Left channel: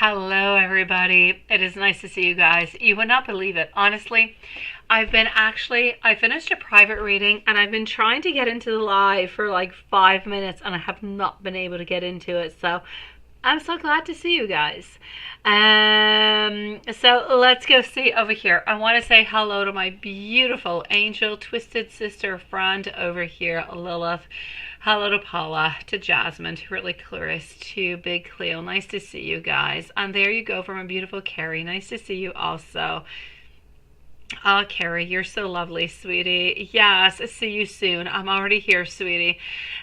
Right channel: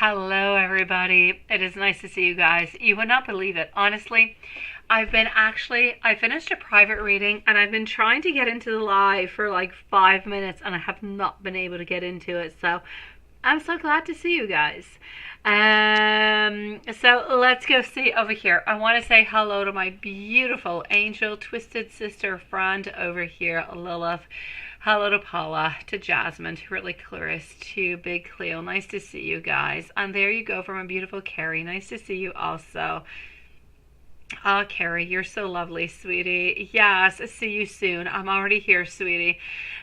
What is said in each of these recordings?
Hello, everybody. It is nice to see you guys. You would not believe it. Honestly, I finished a private reading and I've been trying to get into the live for like 5 minutes and I have not been able to get into it. So I'm so glad to see you guys. So let's go see over here. I want to say hello to my beautiful angel twisted sister friend over here, Lilith. Hello to Paula, to Jasmine, to Really Clarice, to Big Cleo. Nice to see you guys. And there you go from a beautiful Carrie. Nice to see you also. Oh, Carrie, you're so lovely, sweetie. Yes, see you soon. I'm already here, sweetie.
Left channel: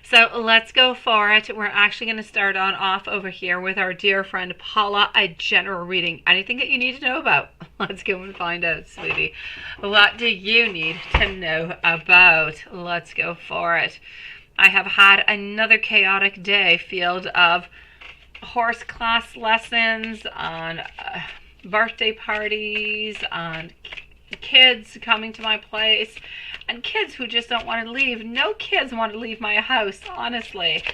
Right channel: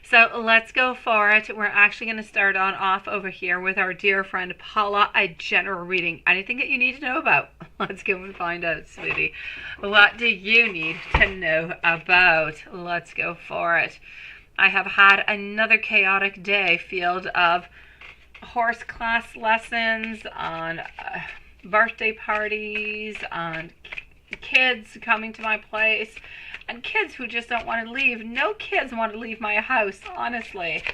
So let's go for it. We're actually going to start on off over here with our dear friend Paula, a general reading. Anything that you need to know about? Let's go and find out, sweetie. What do you need to know about? Let's go for it. I have had another chaotic day filled of horse class lessons, on birthday parties, on kids coming to my place, and kids who just don't want to leave. No kids want to leave my house, honestly.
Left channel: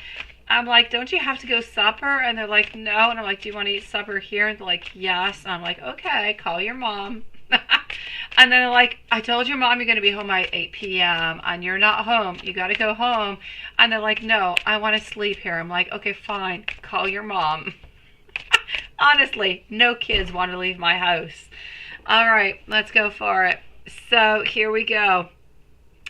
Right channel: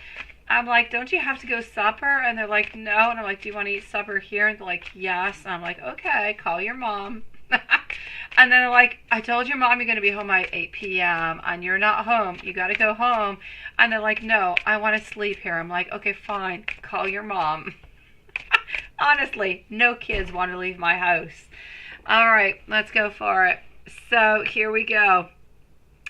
I'm like, don't you have to go supper? And they're like, no. And I'm like, do you want to eat supper here? And they're like, yes. And I'm like, okay, call your mom. And then they're like, I told your mom you're going to be home by 8 p.m. and you're not home. You got to go home. And they're like, no, I want to sleep here. I'm like, okay, fine. Call your mom. Honestly, no kids want to leave my house. All right, let's go for it. So here we go.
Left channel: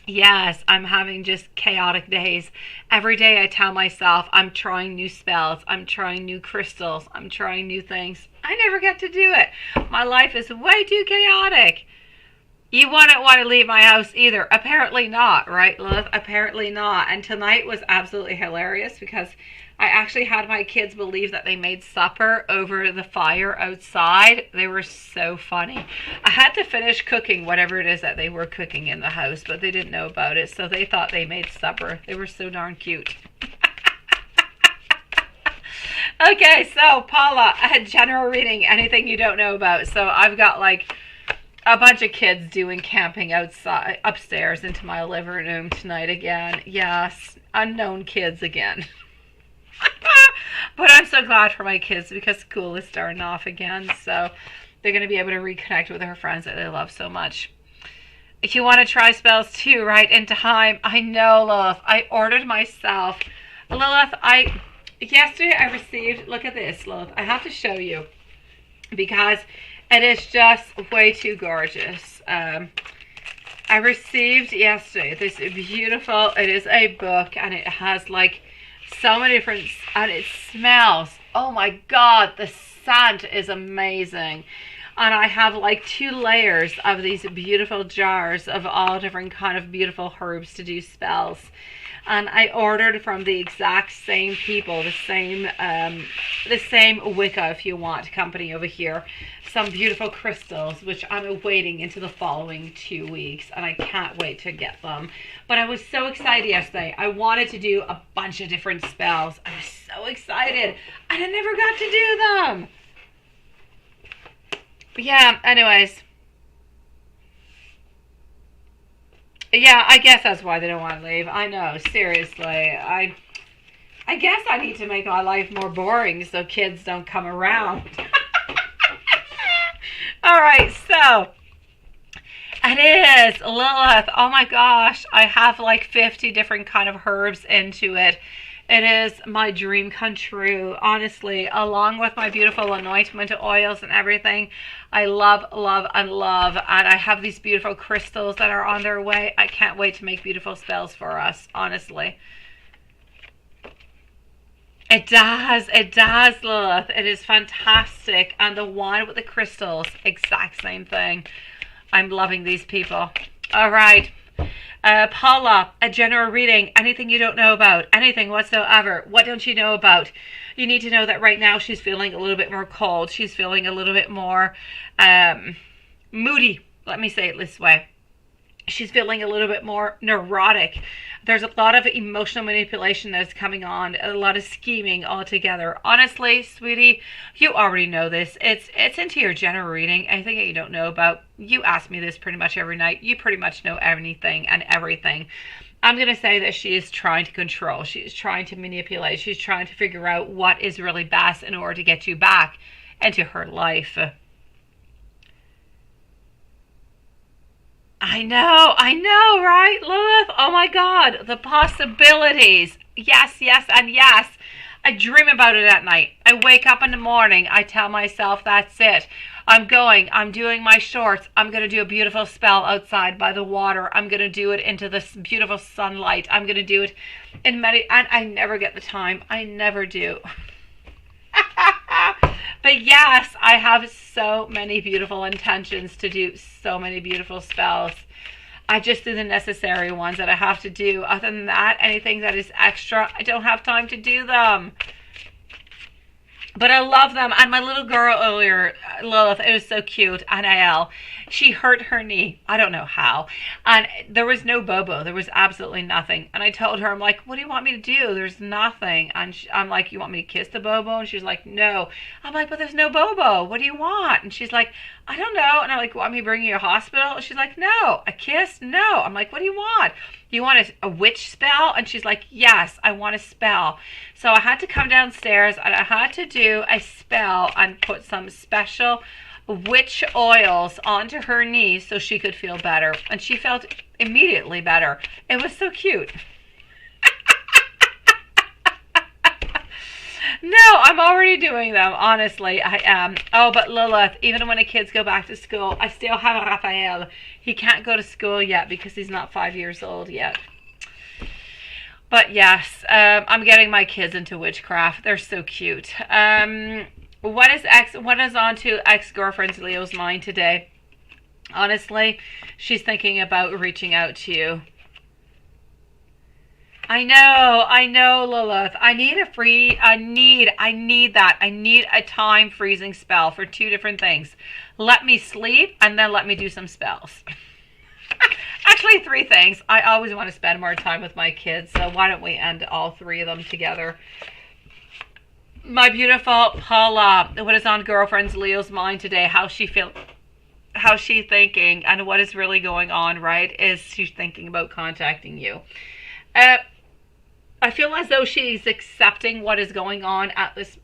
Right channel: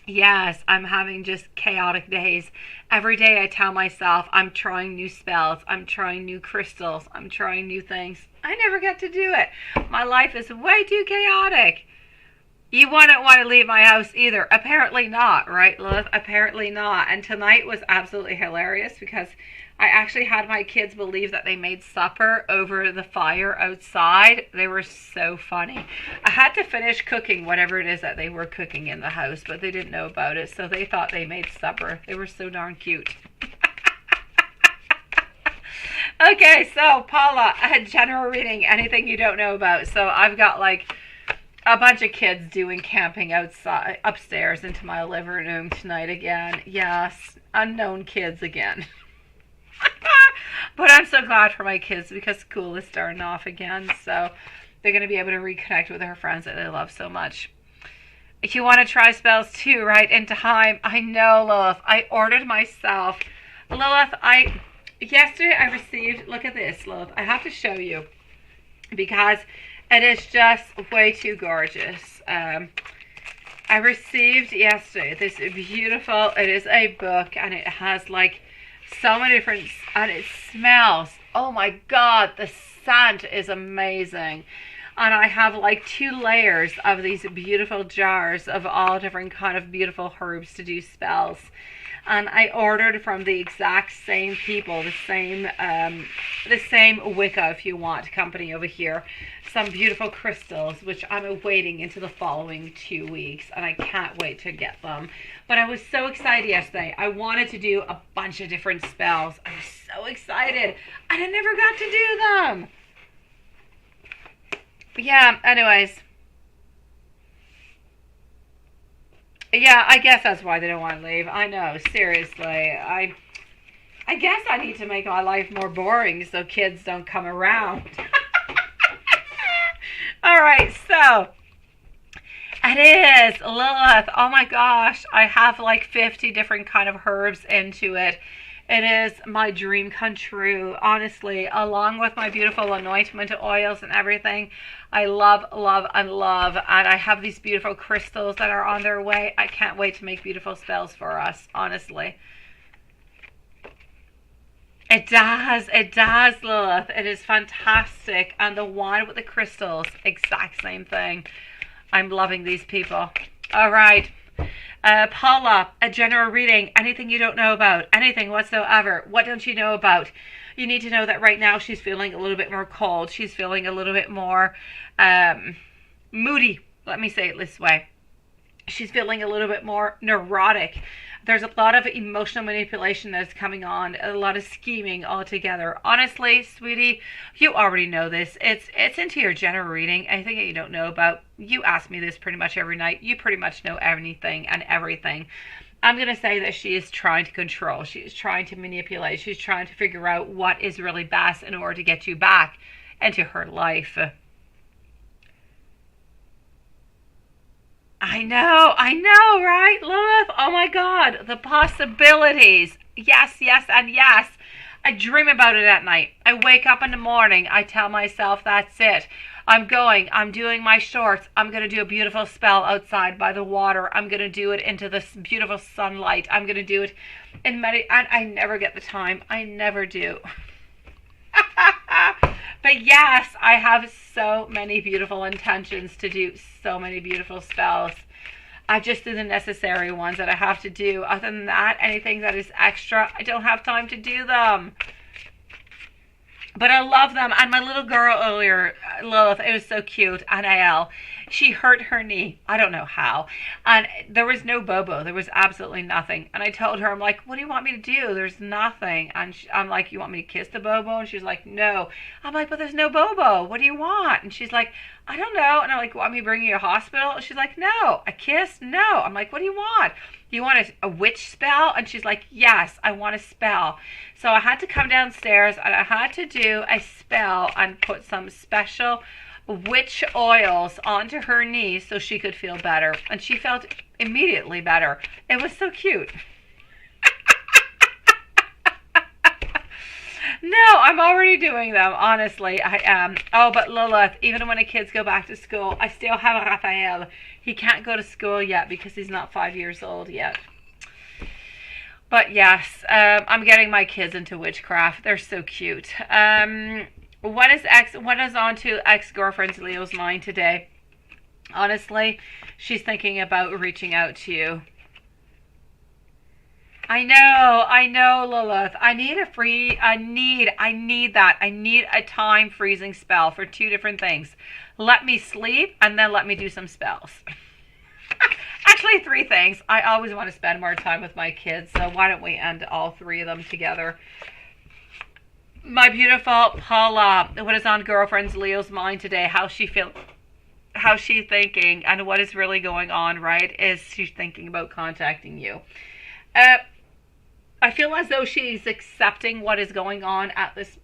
Yes, I'm having just chaotic days. Every day I tell myself I'm trying new spells. I'm trying new crystals. I'm trying new things. I never get to do it. My life is way too chaotic. You wouldn't want to leave my house either. Apparently not, right, Lilith? Apparently not. And tonight was absolutely hilarious because I actually had my kids believe that they made supper over the fire outside. They were so funny. I had to finish cooking whatever it is that they were cooking in the house, but they didn't know about it, so they thought they made supper. They were so darn cute. Okay, so Paula, a general reading, anything you don't know about. So I've got like a bunch of kids doing camping outside, upstairs into my living room tonight again. Yes, unknown kids again. But I'm so glad for my kids because school is starting off again. So they're going to be able to reconnect with their friends that they love so much. If you want to try spells too, right, in time. I know, Lilith. I ordered myself. Lilith, yesterday I received, look at this, Lilith. I have to show you because it is just way too gorgeous. I received yesterday this beautiful, it is a book and it has like so many different, and it smells, oh my god, the scent is amazing. And I have like 2 layers of these beautiful jars of all different kind of beautiful herbs to do spells. And I ordered from the exact same people, the same Wicca, if you want, company over here, some beautiful crystals, which I'm awaiting into the following 2 weeks, and I can't wait to get them. But I was so excited yesterday. I wanted to do a bunch of different spells. I was so excited, and I never got to do them. But yeah, anyways. Yeah, I guess that's why they don't want to leave. I know, seriously. I guess I need to make my life more boring so kids don't come around. All right, so it is Lilith. Oh my gosh, I have like 50 different kind of herbs into it. It is my dream come true, honestly, along with my beautiful anointment oils and everything. I love, love, and love. And I have these beautiful crystals that are on their way. I can't wait to make beautiful spells for us, honestly. It does, Lilith. It is fantastic. And the one with the crystals, exact same thing. I'm loving these people. All right. Paula, a general reading. Anything you don't know about. Anything whatsoever. What don't you know about? You need to know that right now she's feeling a little bit more cold. She's feeling a little bit more moody. Let me say it this way. She's feeling a little bit more neurotic. There's a lot of emotional manipulation that's coming on, a lot of scheming altogether. Honestly, sweetie, you already know this. It's into your general reading. Anything that you don't know about, you ask me this pretty much every night. You pretty much know anything and everything. I'm going to say that she is trying to control. She is trying to manipulate. She's trying to figure out what is really best in order to get you back into her life. I know, right, Lilith? Oh my God, the possibilities. Yes, yes, and yes. I dream about it at night. I wake up in the morning. I tell myself, that's it. I'm doing my shorts. I'm going to do a beautiful spell outside by the water. I'm going to do it into this beautiful sunlight. I'm going to do it and I never get the time. I never do. But yes, I have so many beautiful intentions to do so many beautiful spells. I just do the necessary ones that I have to do. Other than that, anything that is extra, I don't have time to do them. But I love them. And my little girl earlier, Lilith, it was so cute. Anael, she hurt her knee. I don't know how. And there was no bobo. There was absolutely nothing. And I told her, I'm like, what do you want me to do? There's nothing. And I'm like, you want me to kiss the bobo? And she's like, no. I'm like, but there's no bobo. What do you want? And she's like, I don't know. And I'm like, want me to bring you to a hospital? And she's like, no. A kiss? No. I'm like, what do you want? Do you want a witch spell? And she's like, yes, I want a spell. So I had to come downstairs and I had to do a spell and put some special witch oils onto her knees so she could feel better. And she felt immediately better. It was so cute. No, I'm already doing them. Honestly, I am. Oh, but Lilith, even when the kids go back to school, I still have Raphael. He can't go to school yet because he's not 5 years old yet. But yes, I'm getting my kids into witchcraft. They're so cute. What is on to ex-girlfriend's Leo's mind today? Honestly, she's thinking about reaching out to you. I know, Lilith. I need a time freezing spell for two different things. Let me sleep and then let me do some spells. Actually, three things. I always want to spend more time with my kids, so why don't we end all three of them together? My beautiful Paula, what is on girlfriend's Leo's mind today? How's she thinking, and what is really going on, right? Is she thinking about contacting you? I feel as though she's accepting what is going on at this.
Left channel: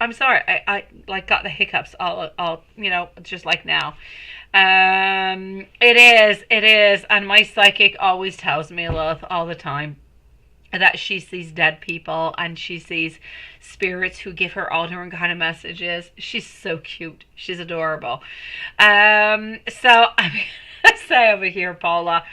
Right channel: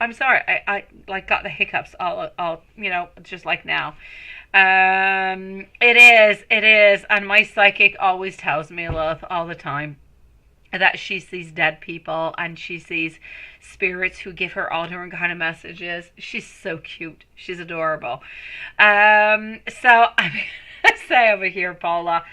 I'm sorry, I like got the hiccups all just like now. It is, and my psychic always tells me, Lilith, all the time, that she sees dead people and she sees spirits who give her all different kind of messages. She's so cute. She's adorable. So I'm gonna say over here, Paula,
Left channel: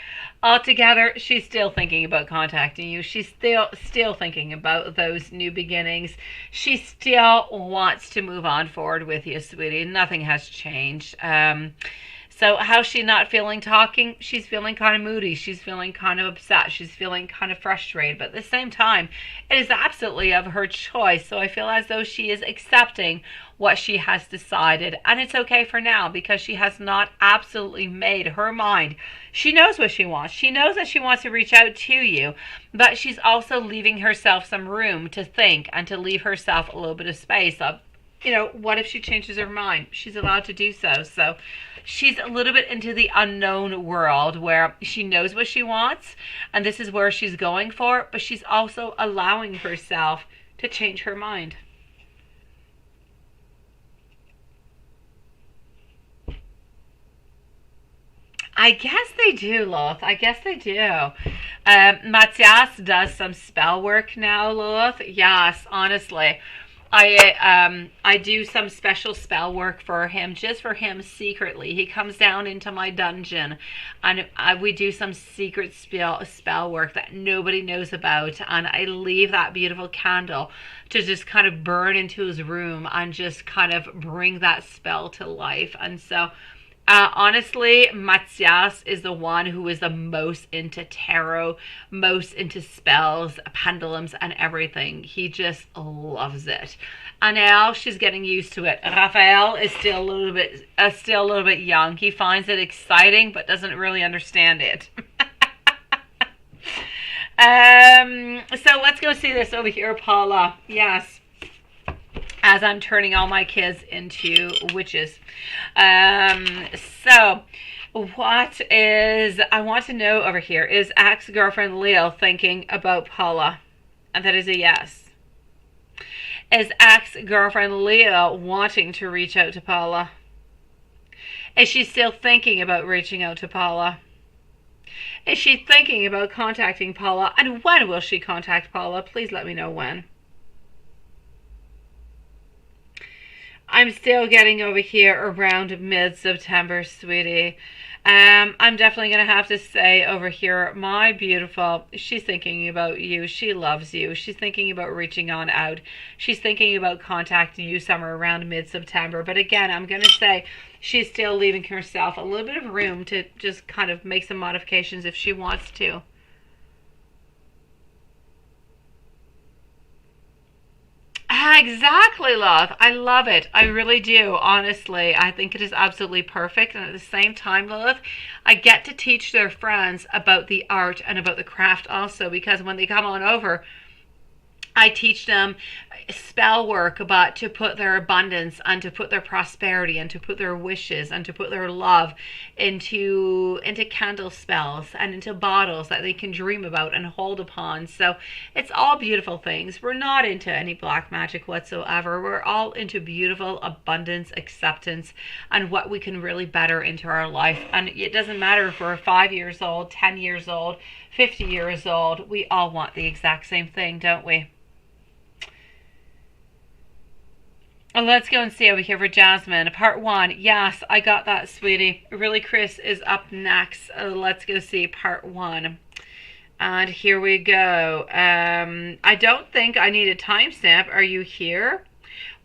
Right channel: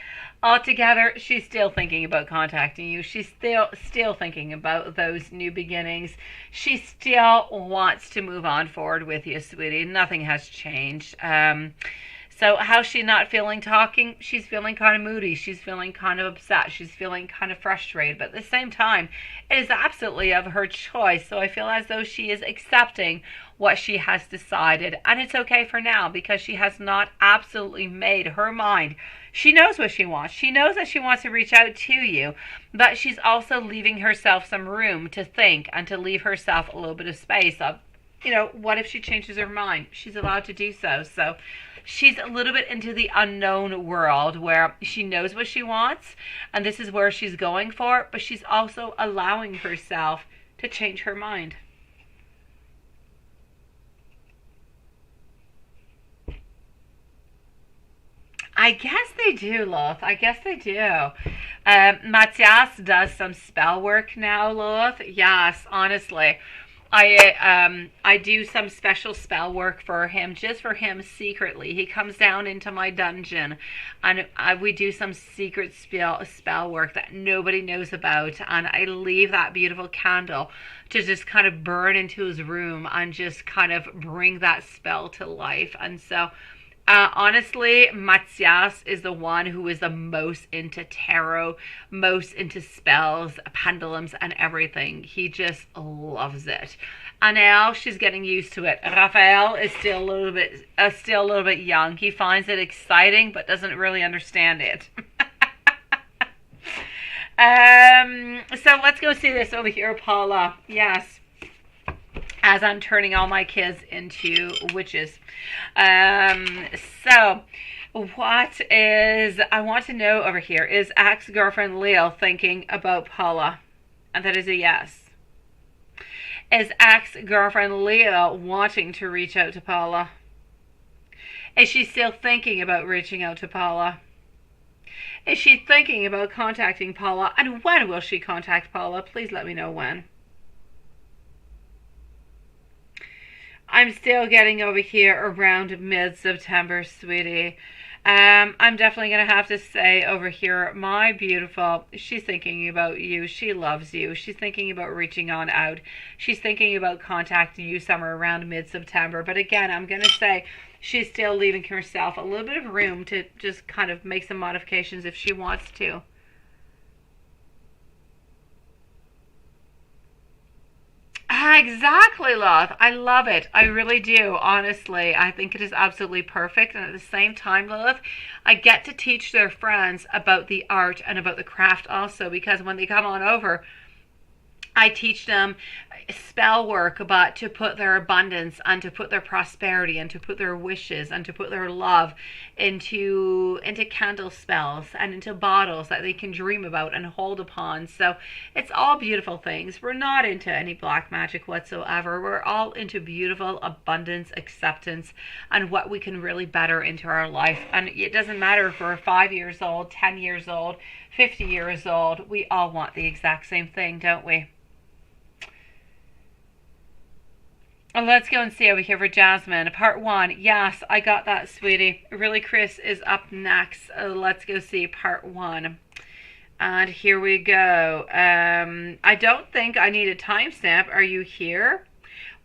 altogether, she's still thinking about contacting you. She's still thinking about those new beginnings. She still wants to move on forward with you, sweetie. Nothing has changed. So how's she not feeling talking? She's feeling kind of moody. She's feeling kind of upset. She's feeling kind of frustrated. But at the same time, it is absolutely of her choice. So I feel as though she is accepting what she has decided. And it's okay for now because she has not absolutely made her mind. She knows what she wants. She knows that she wants to reach out to you. But she's also leaving herself some room to think and to leave herself a little bit of space of, what if she changes her mind? She's allowed to do so. So she's a little bit into the unknown world where she knows what she wants and this is where she's going for, but she's also allowing herself to change her mind. I guess they do, Lilith. I guess they do. Matthias does some spell work now, Lilith. Yes, honestly. I do some special spell work for him, just for him secretly. He comes down into my dungeon and we do some secret spell work that nobody knows about. And I leave that beautiful candle to just kind of burn into his room and just kind of bring that spell to life. And so honestly, Matthias is the one who is the most into tarot, most into spells, pendulums, and everything. He just loves it. And now she's getting used to it. Raphael is still a little bit young. He finds it exciting, but doesn't really understand it. So let's go see this over here, Paula. Yes. As I'm turning all my kids into witches. So what is, I want to know over here, is ex-girlfriend Leo thinking about Paula? And that is a yes. Is ex-girlfriend Leah wanting to reach out to Paula? Is she still thinking about reaching out to Paula? Is she thinking about contacting Paula? And when will she contact Paula? Please let me know when. I'm still getting over here around mid-September, sweetie. I'm definitely going to have to say over here, my beautiful, she's thinking about you. She loves you. She's thinking about reaching on out. She's thinking about contacting you somewhere around mid-September. But again, I'm going to say she's still leaving herself a little bit of room to just kind of make some modifications if she wants to. Exactly, love. I love it. I really do. Honestly, I think it is absolutely perfect. And at the same time, Lilith, I get to teach their friends about the art and about the craft also, because when they come on over, I teach them spell work, but to put their abundance and to put their prosperity and to put their wishes and to put their love into candle spells and into bottles that they can dream about and hold upon. So it's all beautiful things. We're not into any black magic whatsoever. We're all into beautiful abundance, acceptance, and what we can really better into our life. And it doesn't matter if we're 5 years old, 10 years old, 50 years old. We all want the exact same thing, don't we? Let's go and see over here for Jasmine. Part 1. Yes, I got that, sweetie. Really, Chris is up next. Let's go see part 1. And here we go. I don't think I need a timestamp. Are you here?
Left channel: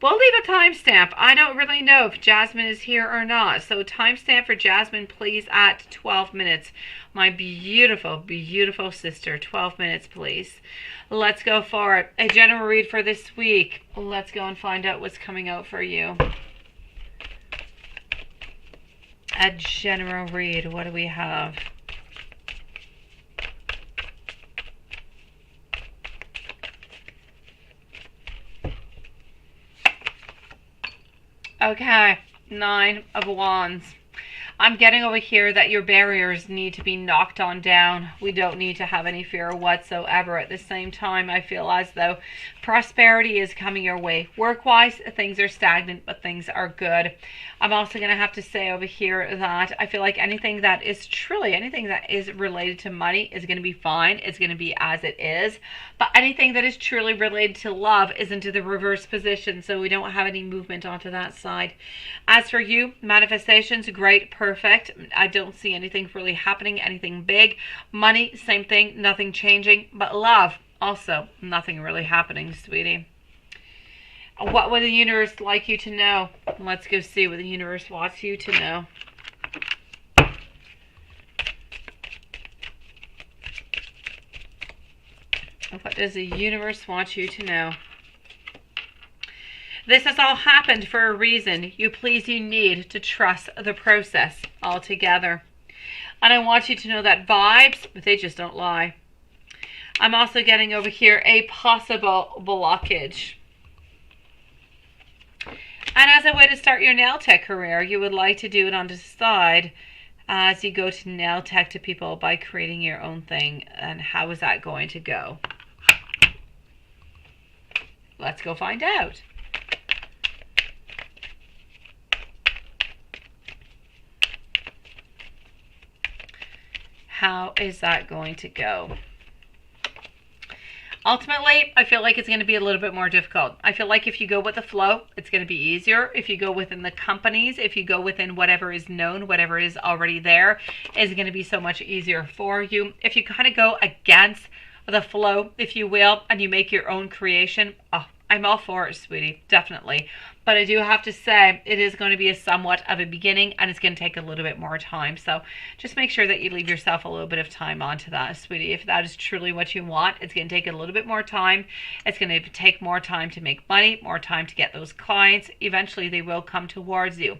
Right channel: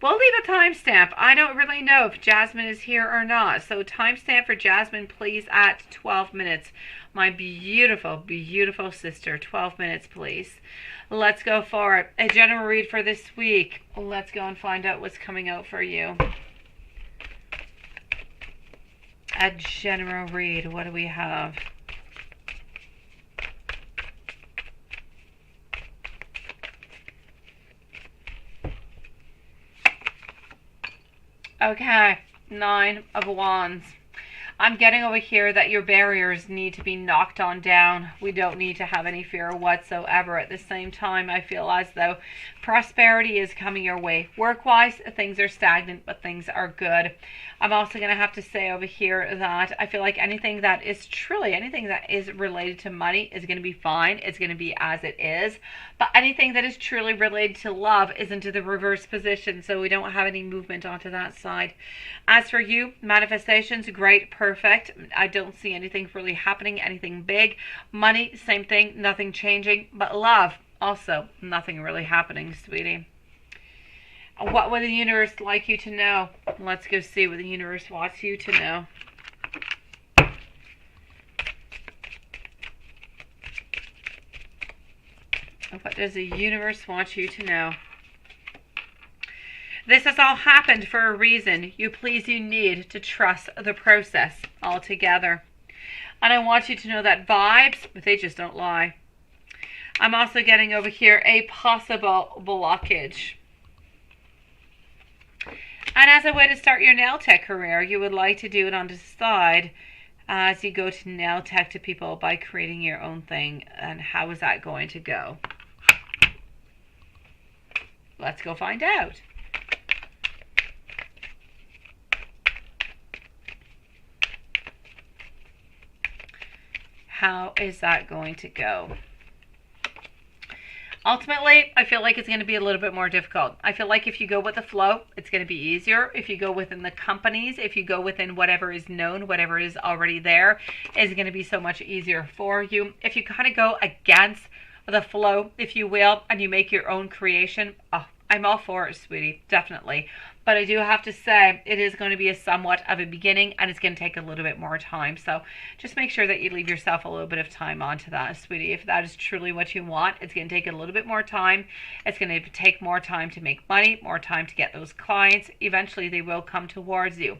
We'll leave a timestamp. I don't really know if Jasmine is here or not. So timestamp for Jasmine, please, at 12 minutes. My beautiful, beautiful sister. 12 minutes, please. Let's go for it. A general read for this week. Let's go and find out what's coming out for you. A general read. What do we have? Okay. 9 of Wands. I'm getting over here that your barriers need to be knocked on down. We don't need to have any fear whatsoever. At the same time, I feel as though prosperity is coming your way. Work-wise, things are stagnant, but things are good. I'm also going to have to say over here that I feel like anything that is related to money is going to be fine. It's going to be as it is. But anything that is truly related to love is into the reverse position, so we don't have any movement onto that side. As for you, manifestations, great, perfect. I don't see anything really happening, anything big. Money, same thing, nothing changing. But love, also, nothing really happening, sweetie. What would the universe like you to know? Let's go see what the universe wants you to know. What does the universe want you to know? This has all happened for a reason. You need to trust the process altogether. And I want you to know that vibes, but they just don't lie. I'm also getting over here a possible blockage. And as a way to start your nail tech career, you would like to do it on the side as you go to nail tech to people by creating your own thing. And how is that going to go? Let's go find out. How is that going to go? Ultimately, I feel like it's going to be a little bit more difficult. I feel like if you go with the flow, it's going to be easier. If you go within the companies, if you go within whatever is known, whatever is already there, is going to be so much easier for you. If you kind of go against the flow, if you will, and you make your own creation, oh, I'm all for it, sweetie, definitely. But I do have to say, it is going to be a somewhat of a beginning, and it's going to take a little bit more time. So just make sure that you leave yourself a little bit of time onto that, sweetie. If that is truly what you want, it's going to take a little bit more time. It's going to take more time to make money, more time to get those clients. Eventually, they will come towards you.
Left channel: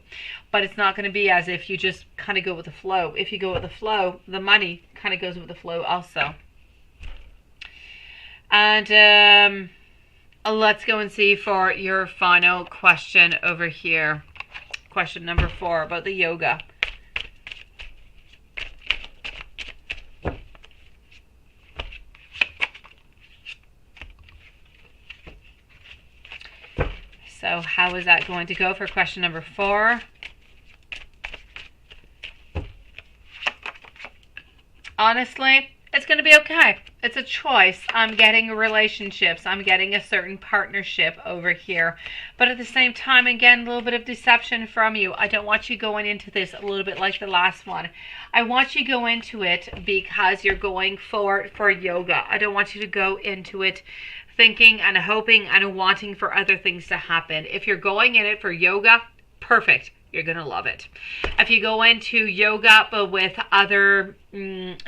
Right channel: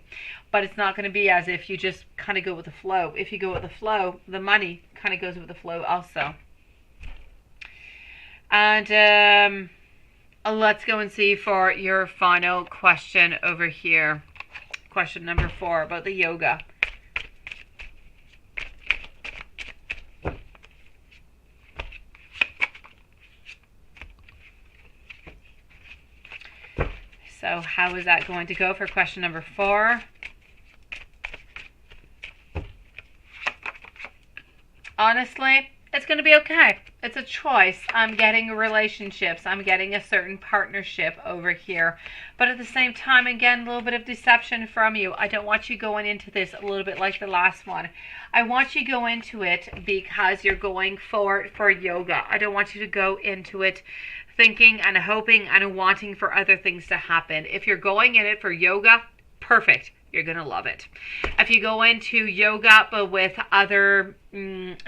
But it's not going to be as if you just kind of go with the flow. If you go with the flow, the money kind of goes with the flow also. And let's go and see for your final question over here. Question number 4 about the yoga. So how is that going to go for question number 4? Honestly, it's going to be okay. It's a choice. I'm getting relationships. I'm getting a certain partnership over here. But at the same time, again, a little bit of deception from you. I don't want you going into this a little bit like the last one. I want you to go into it because you're going for yoga. I don't want you to go into it thinking and hoping and wanting for other things to happen. If you're going in it for yoga, perfect. You're going to love it. If you go into yoga but with other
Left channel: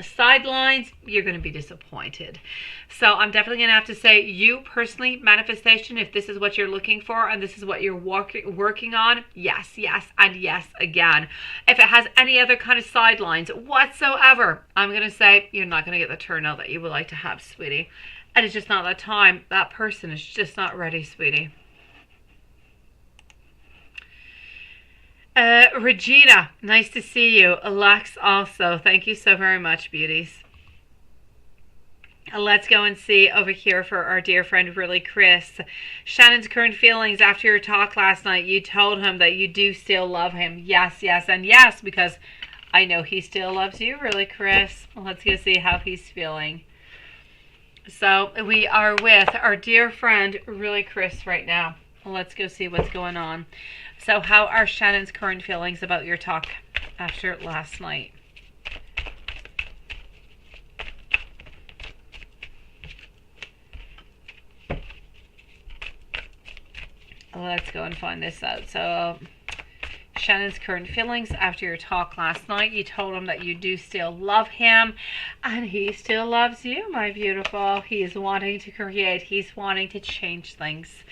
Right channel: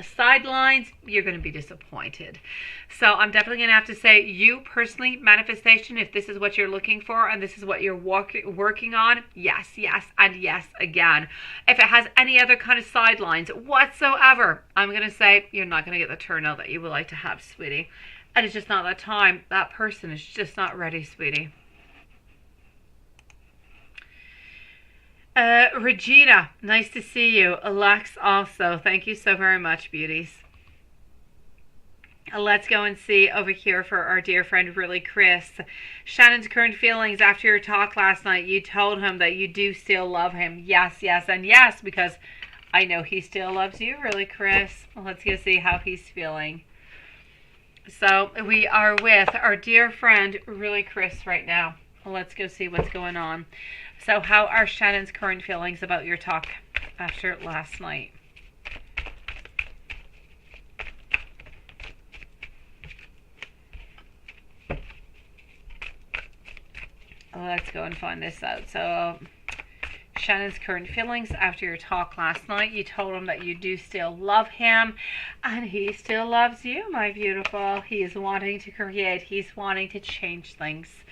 sidelines, you're going to be disappointed. So I'm definitely going to have to say, you personally, manifestation, if this is what you're looking for and this is what you're working on, yes, yes, and yes again. If it has any other kind of sidelines whatsoever, I'm going to say you're not going to get the turnout that you would like to have, sweetie. And it's just not that time. That person is just not ready, sweetie. Regina, nice to see you. Alex also. Thank you so very much, beauties. Let's go and see over here for our dear friend, really, Chris. Shannon's current feelings after your talk last night. You told him that you do still love him. Yes, yes, and yes, because I know he still loves you, really, Chris. Let's go see how he's feeling. So we are with our dear friend, really, Chris, right now. Let's go see what's going on. So how are Shannon's current feelings about your talk after last night? Let's go and find this out. So Shannon's current feelings after your talk last night. You told him that you do still love him and he still loves you, my beautiful. He is wanting to create. He's wanting to change things.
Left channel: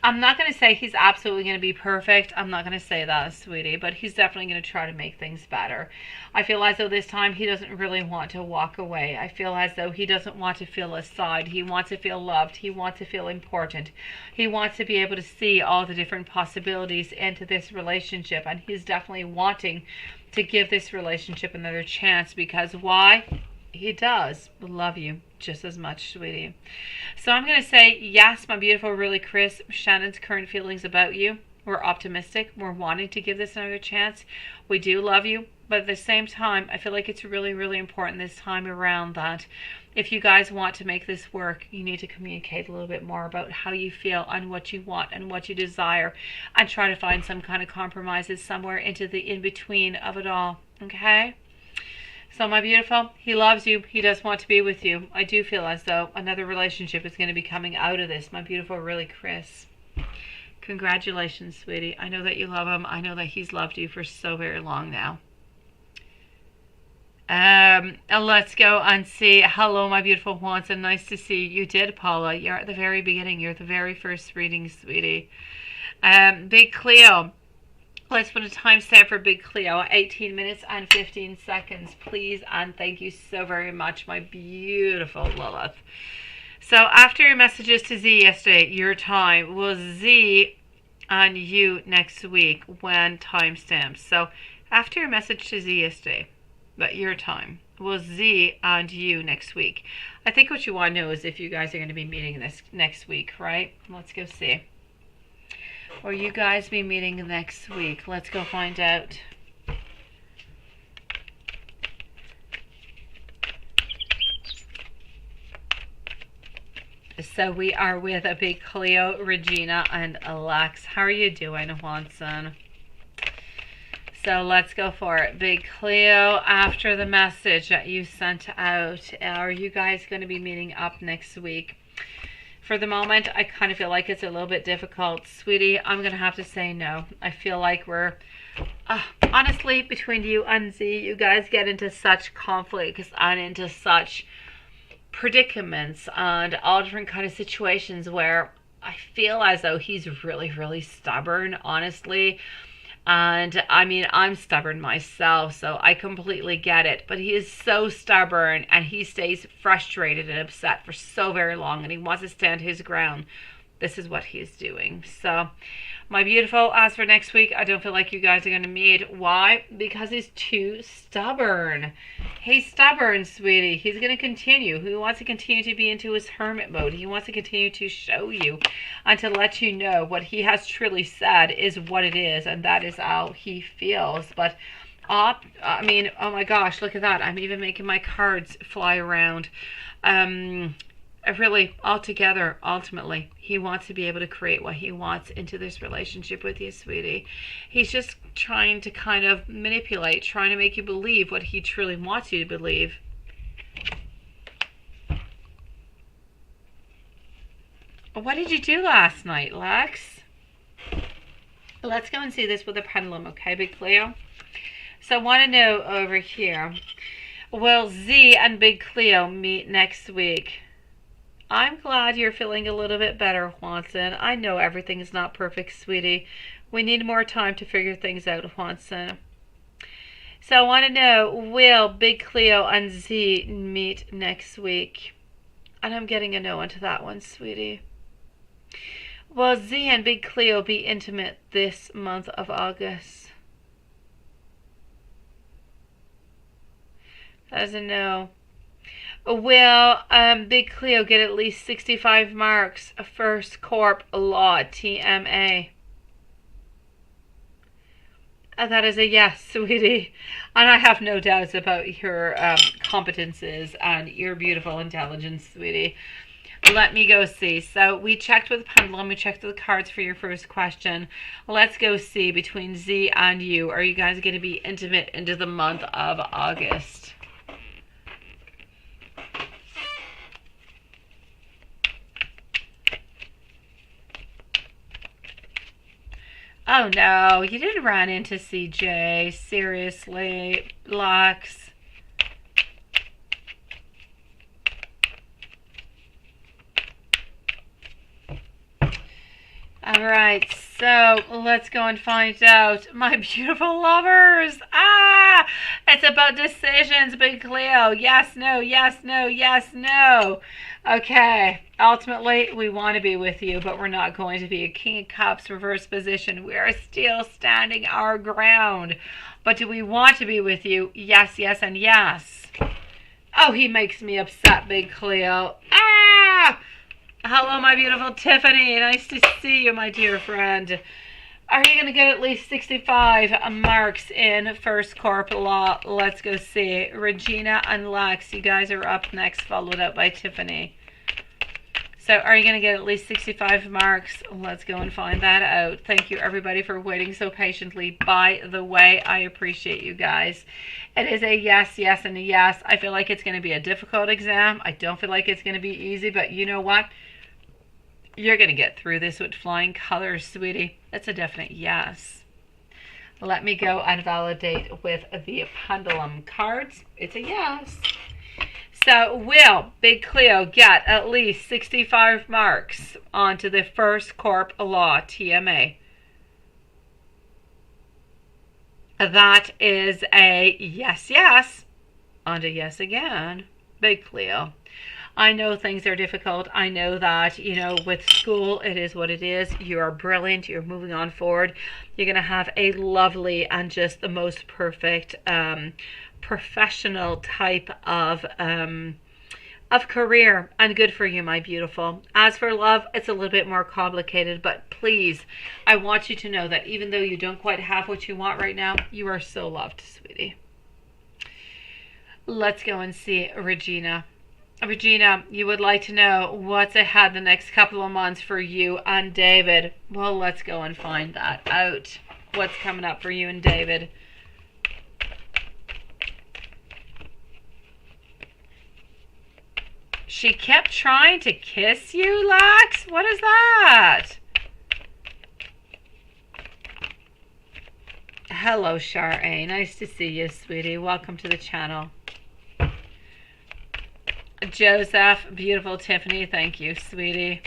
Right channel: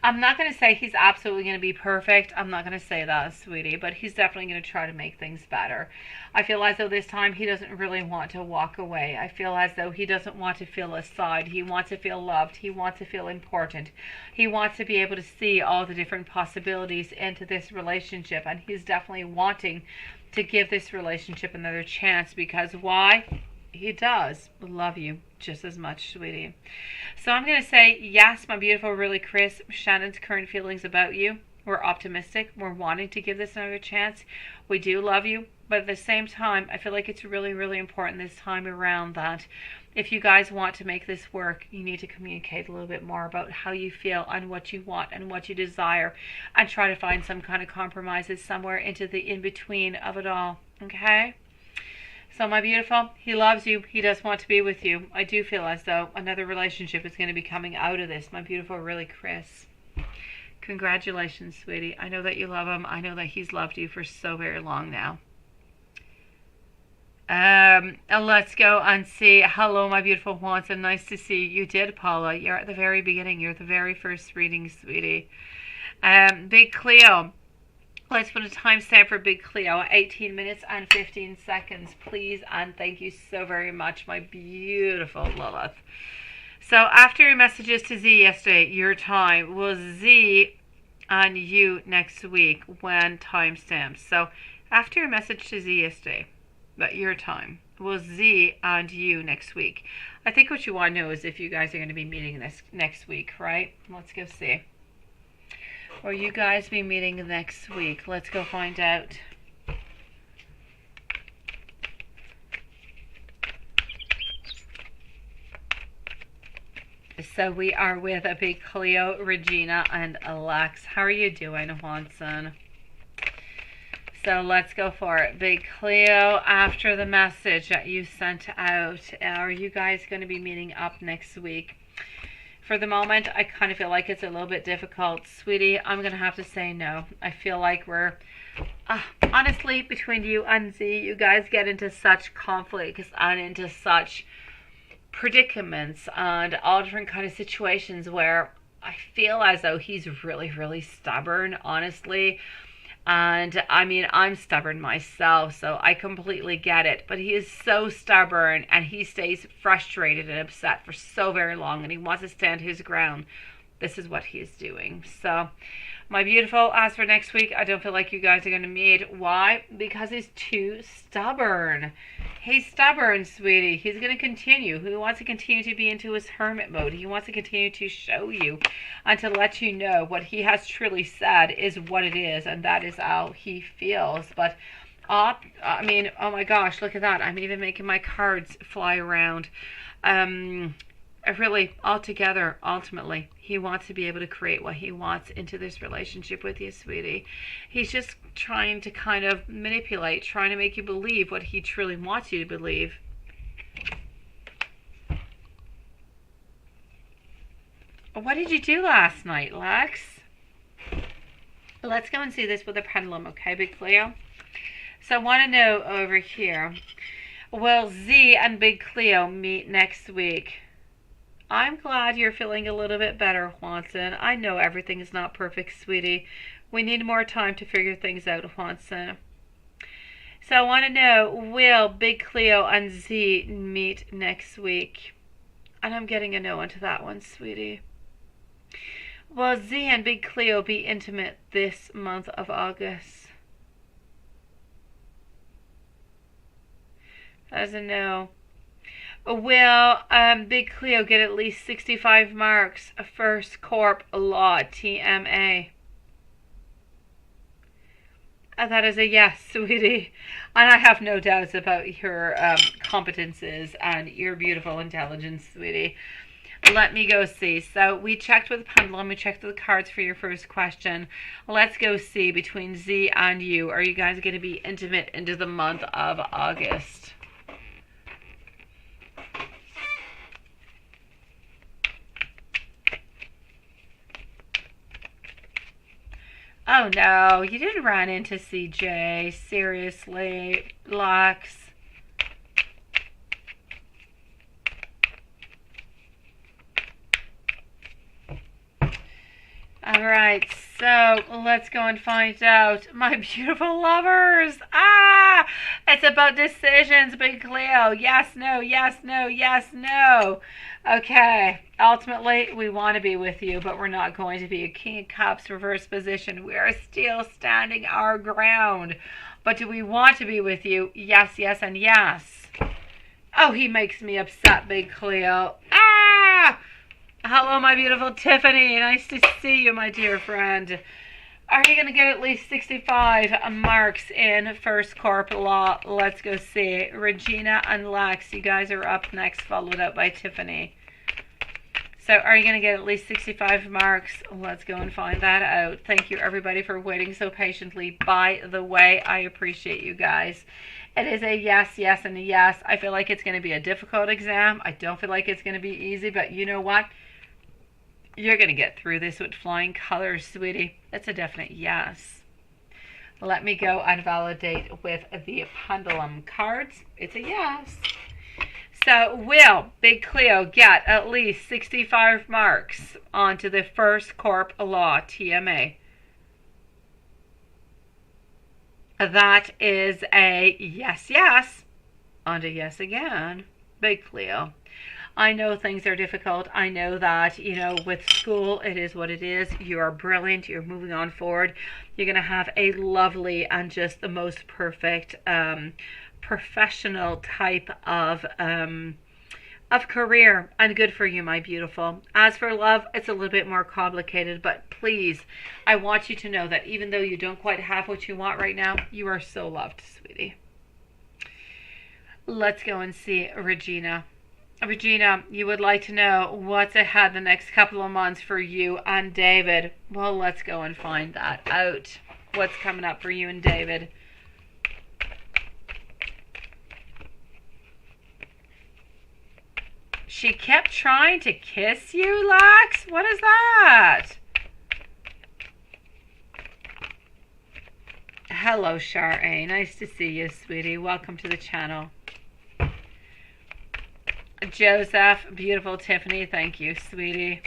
I'm not going to say he's absolutely going to be perfect. I'm not going to say that, sweetie, but he's definitely going to try to make things better. I feel as though this time he doesn't really want to walk away. I feel as though he doesn't want to feel aside. He wants to feel loved. He wants to feel important. He wants to be able to see all the different possibilities into this relationship, and he's definitely wanting to give this relationship another chance because why? He does love you just as much, sweetie. So I'm going to say, yes, my beautiful, really, Chris, Shannon's current feelings about you. We're optimistic. We're wanting to give this another chance. We do love you. But at the same time, I feel like it's really, really important this time around that if you guys want to make this work, you need to communicate a little bit more about how you feel and what you want and what you desire and try to find some kind of compromises somewhere into the in-between of it all. Okay? So my beautiful, he loves you. He does want to be with you. I do feel as though another relationship is going to be coming out of this. My beautiful, really, Chris. Congratulations, sweetie. I know that you love him. I know that he's loved you for so very long now. Let's go and see. Hello, my beautiful Watson. Nice to see you. You did, Paula. You're at the very beginning. You're at the very first reading, sweetie. Big Cleo. Let's put a timestamp for Big Cleo. 18 minutes and 15 seconds, please. And thank you so very much, my beautiful Lilith. So after your messages to Z yesterday, your time was Z and you next week when timestamps. So after your message to Z yesterday, but your time was Z and you next week. I think what you want to know is if you guys are going to be meeting this next week, right? Let's go see. Will you guys be meeting next week? Let's go find out. So we are with a Big Cleo, Regina, and Alex. How are you doing, Watson? So let's go for it. Big Cleo, after the message that you sent out, are you guys going to be meeting up next week? For the moment, I kind of feel like it's a little bit difficult. Sweetie, I'm going to have to say no. I feel like we're, honestly, between you and Z, you guys get into such conflicts and into such predicaments and all different kind of situations where I feel as though he's really, really stubborn, honestly. And I mean, I'm stubborn myself, so I completely get it. But he is so stubborn and he stays frustrated and upset for so very long and he wants to stand his ground. this is what he's doing. So, my beautiful, as for next week, I don't feel like you guys are going to meet. Why? Because he's too stubborn. He's stubborn, sweetie. He's going to continue. He wants to continue to be into his hermit mode. He wants to continue to show you and to let you know what he has truly said is what it is, and that is how he feels. But, I mean, oh my gosh, look at that. I'm even making my cards fly around. Really, altogether, ultimately, he wants to be able to create what he wants into this relationship with you, sweetie. He's just trying to kind of manipulate, trying to make you believe what he truly wants you to believe. What did you do last night, Lex? Let's go and see this with a pendulum, okay, Big Cleo? So I want to know over here, will Z and Big Cleo meet next week? I'm glad you're feeling a little bit better, Juanson. I know everything is not perfect, sweetie. We need more time to figure things out, Juanson. So I want to know, will Big Cleo and Z meet next week? And I'm getting a no onto that one, sweetie. Will Z and Big Cleo be intimate this month of August? That's a no. Will Big Cleo get at least 65 marks? First Corp Law, TMA. That is a yes, sweetie. And I have no doubts about your competences and your beautiful intelligence, sweetie. Let me go see. So we checked with the pendulum. We checked with the cards for your first question. Let's go see between Z and you. Are you guys going to be intimate into the month of August? Oh no, you didn't run into CJ. Seriously, Lux. Alright, so let's go and find out. My beautiful lovers. It's about decisions, Big Cleo. Yes, no, yes, no, yes, no. Okay, ultimately, we want to be with you, but we're not going to be. A King of Cups reverse position. We are still standing our ground. But do we want to be with you? Yes, yes, and yes. Oh, he makes me upset, Big Cleo. Hello, my beautiful Tiffany. Nice to see you, my dear friend. Are you going to get at least 65 marks in First Corp Law? Let's go see. Regina and Lex, you guys are up next, followed up by Tiffany. So are you going to get at least 65 marks? Let's go and find that out. Thank you, everybody, for waiting so patiently. By the way, I appreciate you guys. It is a yes, yes, and a yes. I feel like it's going to be a difficult exam. I don't feel like it's going to be easy, but you know what? You're going to get through this with flying colors, sweetie. That's a definite yes. Let me go and validate with the pendulum cards. It's a yes. So will Big Cleo get at least 65 marks onto the First Corp Law TMA? That is a yes, yes. On to yes again, Big Cleo. I know things are difficult. I know that, you know, with school, it is what it is. You are brilliant. You're moving on forward. You're going to have a lovely and just the most perfect professional type of career. And good for you, my beautiful. As for love, it's a little bit more complicated. But please, I want you to know that even though you don't quite have what you want right now, you are so loved, sweetie. Let's go and see Regina. Regina, you would like to know what's ahead the next couple of months for you and David. Well, let's go and find that out. What's coming up for you and David? She kept trying to kiss you, Lex? What is that? Hello, Shar-A. Nice to see you, sweetie. Welcome to the channel. Joseph, beautiful Tiffany, thank you, sweetie.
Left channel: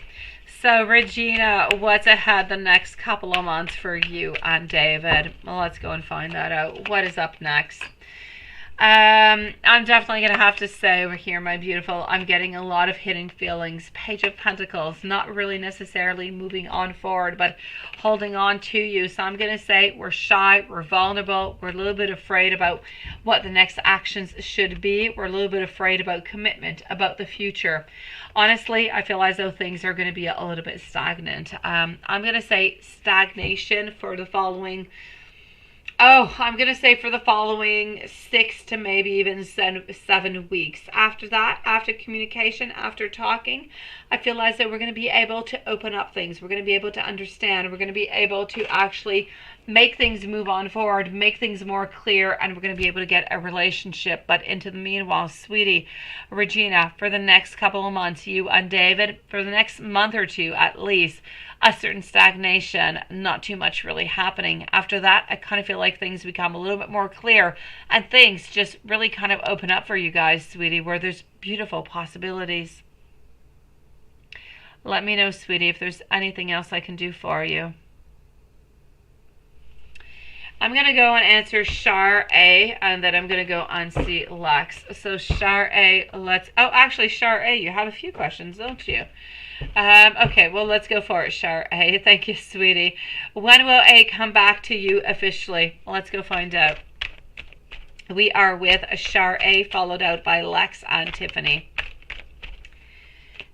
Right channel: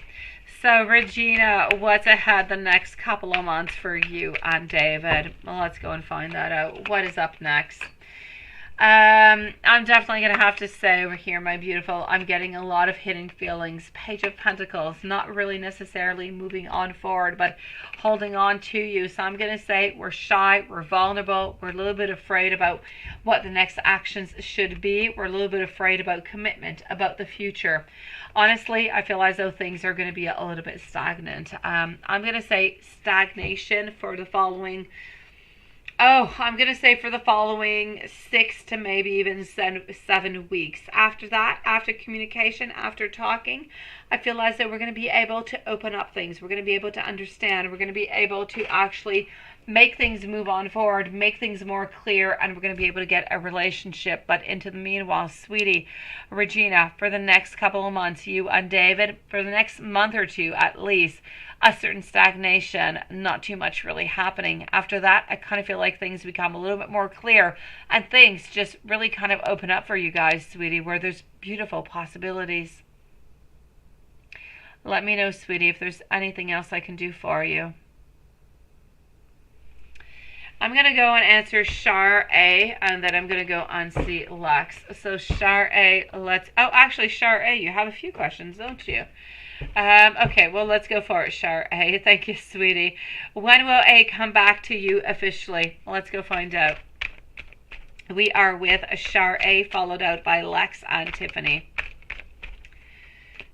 So, Regina, what's ahead the next couple of months for you and David? Well, let's go and find that out. What is up next? I'm definitely going to have to say over here, my beautiful, I'm getting a lot of hidden feelings. Page of Pentacles, not really necessarily moving on forward, but holding on to you. So I'm going to say we're shy, we're vulnerable, we're a little bit afraid about what the next actions should be. We're a little bit afraid about commitment, about the future. Honestly, I feel as though things are going to be a little bit stagnant. I'm going to say stagnation for the following... I'm going to say for the following 6 to maybe even 7 weeks. After that, after communication, after talking, I feel as though we're going to be able to open up things. We're going to be able to understand. We're going to be able to actually make things move on forward, make things more clear, and we're going to be able to get a relationship. But into the meanwhile, sweetie, Regina, for the next couple of months, you and David, for the next month or two at least, a certain stagnation, not too much really happening. After that, I kind of feel like things become a little bit more clear and things just really kind of open up for you guys, sweetie, where there's beautiful possibilities. Let me know, sweetie, if there's anything else I can do for you. I'm going to go and answer Char A, and then I'm going to go and see Lex. So Char A, actually Char A, you have a few questions, don't you? Okay, well, let's go for it, Char A. Thank you, sweetie. When will A come back to you officially? Let's go find out. We are with Char A, followed out by Lex and Tiffany.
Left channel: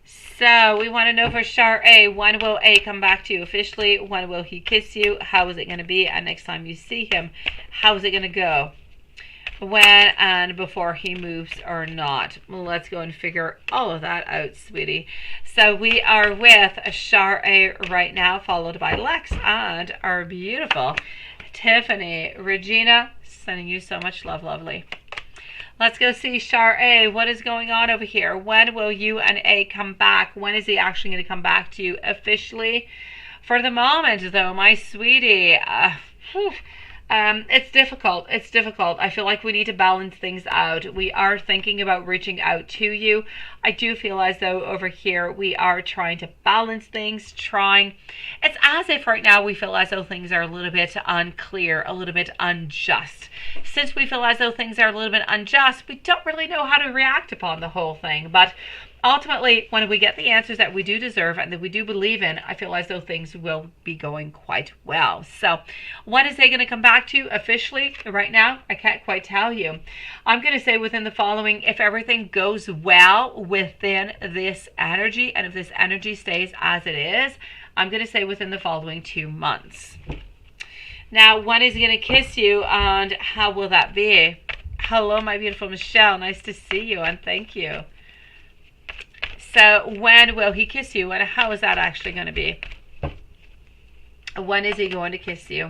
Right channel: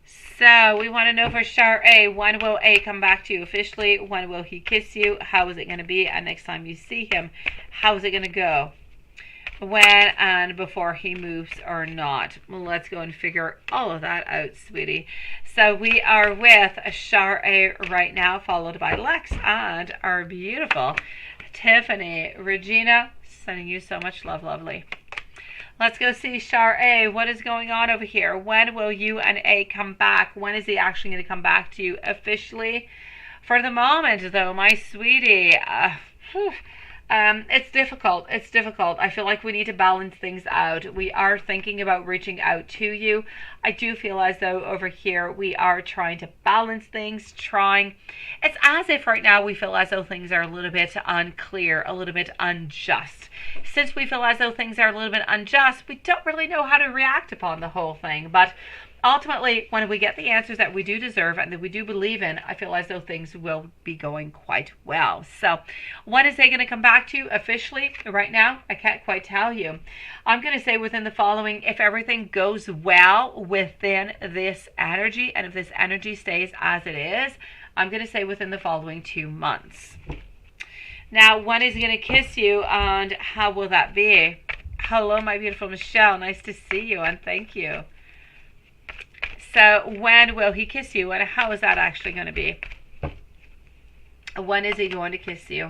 So we want to know for Char A, when will A come back to you officially? When will he kiss you? How is it going to be? And next time you see him, how is it going to go? When and before he moves or not. Let's go and figure all of that out, sweetie. So we are with Char A right now, followed by Lex and our beautiful Tiffany. Regina, sending you so much love, lovely. Let's go see Char A. What is going on over here? When will you and A come back? When is he actually going to come back to you officially? For the moment, though, my sweetie, it's difficult. It's difficult. I feel like we need to balance things out. We are thinking about reaching out to you. I do feel as though over here we are trying to balance things, It's as if right now we feel as though things are a little bit unclear, a little bit unjust. Since we feel as though things are a little bit unjust, we don't really know how to react upon the whole thing. But ultimately, when we get the answers that we do deserve and that we do believe in, I feel as though things will be going quite well. So when is they going to come back to you officially? Right now, I can't quite tell you. I'm going to say within the following, if everything goes well within this energy, and if this energy stays as it is, I'm going to say within the following 2 months. Now, when is he going to kiss you, and how will that be? Hello, my beautiful Michelle. Nice to see you, and thank you. So when will he kiss you, and how is that actually going to be? When is he going to kiss you?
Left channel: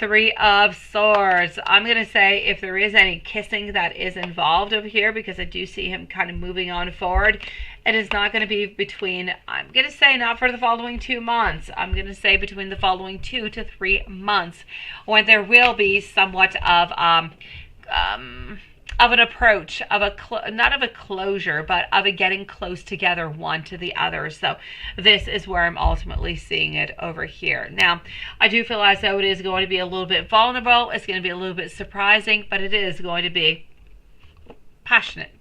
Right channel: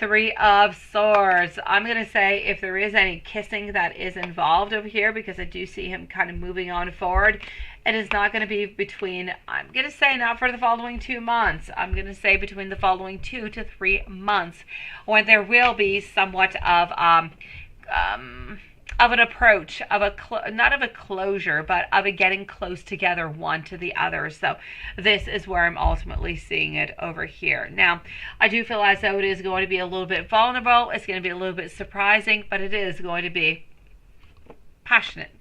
3 of Swords. I'm going to say if there is any kissing that is involved over here, because I do see him kind of moving on forward, it is not going to be between, I'm going to say not for the following 2 months. I'm going to say between the following 2 to 3 months, when there will be somewhat of an approach, not of a closure, but of a getting close together one to the other. So this is where I'm ultimately seeing it over here. Now, I do feel as though it is going to be a little bit vulnerable. It's going to be a little bit surprising, but it is going to be passionate.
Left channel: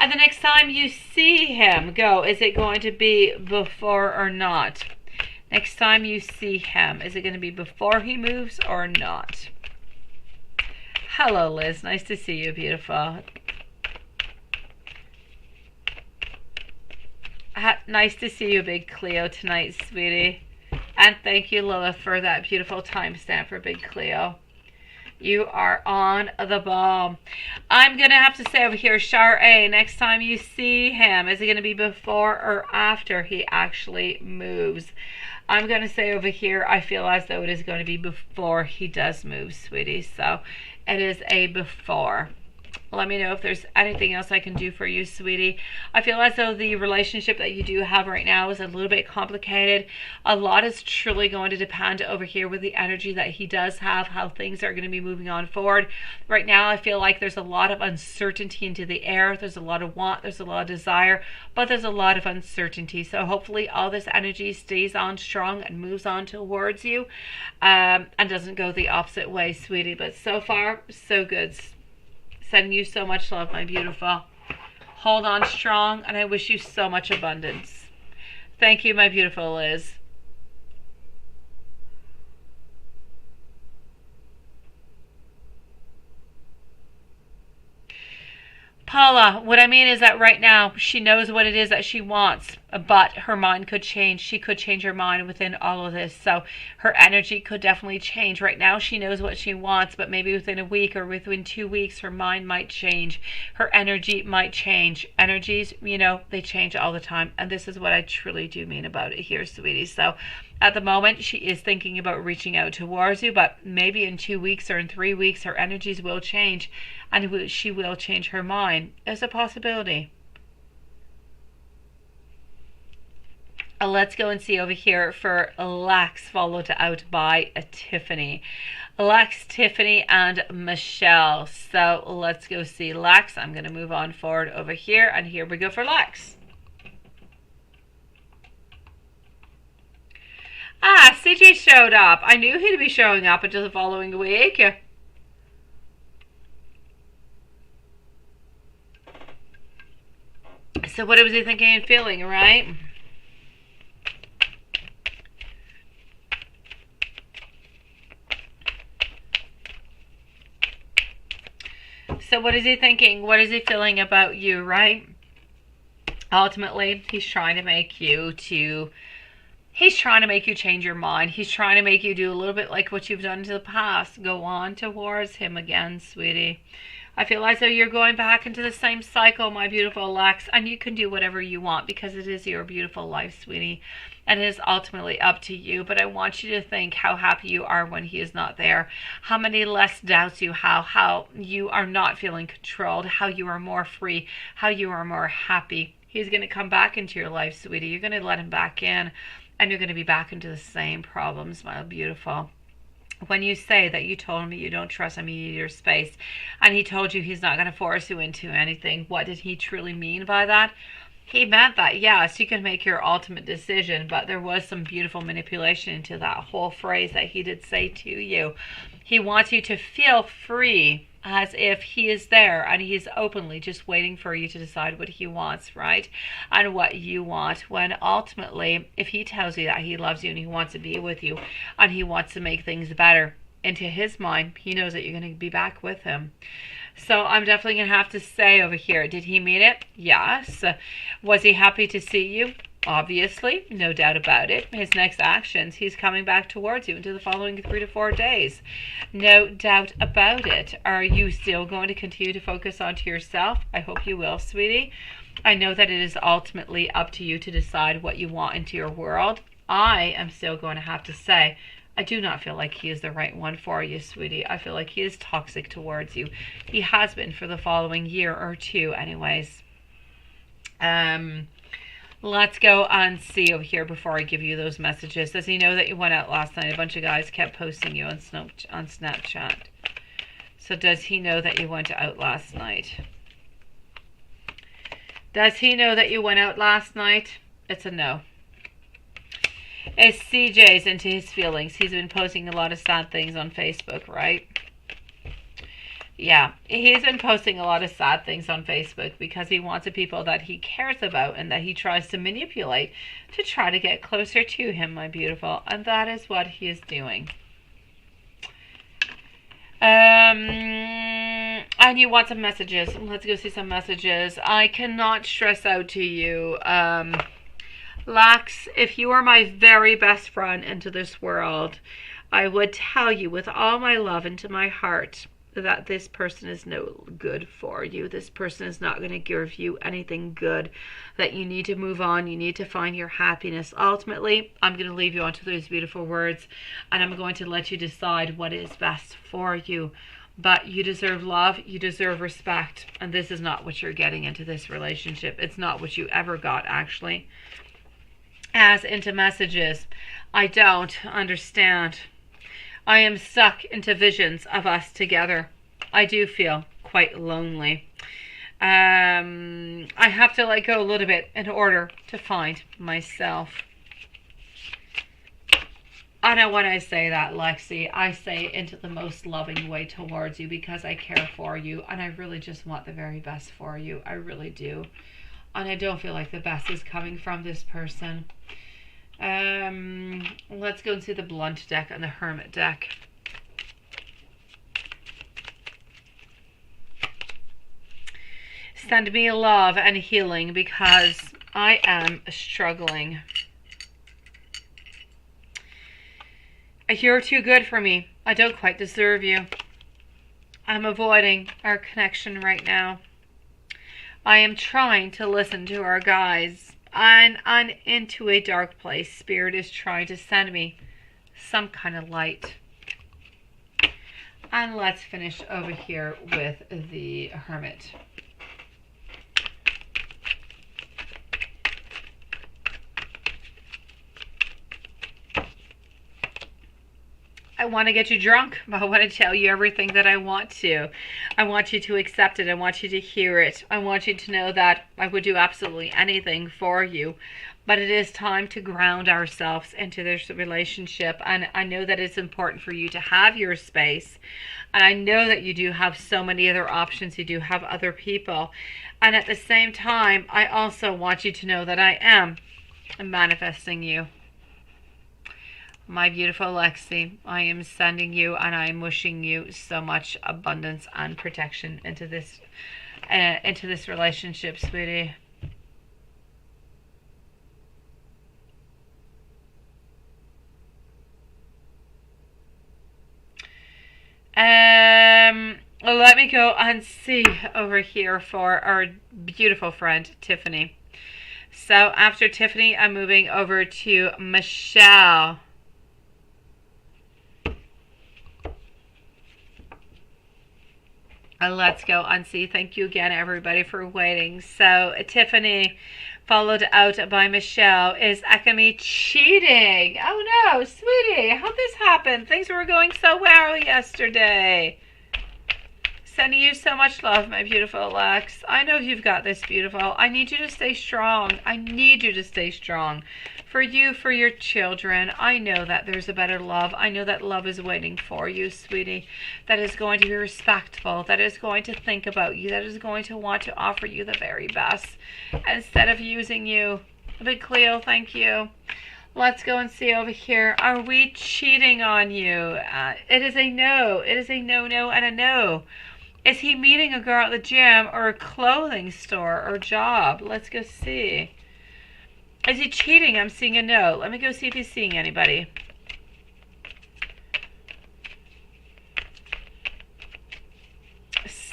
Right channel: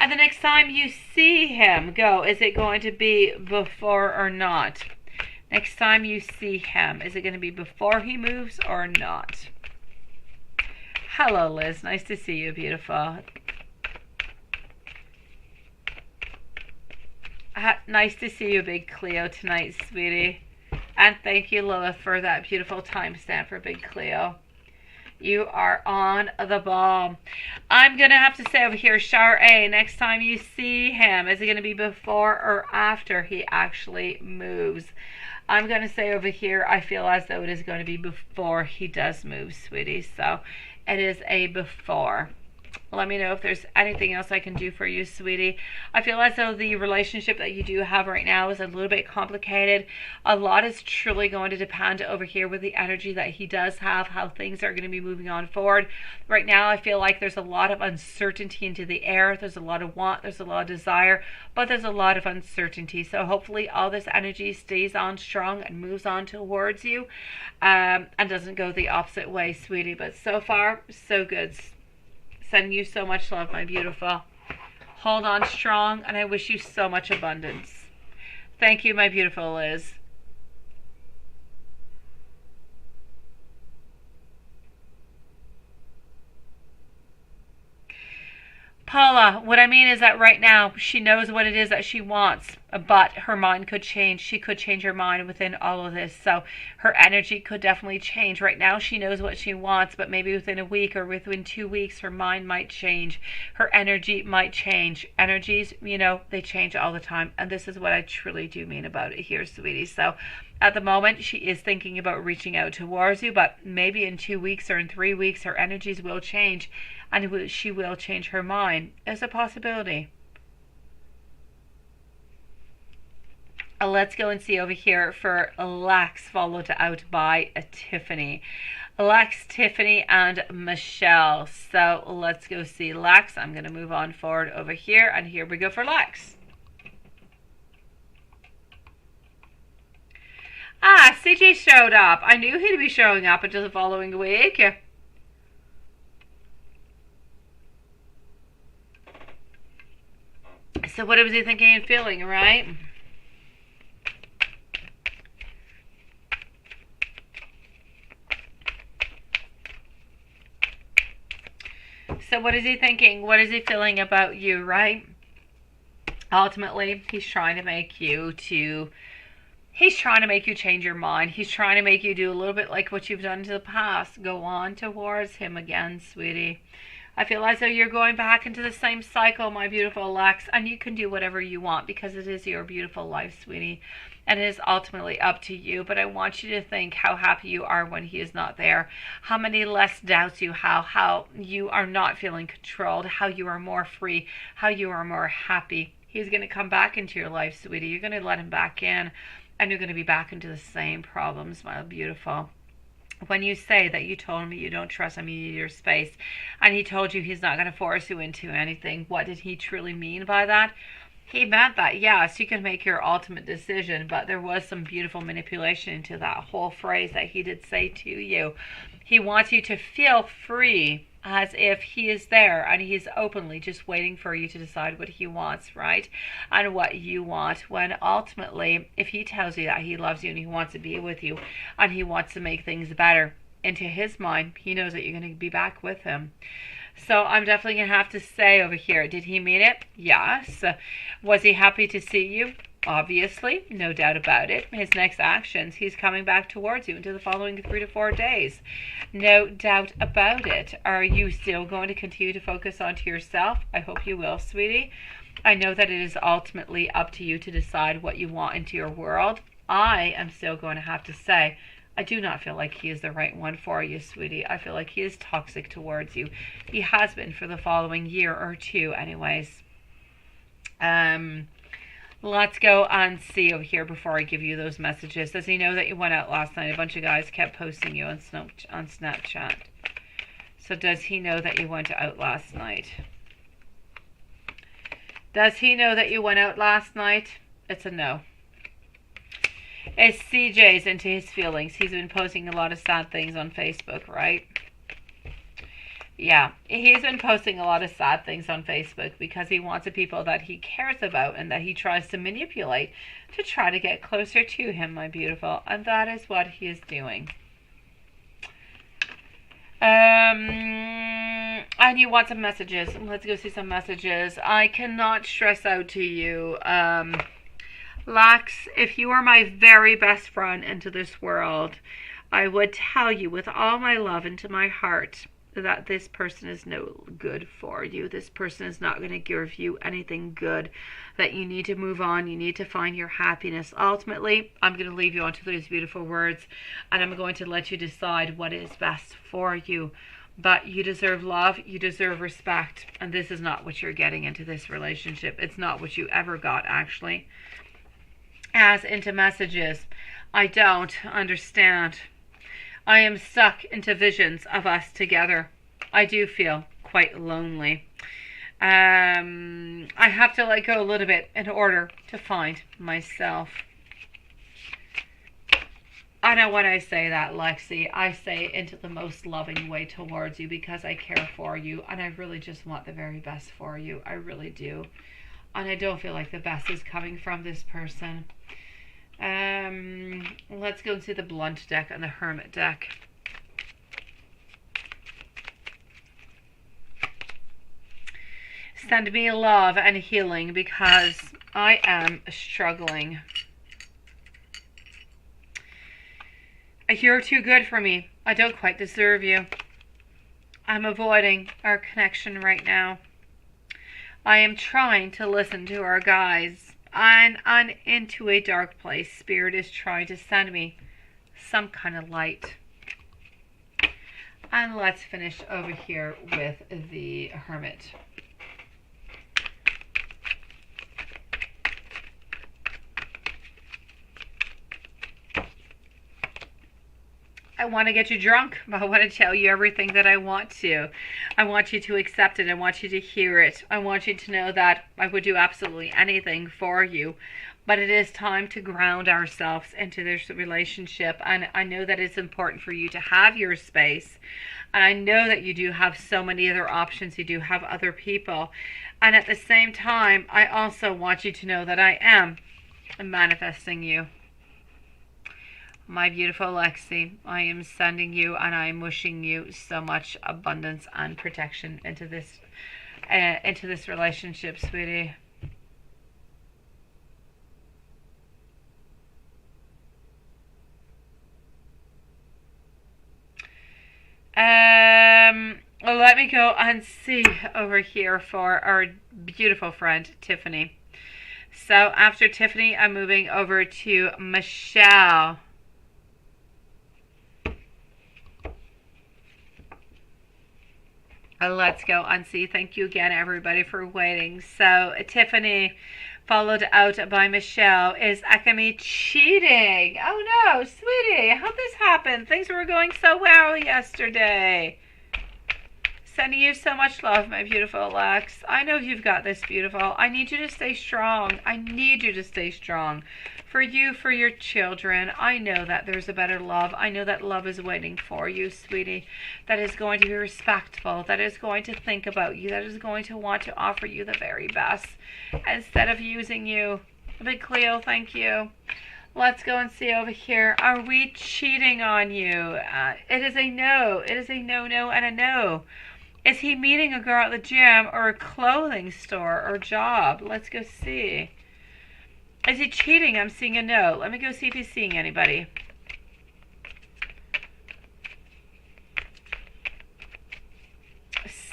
And the next time you see him, is it going to be before or not? Next time you see him, is it going to be before he moves or not? Hello, Liz. Nice to see you, beautiful. Nice to see you, Big Cleo, tonight, sweetie. And thank you, Lilith, for that beautiful timestamp for Big Cleo. You are on the ball. I'm going to have to say over here, Char A, next time you see him, is it going to be before or after he actually moves? I'm going to say over here, I feel as though it is going to be before he does move, sweetie. So it is a before. Let me know if there's anything else I can do for you, sweetie. I feel as though the relationship that you do have right now is a little bit complicated. A lot is truly going to depend over here with the energy that he does have, how things are going to be moving on forward. Right now, I feel like there's a lot of uncertainty into the air. There's a lot of want, there's a lot of desire, but there's a lot of uncertainty. So hopefully all this energy stays on strong and moves on towards you, and doesn't go the opposite way, sweetie. But so far, so good. Sending you so much love, my beautiful. Hold on strong, and I wish you so much abundance. Thank you, my beautiful Liz. Paula, what I mean is that right now she knows what it is that she wants, but her mind could change. She could change her mind within all of this. So her energy could definitely change. Right now she knows what she wants, but maybe within a week or within 2 weeks her mind might change. Her energy might change. Energies, they change all the time. And this is what I truly do mean about it here, sweetie. So at the moment, she is thinking about reaching out towards you, but maybe in 2 weeks or in 3 weeks, her energies will change and she will change her mind. It's a possibility. Let's go and see over here for Lex, followed out by Tiffany. Lex, Tiffany, and Michelle. So let's go see Lex. I'm going to move on forward over here, and here we go for Lex. Ah, CJ showed up. I knew he'd be showing up until the following week. So what was he thinking and feeling, right? So what is he thinking? What is he feeling about you, right? Ultimately, he's trying to make you change your mind. He's trying to make you do a little bit like what you've done in the past. Go on towards him again, sweetie. I feel as though you're going back into the same cycle, my beautiful Lex, and you can do whatever you want because it is your beautiful life, sweetie, and it is ultimately up to you. But I want you to think how happy you are when he is not there, how many less doubts you have, how you are not feeling controlled, how you are more free, how you are more happy. He's going to come back into your life, sweetie. You're going to let him back in, and you're going to be back into the same problems, my beautiful. When you say that you told me you don't trust him, you need your space, and he told you he's not going to force you into anything, what did he truly mean by that? He meant that, yes, you can make your ultimate decision, but there was some beautiful manipulation into that whole phrase that he did say to you. He wants you to feel free, as if he is there and he's openly just waiting for you to decide what he wants, right? And what you want, when ultimately, if he tells you that he loves you and he wants to be with you and he wants to make things better, into his mind, he knows that you're going to be back with him. So I'm definitely going to have to say over here, did he mean it? Yes. Was he happy to see you? Obviously, no doubt about it. His next actions, he's coming back towards you into the following 3 to 4 days. No doubt about it. Are you still going to continue to focus onto yourself? I hope you will, sweetie. I know that it is ultimately up to you to decide what you want into your world. I am still going to have to say, I do not feel like he is the right one for you, sweetie. I feel like he is toxic towards you. He has been for the following year or two anyways. Let's go and see over here before I give you those messages. Does he know that you went out last night? A bunch of guys kept posting you on Snapchat. So does he know that you went out last night? Does he know that you went out last night? It's a no. It's CJ's into his feelings. He's been posting a lot of sad things on Facebook, right? Yeah, he's been posting a lot of sad things on Facebook because he wants the people that he cares about and that he tries to manipulate to try to get closer to him, my beautiful. And that is what he is doing. And you want some messages. Let's go see some messages. I cannot stress out to you, Lax, if you are my very best friend into this world, I would tell you with all my love into my heart that this person is no good for you. This person is not going to give you anything good, that you need to move on. You need to find your happiness. Ultimately, I'm going to leave you onto those beautiful words, and I'm going to let you decide what is best for you. But you deserve love, you deserve respect, and this is not what you're getting into this relationship. It's not what you ever got, actually. As into messages, I don't understand. I am stuck into visions of us together. I do feel quite lonely. I have to let go a little bit in order to find myself. I know when I say that, Lexi, I say it into the most loving way towards you because I care for you and I really just want the very best for you. I really do. And I don't feel like the best is coming from this person. Let's go and see the Blunt deck and the Hermit deck. Send me love and healing because I am struggling. You're too good for me. I don't quite deserve you. I'm avoiding our connection right now. I am trying to listen to our guides. And I'm into a dark place. Spirit is trying to send me some kind of light. And let's finish over here with the Hermit. I want to get you drunk. I want to tell you everything that I want to. I want you to accept it. I want you to hear it. I want you to know that I would do absolutely anything for you. But it is time to ground ourselves into this relationship. And I know that it's important for you to have your space. And I know that you do have so many other options. You do have other people. And at the same time, I also want you to know that I am manifesting you. My beautiful Lexi, I am sending you and I am wishing you so much abundance and protection into this relationship, sweetie. Let me go and see over here for our beautiful friend Tiffany. So after Tiffany, I'm moving over to Michelle. Let's go and see. Thank you again, everybody, for waiting. So Tiffany, followed out by Michelle. Is Akemi cheating? Oh no, sweetie, how'd this happen? Things were going so well yesterday. Sending you so much love, my beautiful Lex. I know you've got this, beautiful. I need you to stay strong. I need you to stay strong. For you, for your children. I know that there's a better love. I know that love is waiting for you, sweetie. That is going to be respectful. That is going to think about you. That is going to want to offer you the very best. Instead of using you. Big Cleo, thank you. Let's go and see over here. Are we cheating on you? It is a no. It is a no, no, and a no. Is he meeting a girl at the gym or a clothing store or job? Let's go see. Is he cheating? I'm seeing a no. Let me go see if he's seeing anybody.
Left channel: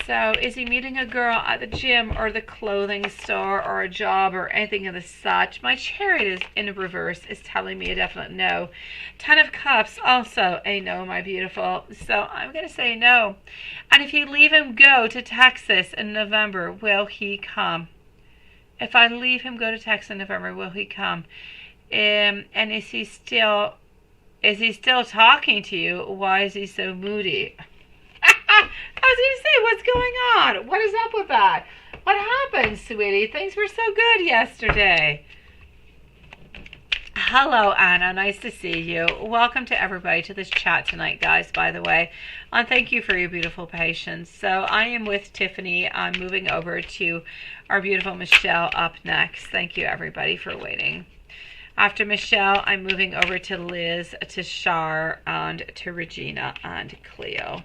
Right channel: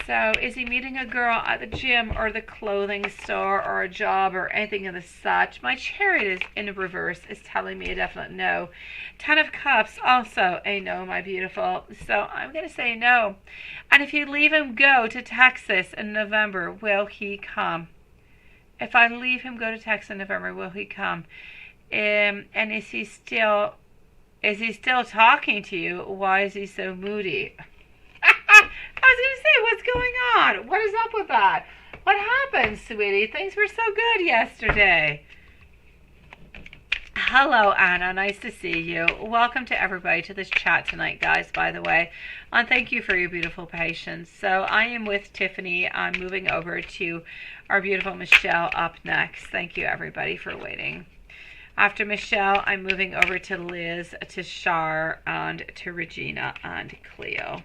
So, is he meeting a girl at the gym or the clothing store or a job or anything of the such? My chariot is in reverse is telling me a definite no. 10 of Cups, also a no, my beautiful. So, I'm going to say no. And if you leave him go to Texas in November, will he come? If I leave him go to Texas in November, will he come? And is he still talking to you? Why is he so moody? I was going to say, what's going on? What is up with that? What happened, sweetie? Things were so good yesterday. Hello, Anna. Nice to see you. Welcome to everybody to this chat tonight, guys, by the way. And thank you for your beautiful patience. So I am with Tiffany. I'm moving over to our beautiful Michelle up next. Thank you, everybody, for waiting. After Michelle, I'm moving over to Liz, to Shar, and to Regina and Cleo.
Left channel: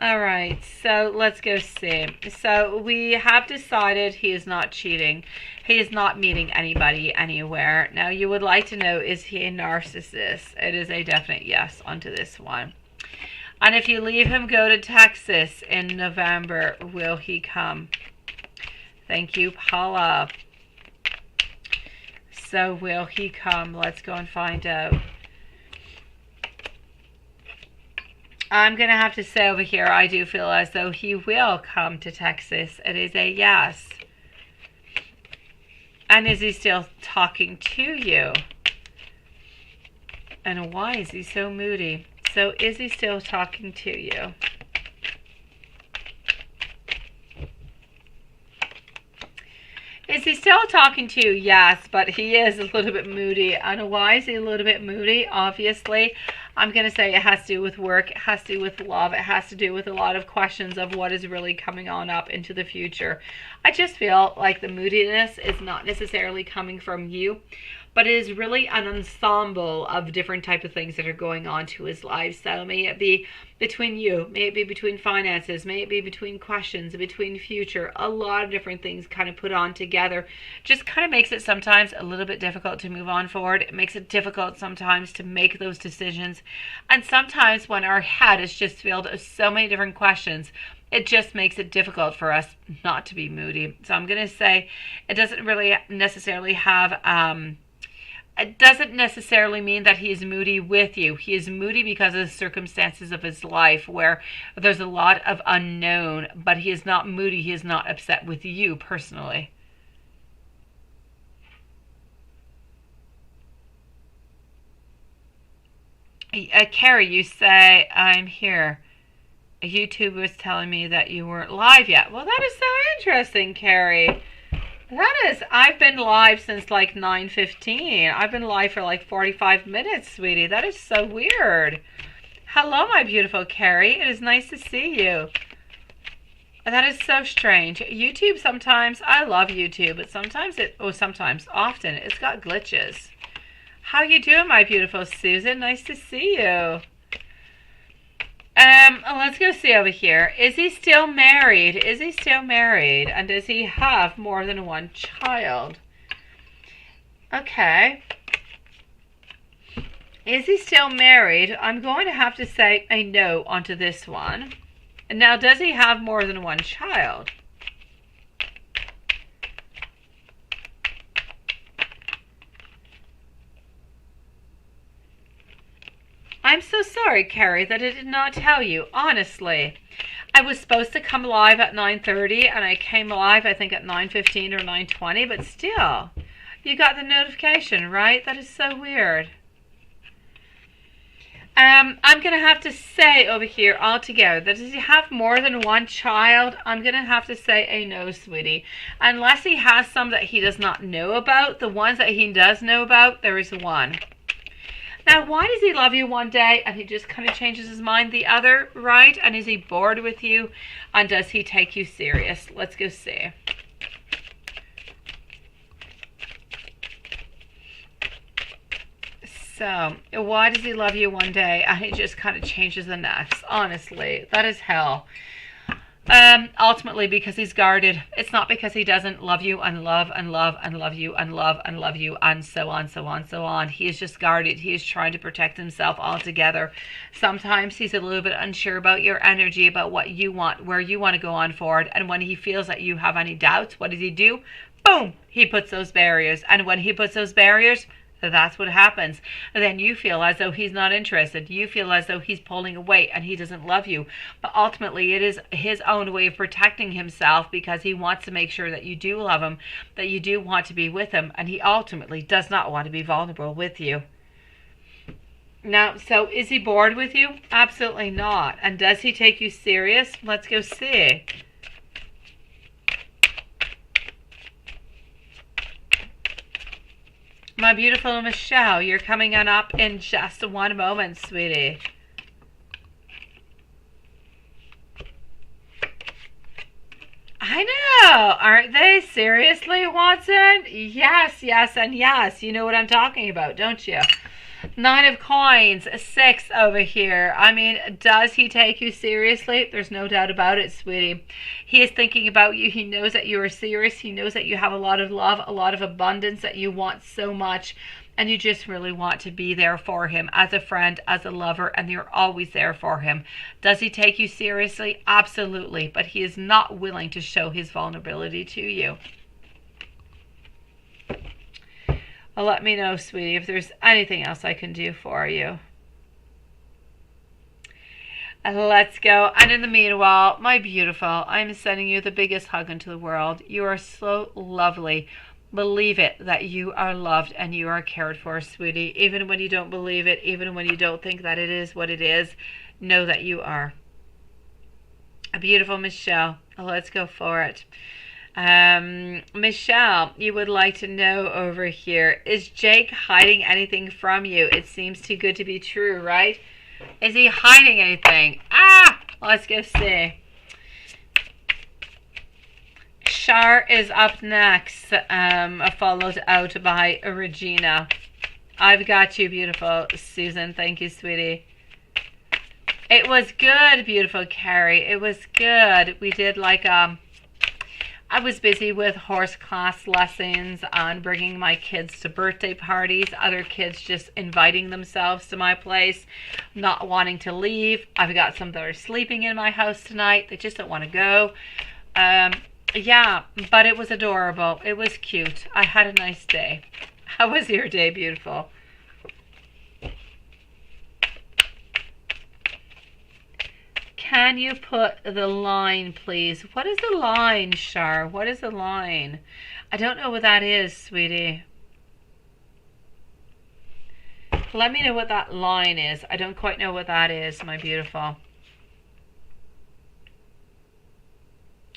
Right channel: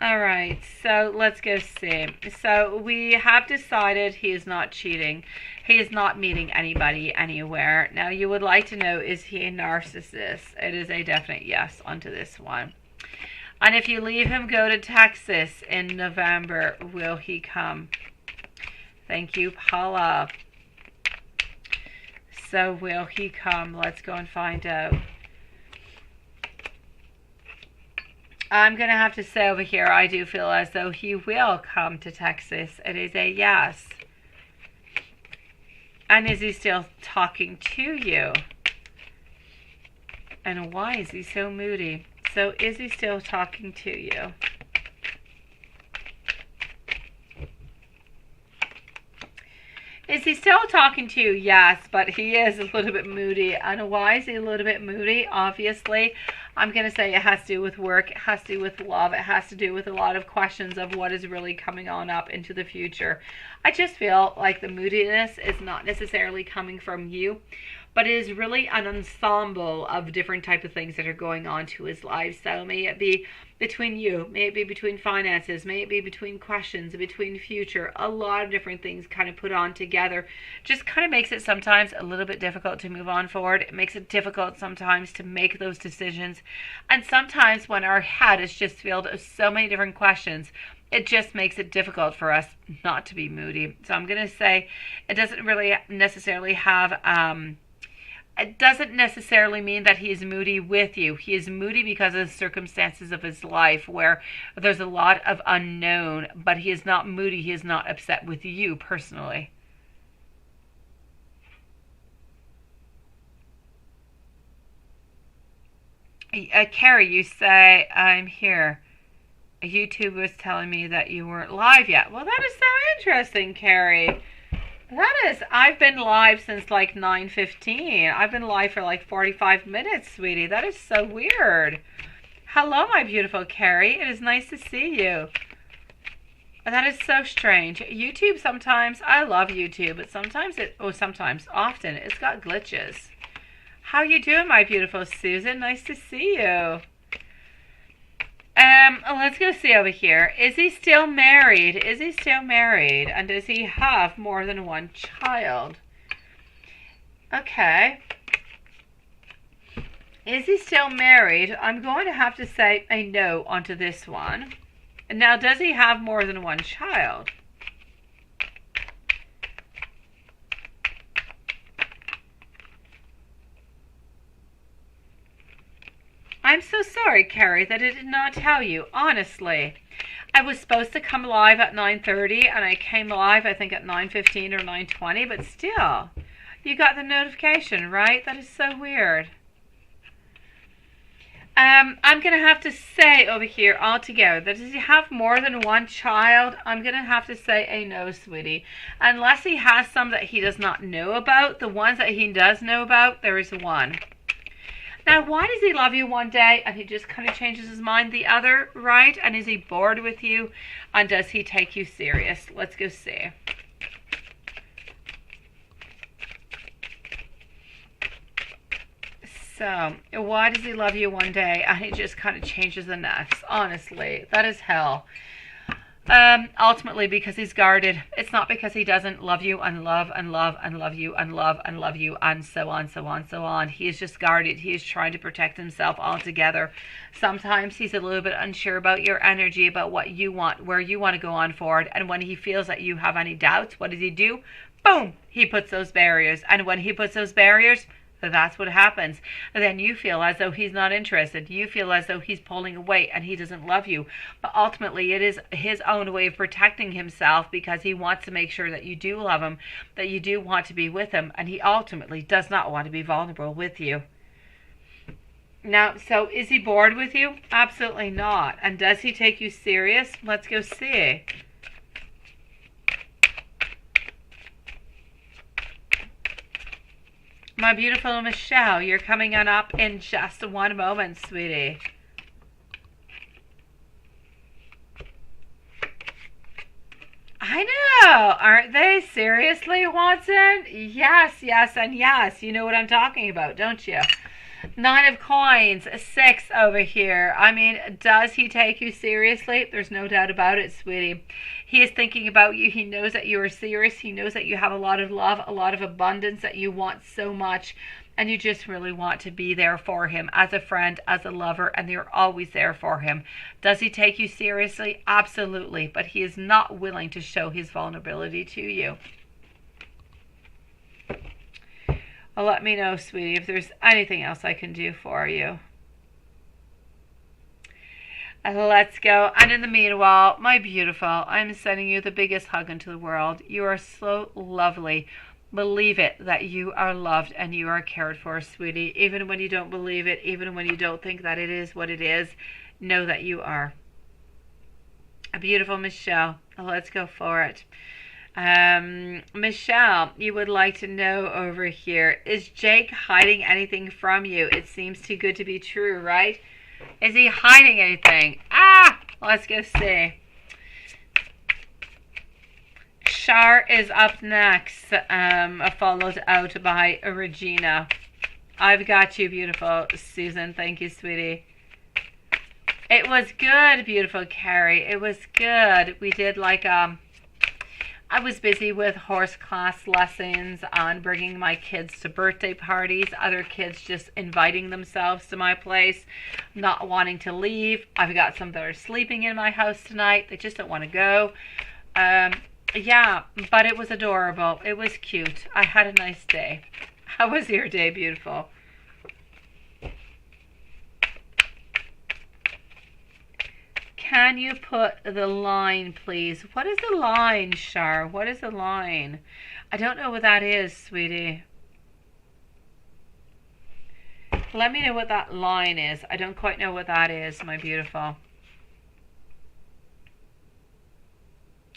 All right, so let's go see. So we have decided he is not cheating. He is not meeting anybody anywhere. Now, you would like to know, is he a narcissist? It is a definite yes onto this one. And if you leave him go to Texas in November, will he come? Thank you, Paula. So will he come? Let's go and find out. I'm going to have to say over here, I do feel as though he will come to Texas. It is a yes. And is he still talking to you? And why is he so moody? So is he still talking to you? Is he still talking to you? Yes, but he is a little bit moody. And why is he a little bit moody? Obviously, I'm going to say it has to do with work. It has to do with love. It has to do with a lot of questions of what is really coming on up into the future. I just feel like the moodiness is not necessarily coming from you, but it is really an ensemble of different type of things that are going on to his life. So may it be between you, may it be between finances, may it be between questions, between future, a lot of different things kind of put on together. Just kind of makes it sometimes a little bit difficult to move on forward. It makes it difficult sometimes to make those decisions. And sometimes when our head is just filled with so many different questions, it just makes it difficult for us not to be moody. So I'm going to say it doesn't really necessarily have... it doesn't necessarily mean that he is moody with you. He is moody because of the circumstances of his life where there's a lot of unknown, but he is not moody. He is not upset with you personally. Carrie, you say, I'm here. YouTube was telling me that you weren't live yet. Well, that is so interesting, Carrie. That is, I've been live since like 9:15. I've been live for like 45 minutes, sweetie. That is so weird. Hello, my beautiful Carrie. It is nice to see you. That is so strange. YouTube sometimes, I love YouTube, but sometimes often, it's got glitches. How you doing, my beautiful Susan? Nice to see you. Let's go see over here. Is he still married? Is he still married? And does he have more than one child? Okay. Is he still married? I'm going to have to say a no onto this one. Now, does he have more than one child? I'm so sorry, Carrie, that I did not tell you, honestly. I was supposed to come live at 9:30, and I came live, I think, at 9:15 or 9:20, but still, you got the notification, right? That is so weird. I'm going to have to say over here altogether that does he have more than one child? I'm going to have to say a no, sweetie. Unless he has some that he does not know about, the ones that he does know about, there is one. Now, why does he love you one day and he just kind of changes his mind the other, right? And is he bored with you? And does he take you serious? Let's go see. So, why does he love you one day and he just kind of changes the next? Honestly, that is hell. Ultimately because he's guarded. It's not because he doesn't love you and love and love and love you and love and love you and so on, so on, so on. He is just guarded. He is trying to protect himself altogether. Sometimes he's a little bit unsure about your energy, about what you want, where you want to go on forward. And when he feels that you have any doubts, what does he do? Boom! He puts those barriers. And when he puts those barriers, that's what happens. And then you feel as though he's not interested. You feel as though he's pulling away and he doesn't love you. But ultimately, it is his own way of protecting himself because he wants to make sure that you do love him, that you do want to be with him, and he ultimately does not want to be vulnerable with you. Now, so is he bored with you? Absolutely not. And does he take you serious? Let's go see. My beautiful Michelle, you're coming on up in just one moment, sweetie. I know, aren't they? Seriously, Watson? Yes, yes, and yes. You know what I'm talking about, don't you? 9 of coins, 6 over here. I mean, does he take you seriously? There's no doubt about it, sweetie. He is thinking about you. He knows that you are serious. He knows that you have a lot of love, a lot of abundance, that you want so much. And you just really want to be there for him as a friend, as a lover, and you're always there for him. Does he take you seriously? Absolutely. But he is not willing to show his vulnerability to you. Well, let me know, sweetie, if there's anything else I can do for you. Let's go. And in the meanwhile, my beautiful, I'm sending you the biggest hug into the world. You are so lovely. Believe it that you are loved and you are cared for, sweetie. Even when you don't believe it, even when you don't think that it is what it is, know that you are. A beautiful Michelle. Let's go for it. Michelle, you would like to know over here, is Jake hiding anything from you? It seems too good to be true, right? Is he hiding anything? Let's go see. Shar is up next, followed out by Regina. I've got you, beautiful Susan. Thank you, sweetie. It was good, beautiful Carrie. It was good. We did like, I was busy with horse class lessons on bringing my kids to birthday parties, other kids just inviting themselves to my place, not wanting to leave. I've got some that are sleeping in my house tonight. They just don't want to go. Yeah, but it was adorable. It was cute. I had a nice day. How was your day, beautiful? Can you put the line, please? What is the line, Shar? What is the line? I don't know what that is, sweetie. Let me know what that line is. I don't quite know what that is, my beautiful.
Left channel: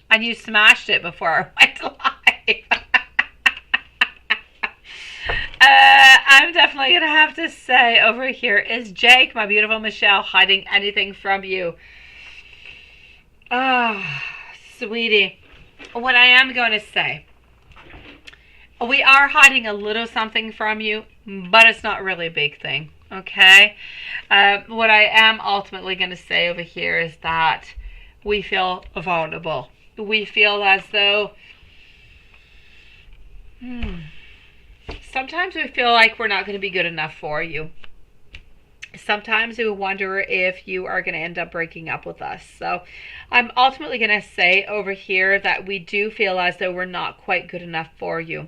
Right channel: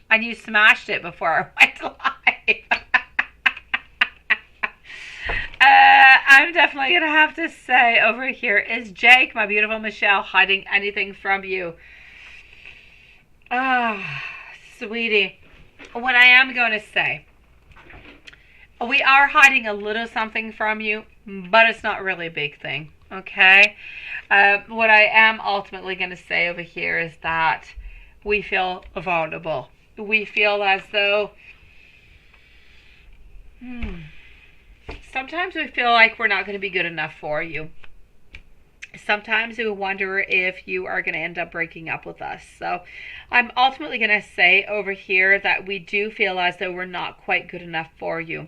And you smashed it before I went live. I'm definitely going to have to say over here, is Jake, my beautiful Michelle, hiding anything from you? Sweetie, what I am going to say, we are hiding a little something from you, but it's not really a big thing, okay? What I am ultimately going to say over here is that we feel vulnerable. We feel as though sometimes we feel like we're not going to be good enough for you. Sometimes we wonder if you are going to end up breaking up with us. So I'm ultimately going to say over here that we do feel as though we're not quite good enough for you.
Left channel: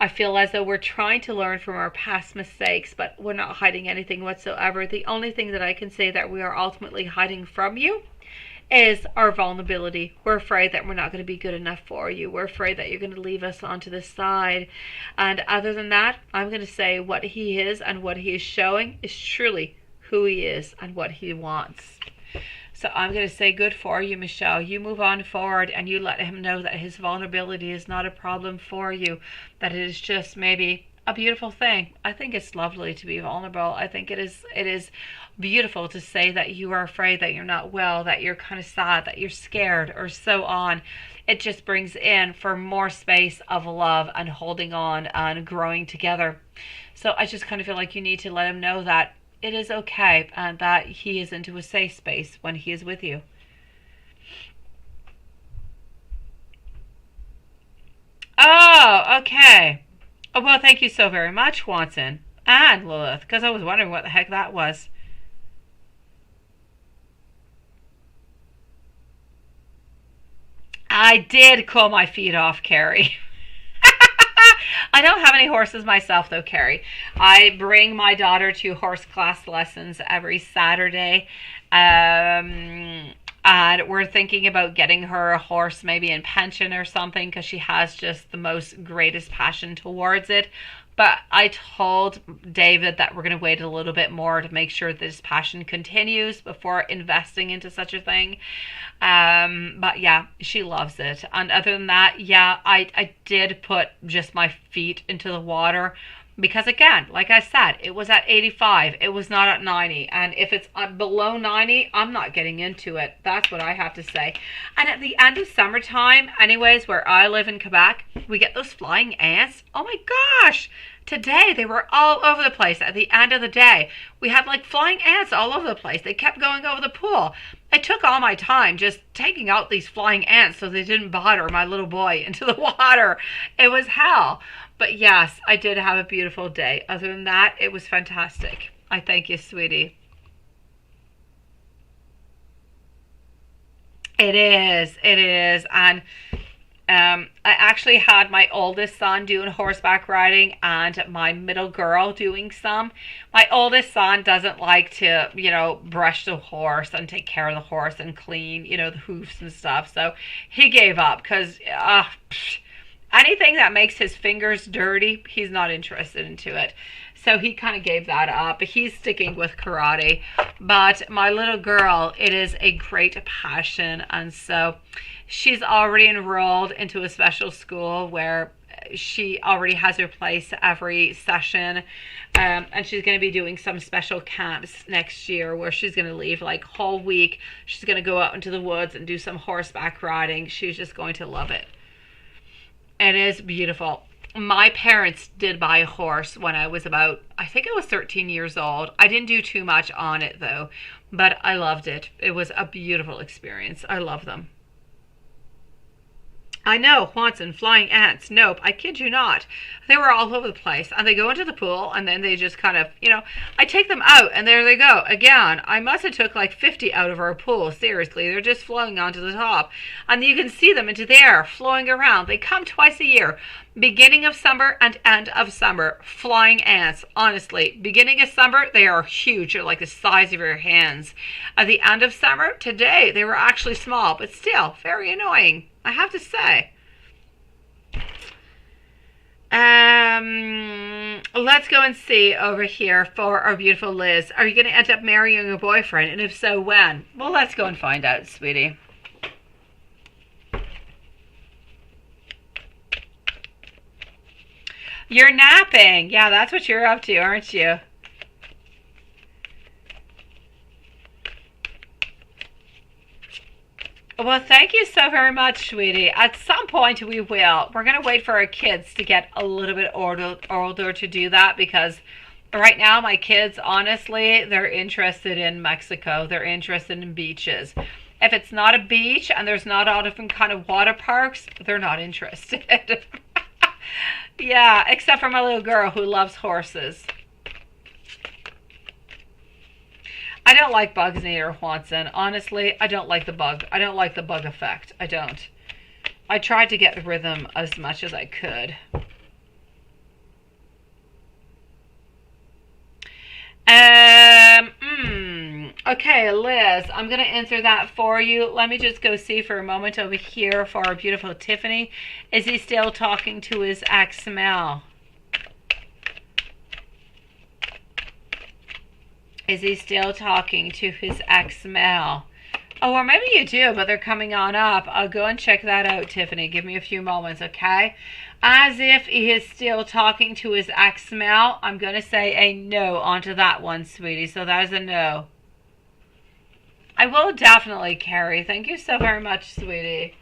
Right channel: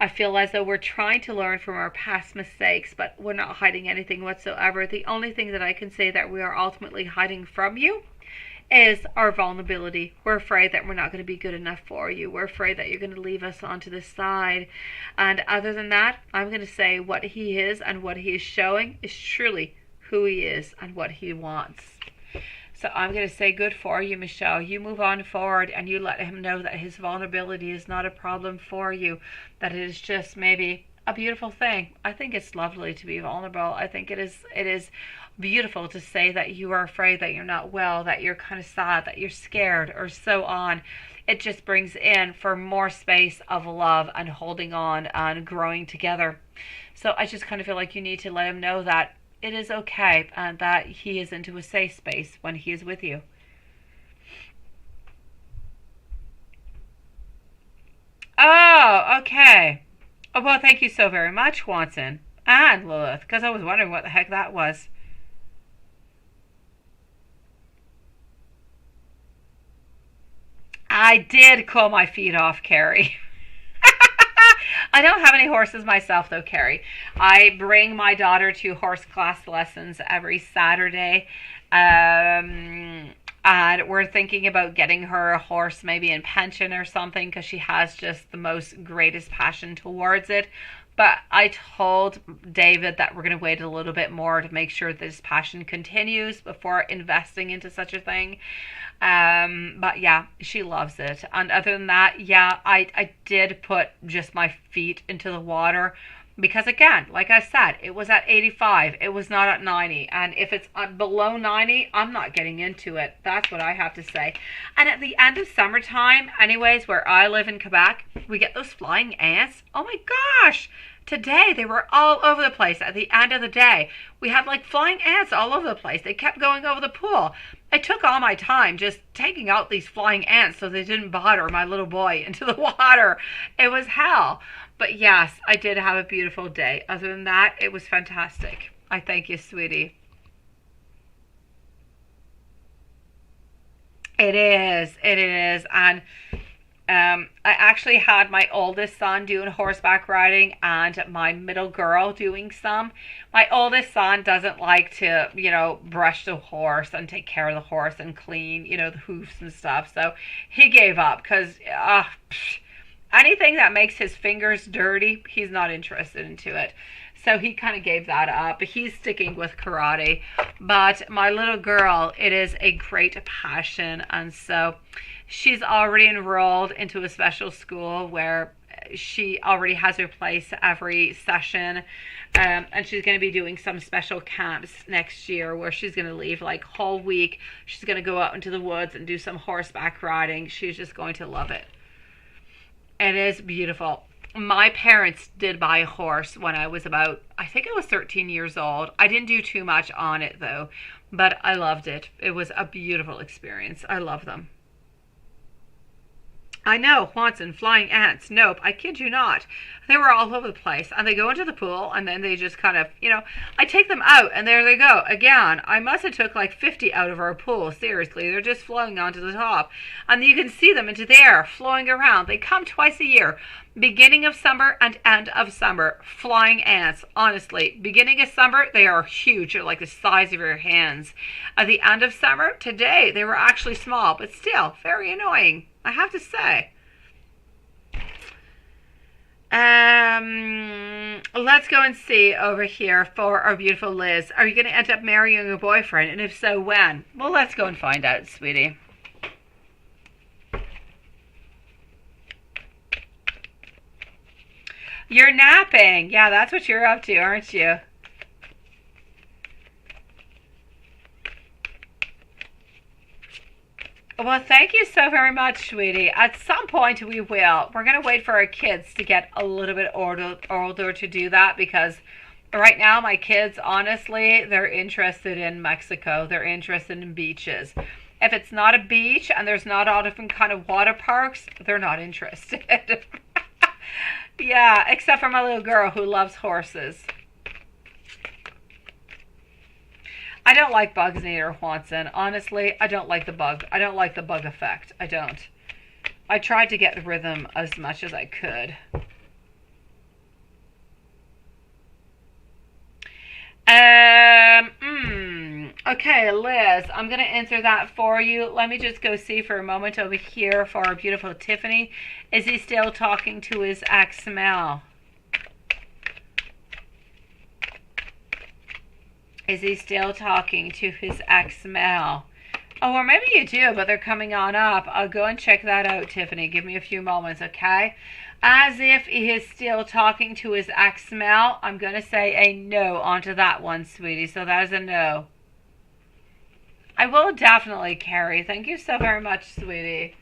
I feel as though we're trying to learn from our past mistakes, but we're not hiding anything whatsoever. The only thing that I can say that we are ultimately hiding from you is our vulnerability. We're afraid that we're not going to be good enough for you. We're afraid that you're going to leave us onto the side. And other than that, I'm going to say what he is and what he is showing is truly who he is and what he wants. So I'm going to say good for you, Michelle. You move on forward and you let him know that his vulnerability is not a problem for you, that it is just maybe a beautiful thing. I think it's lovely to be vulnerable. I think it is beautiful to say that you are afraid, that you're not well, that you're kind of sad, that you're scared, or so on. It just brings in for more space of love and holding on and growing together. So I just kind of feel like you need to let him know that it is okay and that he is into a safe space when he is with you. Oh, okay. Oh, well, thank you so very much, Watson and Lilith, because I was wondering what the heck that was. I did cool my feet off, Carrie. I don't have any horses myself, though, Carrie. I bring my daughter to horse class lessons every Saturday. And we're thinking about getting her a horse maybe in pension or something because she has just the most greatest passion towards it. But I told David that we're going to wait a little bit more to make sure that his passion continues before investing into such a thing. But yeah, she loves it. And other than that, yeah, I did put just my feet into the water because, again, like I said, it was at 85. It was not at 90. And if it's below 90, I'm not getting into it. That's what I have to say. And at the end of summertime, anyways, where I live in Quebec, we get those flying ants. Oh my gosh! Today, they were all over the place at the end of the day. We had like flying ants all over the place. They kept going over the pool. I took all my time just taking out these flying ants so they didn't bother my little boy into the water. It was hell. But yes, I did have a beautiful day. Other than that, it was fantastic. I thank you, sweetie. It is. And I actually had my oldest son doing horseback riding and my middle girl doing some. My oldest son doesn't like to, brush the horse and take care of the horse and clean, the hoofs and stuff. So he gave up because anything that makes his fingers dirty, he's not interested into it. So he kind of gave that up. He's sticking with karate. But my little girl, it is a great passion. And so she's already enrolled into a special school where she already has her place every session. And she's going to be doing some special camps next year where she's going to leave like whole week. She's going to go out into the woods and do some horseback riding. She's just going to love it. It is beautiful. My parents did buy a horse when I was I think I was 13 years old. I didn't do too much on it though, but I loved it. It was a beautiful experience. I love them. I know, Watson, flying ants. Nope, I kid you not. They were all over the place. And they go into the pool, and then they just kind of, I take them out, and there they go. Again, I must have took like 50 out of our pool. Seriously, they're just flowing onto the top. And you can see them into the air, flowing around. They come twice a year. Beginning of summer and end of summer. Flying ants, honestly. Beginning of summer, they are huge. They're like the size of your hands. At the end of summer, today, they were actually small, but still very annoying, I have to say. Let's go and see over here for our beautiful Liz. Are you going to end up marrying your boyfriend? And if so, when? Well, let's go and find out, sweetie. You're napping. Yeah, that's what you're up to, aren't you? Well, thank you so very much, sweetie. At some point we will. We're going to wait for our kids to get a little bit older to do that because right now my kids, honestly, they're interested in Mexico. They're interested in beaches. If it's not a beach and there's not all different kind of water parks, they're not interested. Yeah, except for my little girl who loves horses. I don't like bugs neither, Watson. Honestly, I don't like the bug. I don't like the bug effect. I don't. I tried to get the rhythm as much as I could. Okay, Liz, I'm going to answer that for you. Let me just go see for a moment over here for our beautiful Tiffany. Is he still talking to his ex Mel? Is he still talking to his ex Mel? Oh, or maybe you do, but they're coming on up. I'll go and check that out, Tiffany. Give me a few moments, okay? As if he is still talking to his ex Mel, I'm going to say a no onto that one, sweetie. So that is a no. I will definitely, Carrie. Thank you so very much, sweetie.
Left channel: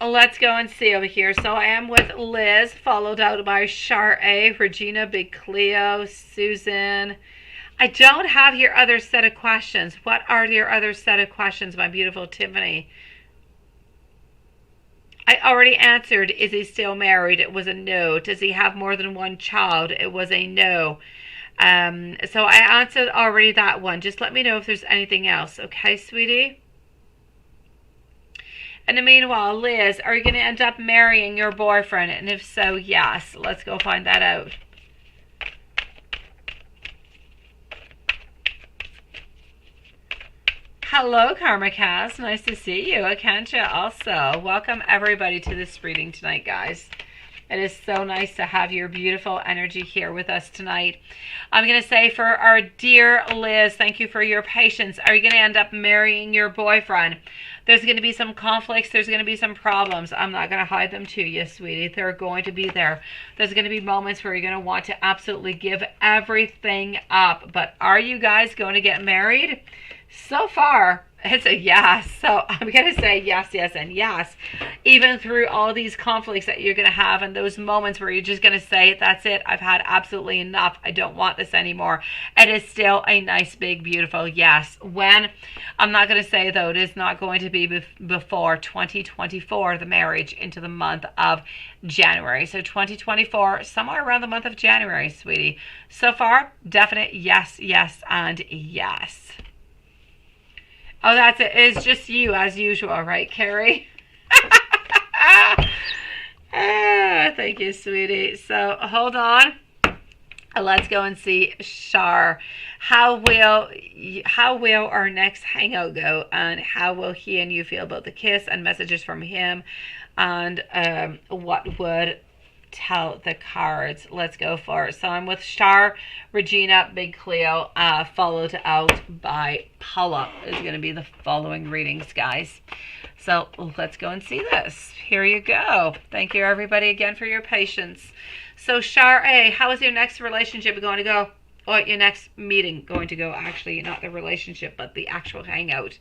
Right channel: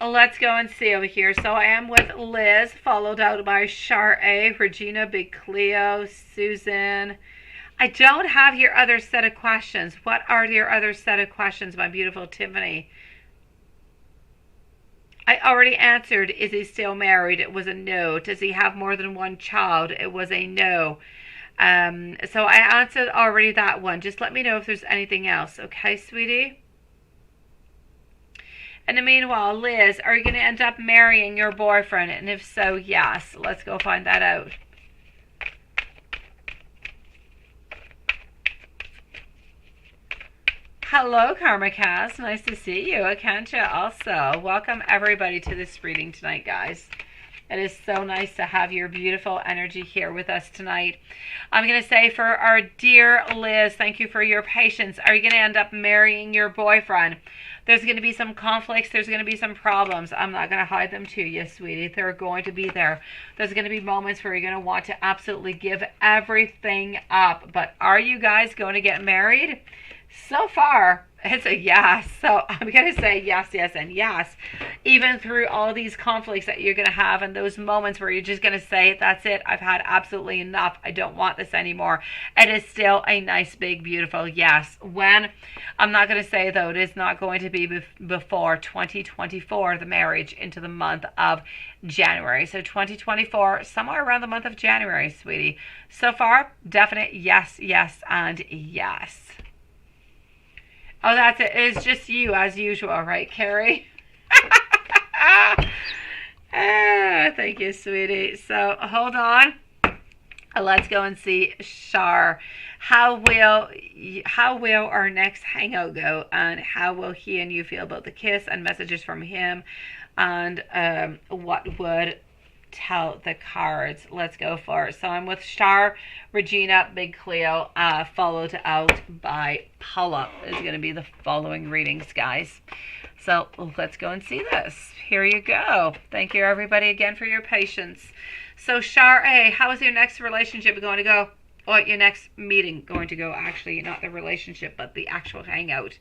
Let's go and see over here. So I am with Liz, followed out by Char-A, Regina, Big Cleo, Susan. I don't have your other set of questions. What are your other set of questions, my beautiful Tiffany? I already answered, is he still married? It was a no. Does he have more than one child? It was a no. So I answered already that one. Just let me know if there's anything else. Okay, sweetie? In the meanwhile, Liz, are you going to end up marrying your boyfriend? And if so, yes. Let's go find that out. Hello, Karma Cass. Nice to see you. Akancha also. Welcome everybody to this reading tonight, guys. It is so nice to have your beautiful energy here with us tonight. I'm going to say for our dear Liz, thank you for your patience. Are you going to end up marrying your boyfriend? There's going to be some conflicts. There's going to be some problems. I'm not going to hide them to you, sweetie. They're going to be there. There's going to be moments where you're going to want to absolutely give everything up. But are you guys going to get married? So far, it's a yes. So I'm going to say yes, yes, and yes. Even through all these conflicts that you're going to have and those moments where you're just going to say, that's it. I've had absolutely enough. I don't want this anymore. It is still a nice, big, beautiful yes. When? I'm not going to say, though, it is not going to be before 2024, the marriage into the month of January. So 2024, somewhere around the month of January, sweetie. So far, definite yes, yes, and yes. Oh, that's it. It's just you as usual, right, Carrie? Thank you, sweetie. So hold on. Let's go and see Shar. How will our next hangout go, and how will he and you feel about the kiss and messages from him, and what would tell the cards? Let's go for it. So I'm with Shar, Regina, Big Cleo, followed out by Paula is going to be the following readings, guys. So let's go and see this. Here you go. Thank you, everybody, again for your patience. So Shar A, how is your next relationship going to go? Or your next meeting going to go? Actually, not the relationship, but the actual hangout.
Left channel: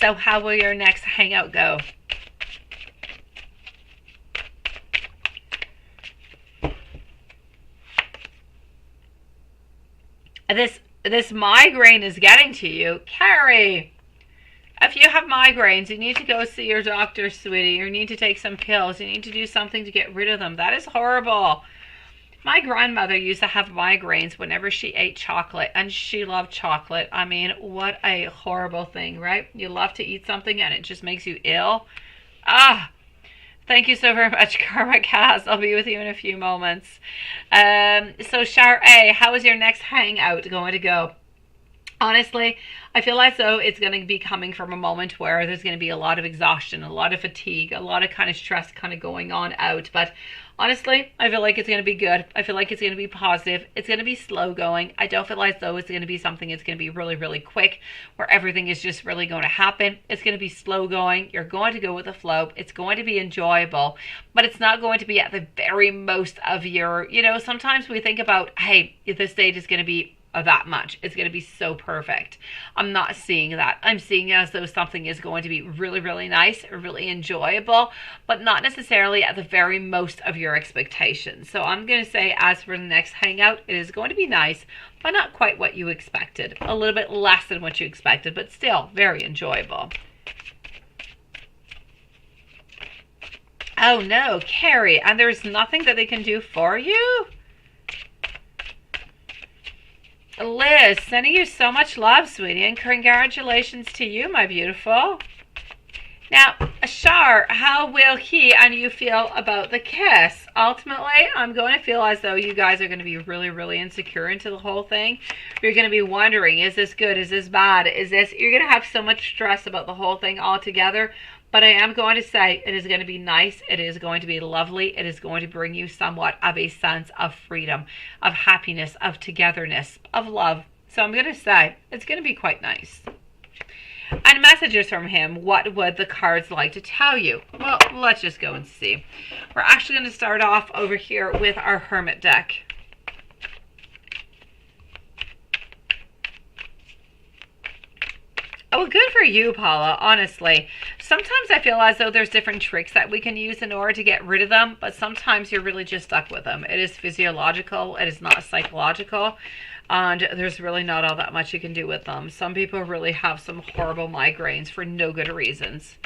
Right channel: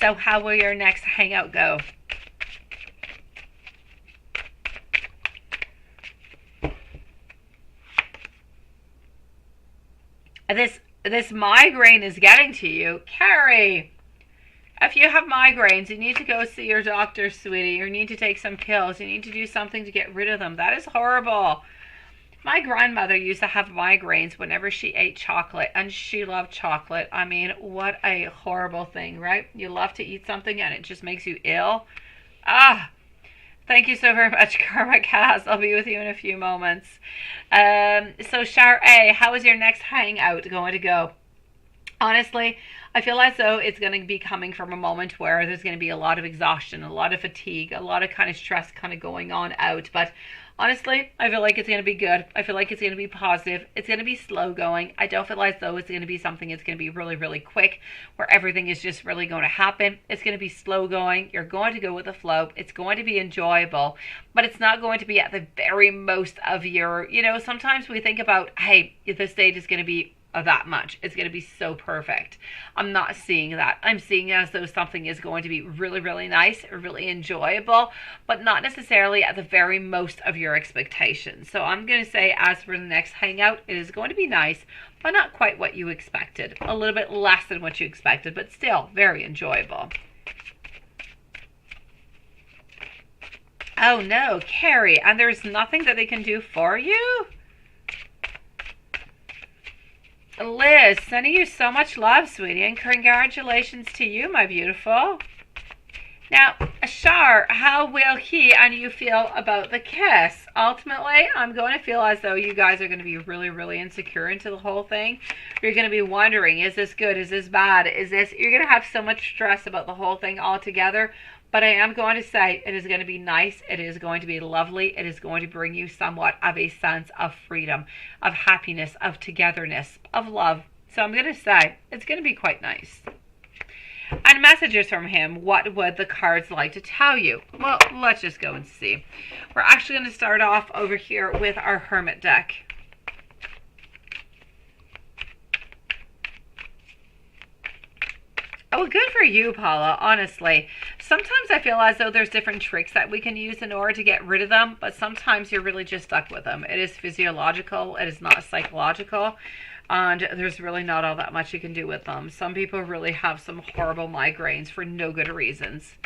So how will your next hangout go? This migraine is getting to you. Carrie, if you have migraines, you need to go see your doctor, sweetie. You need to take some pills. You need to do something to get rid of them. That is horrible. My grandmother used to have migraines whenever she ate chocolate, and she loved chocolate. I mean, what a horrible thing, right? You love to eat something and it just makes you ill. Thank you so very much, Karma Cass. I'll be with you in a few moments. So Shar A, how is your next hangout going to go? Honestly, I feel as though it's going to be coming from a moment where there's going to be a lot of exhaustion, a lot of fatigue, a lot of kind of stress kind of going on out. But honestly, I feel like it's going to be good. I feel like it's going to be positive. It's going to be slow going. I don't feel as though it's going to be something that's going to be really, really quick, where everything is just really going to happen. It's going to be slow going. You're going to go with the flow. It's going to be enjoyable, but it's not going to be at the very most of your, sometimes we think about, hey, this date is going to be that much. It's going to be so perfect. I'm not seeing that. I'm seeing it as though something is going to be really, really nice, really enjoyable, but not necessarily at the very most of your expectations. So I'm going to say, as for the next hangout, it is going to be nice, but not quite what you expected. A little bit less than what you expected, but still very enjoyable. Oh no, Carrie, and there's nothing that they can do for you? Liz, sending you so much love, sweetie, and congratulations to you, my beautiful. Now, Shar, how will he and you feel about the kiss? Ultimately, I'm going to feel as though you guys are going to be really, really insecure into the whole thing. You're going to be wondering, is this good? Is this bad? You're going to have so much stress about the whole thing altogether. But I am going to say it is going to be nice. It is going to be lovely. It is going to bring you somewhat of a sense of freedom, of happiness, of togetherness, of love. So I'm going to say it's going to be quite nice. And messages from him, what would the cards like to tell you? Well, let's just go and see. We're actually going to start off over here with our Hermit deck. Oh, good for you, Paula, honestly. Sometimes I feel as though there's different tricks that we can use in order to get rid of them, but sometimes you're really just stuck with them. It is physiological. It is not psychological. And there's really not all that much you can do with them. Some people really have some horrible migraines for no good reasons.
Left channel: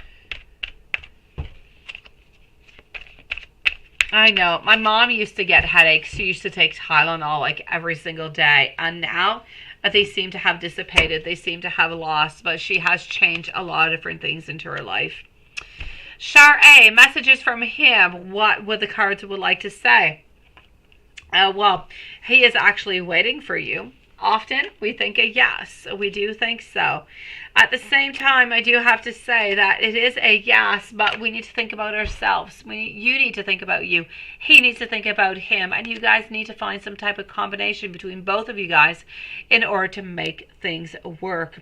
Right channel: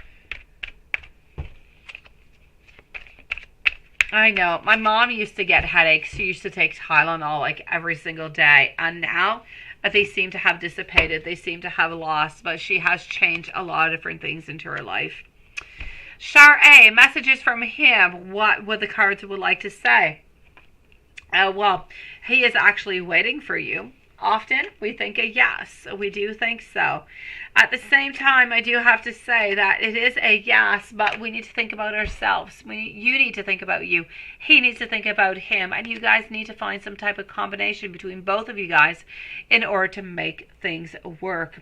I know. My mom used to get headaches. She used to take Tylenol like every single day. And now they seem to have dissipated. They seem to have lost. But she has changed a lot of different things into her life. Shar A, messages from him. What would the cards would like to say? Well, he is actually waiting for you. Often we think a yes. We do think so. At the same time, I do have to say that it is a yes, but we need to think about ourselves. You need to think about you. He needs to think about him. And you guys need to find some type of combination between both of you guys in order to make things work.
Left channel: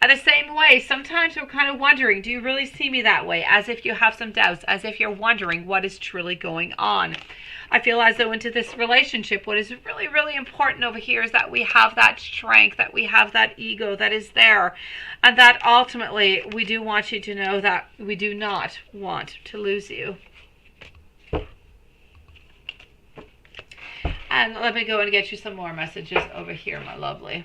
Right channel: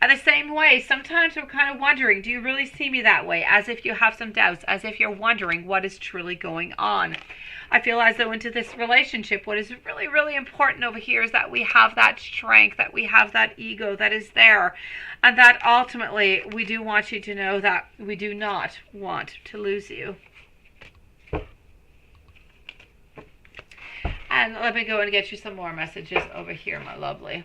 At the same way, sometimes we're kind of wondering, do you really see me that way? As if you have some doubts, as if you're wondering what is truly going on. I feel as though into this relationship, what is really, really important over here is that we have that strength, that we have that ego that is there. And that ultimately, we do want you to know that we do not want to lose you. And let me go and get you some more messages over here, my lovely.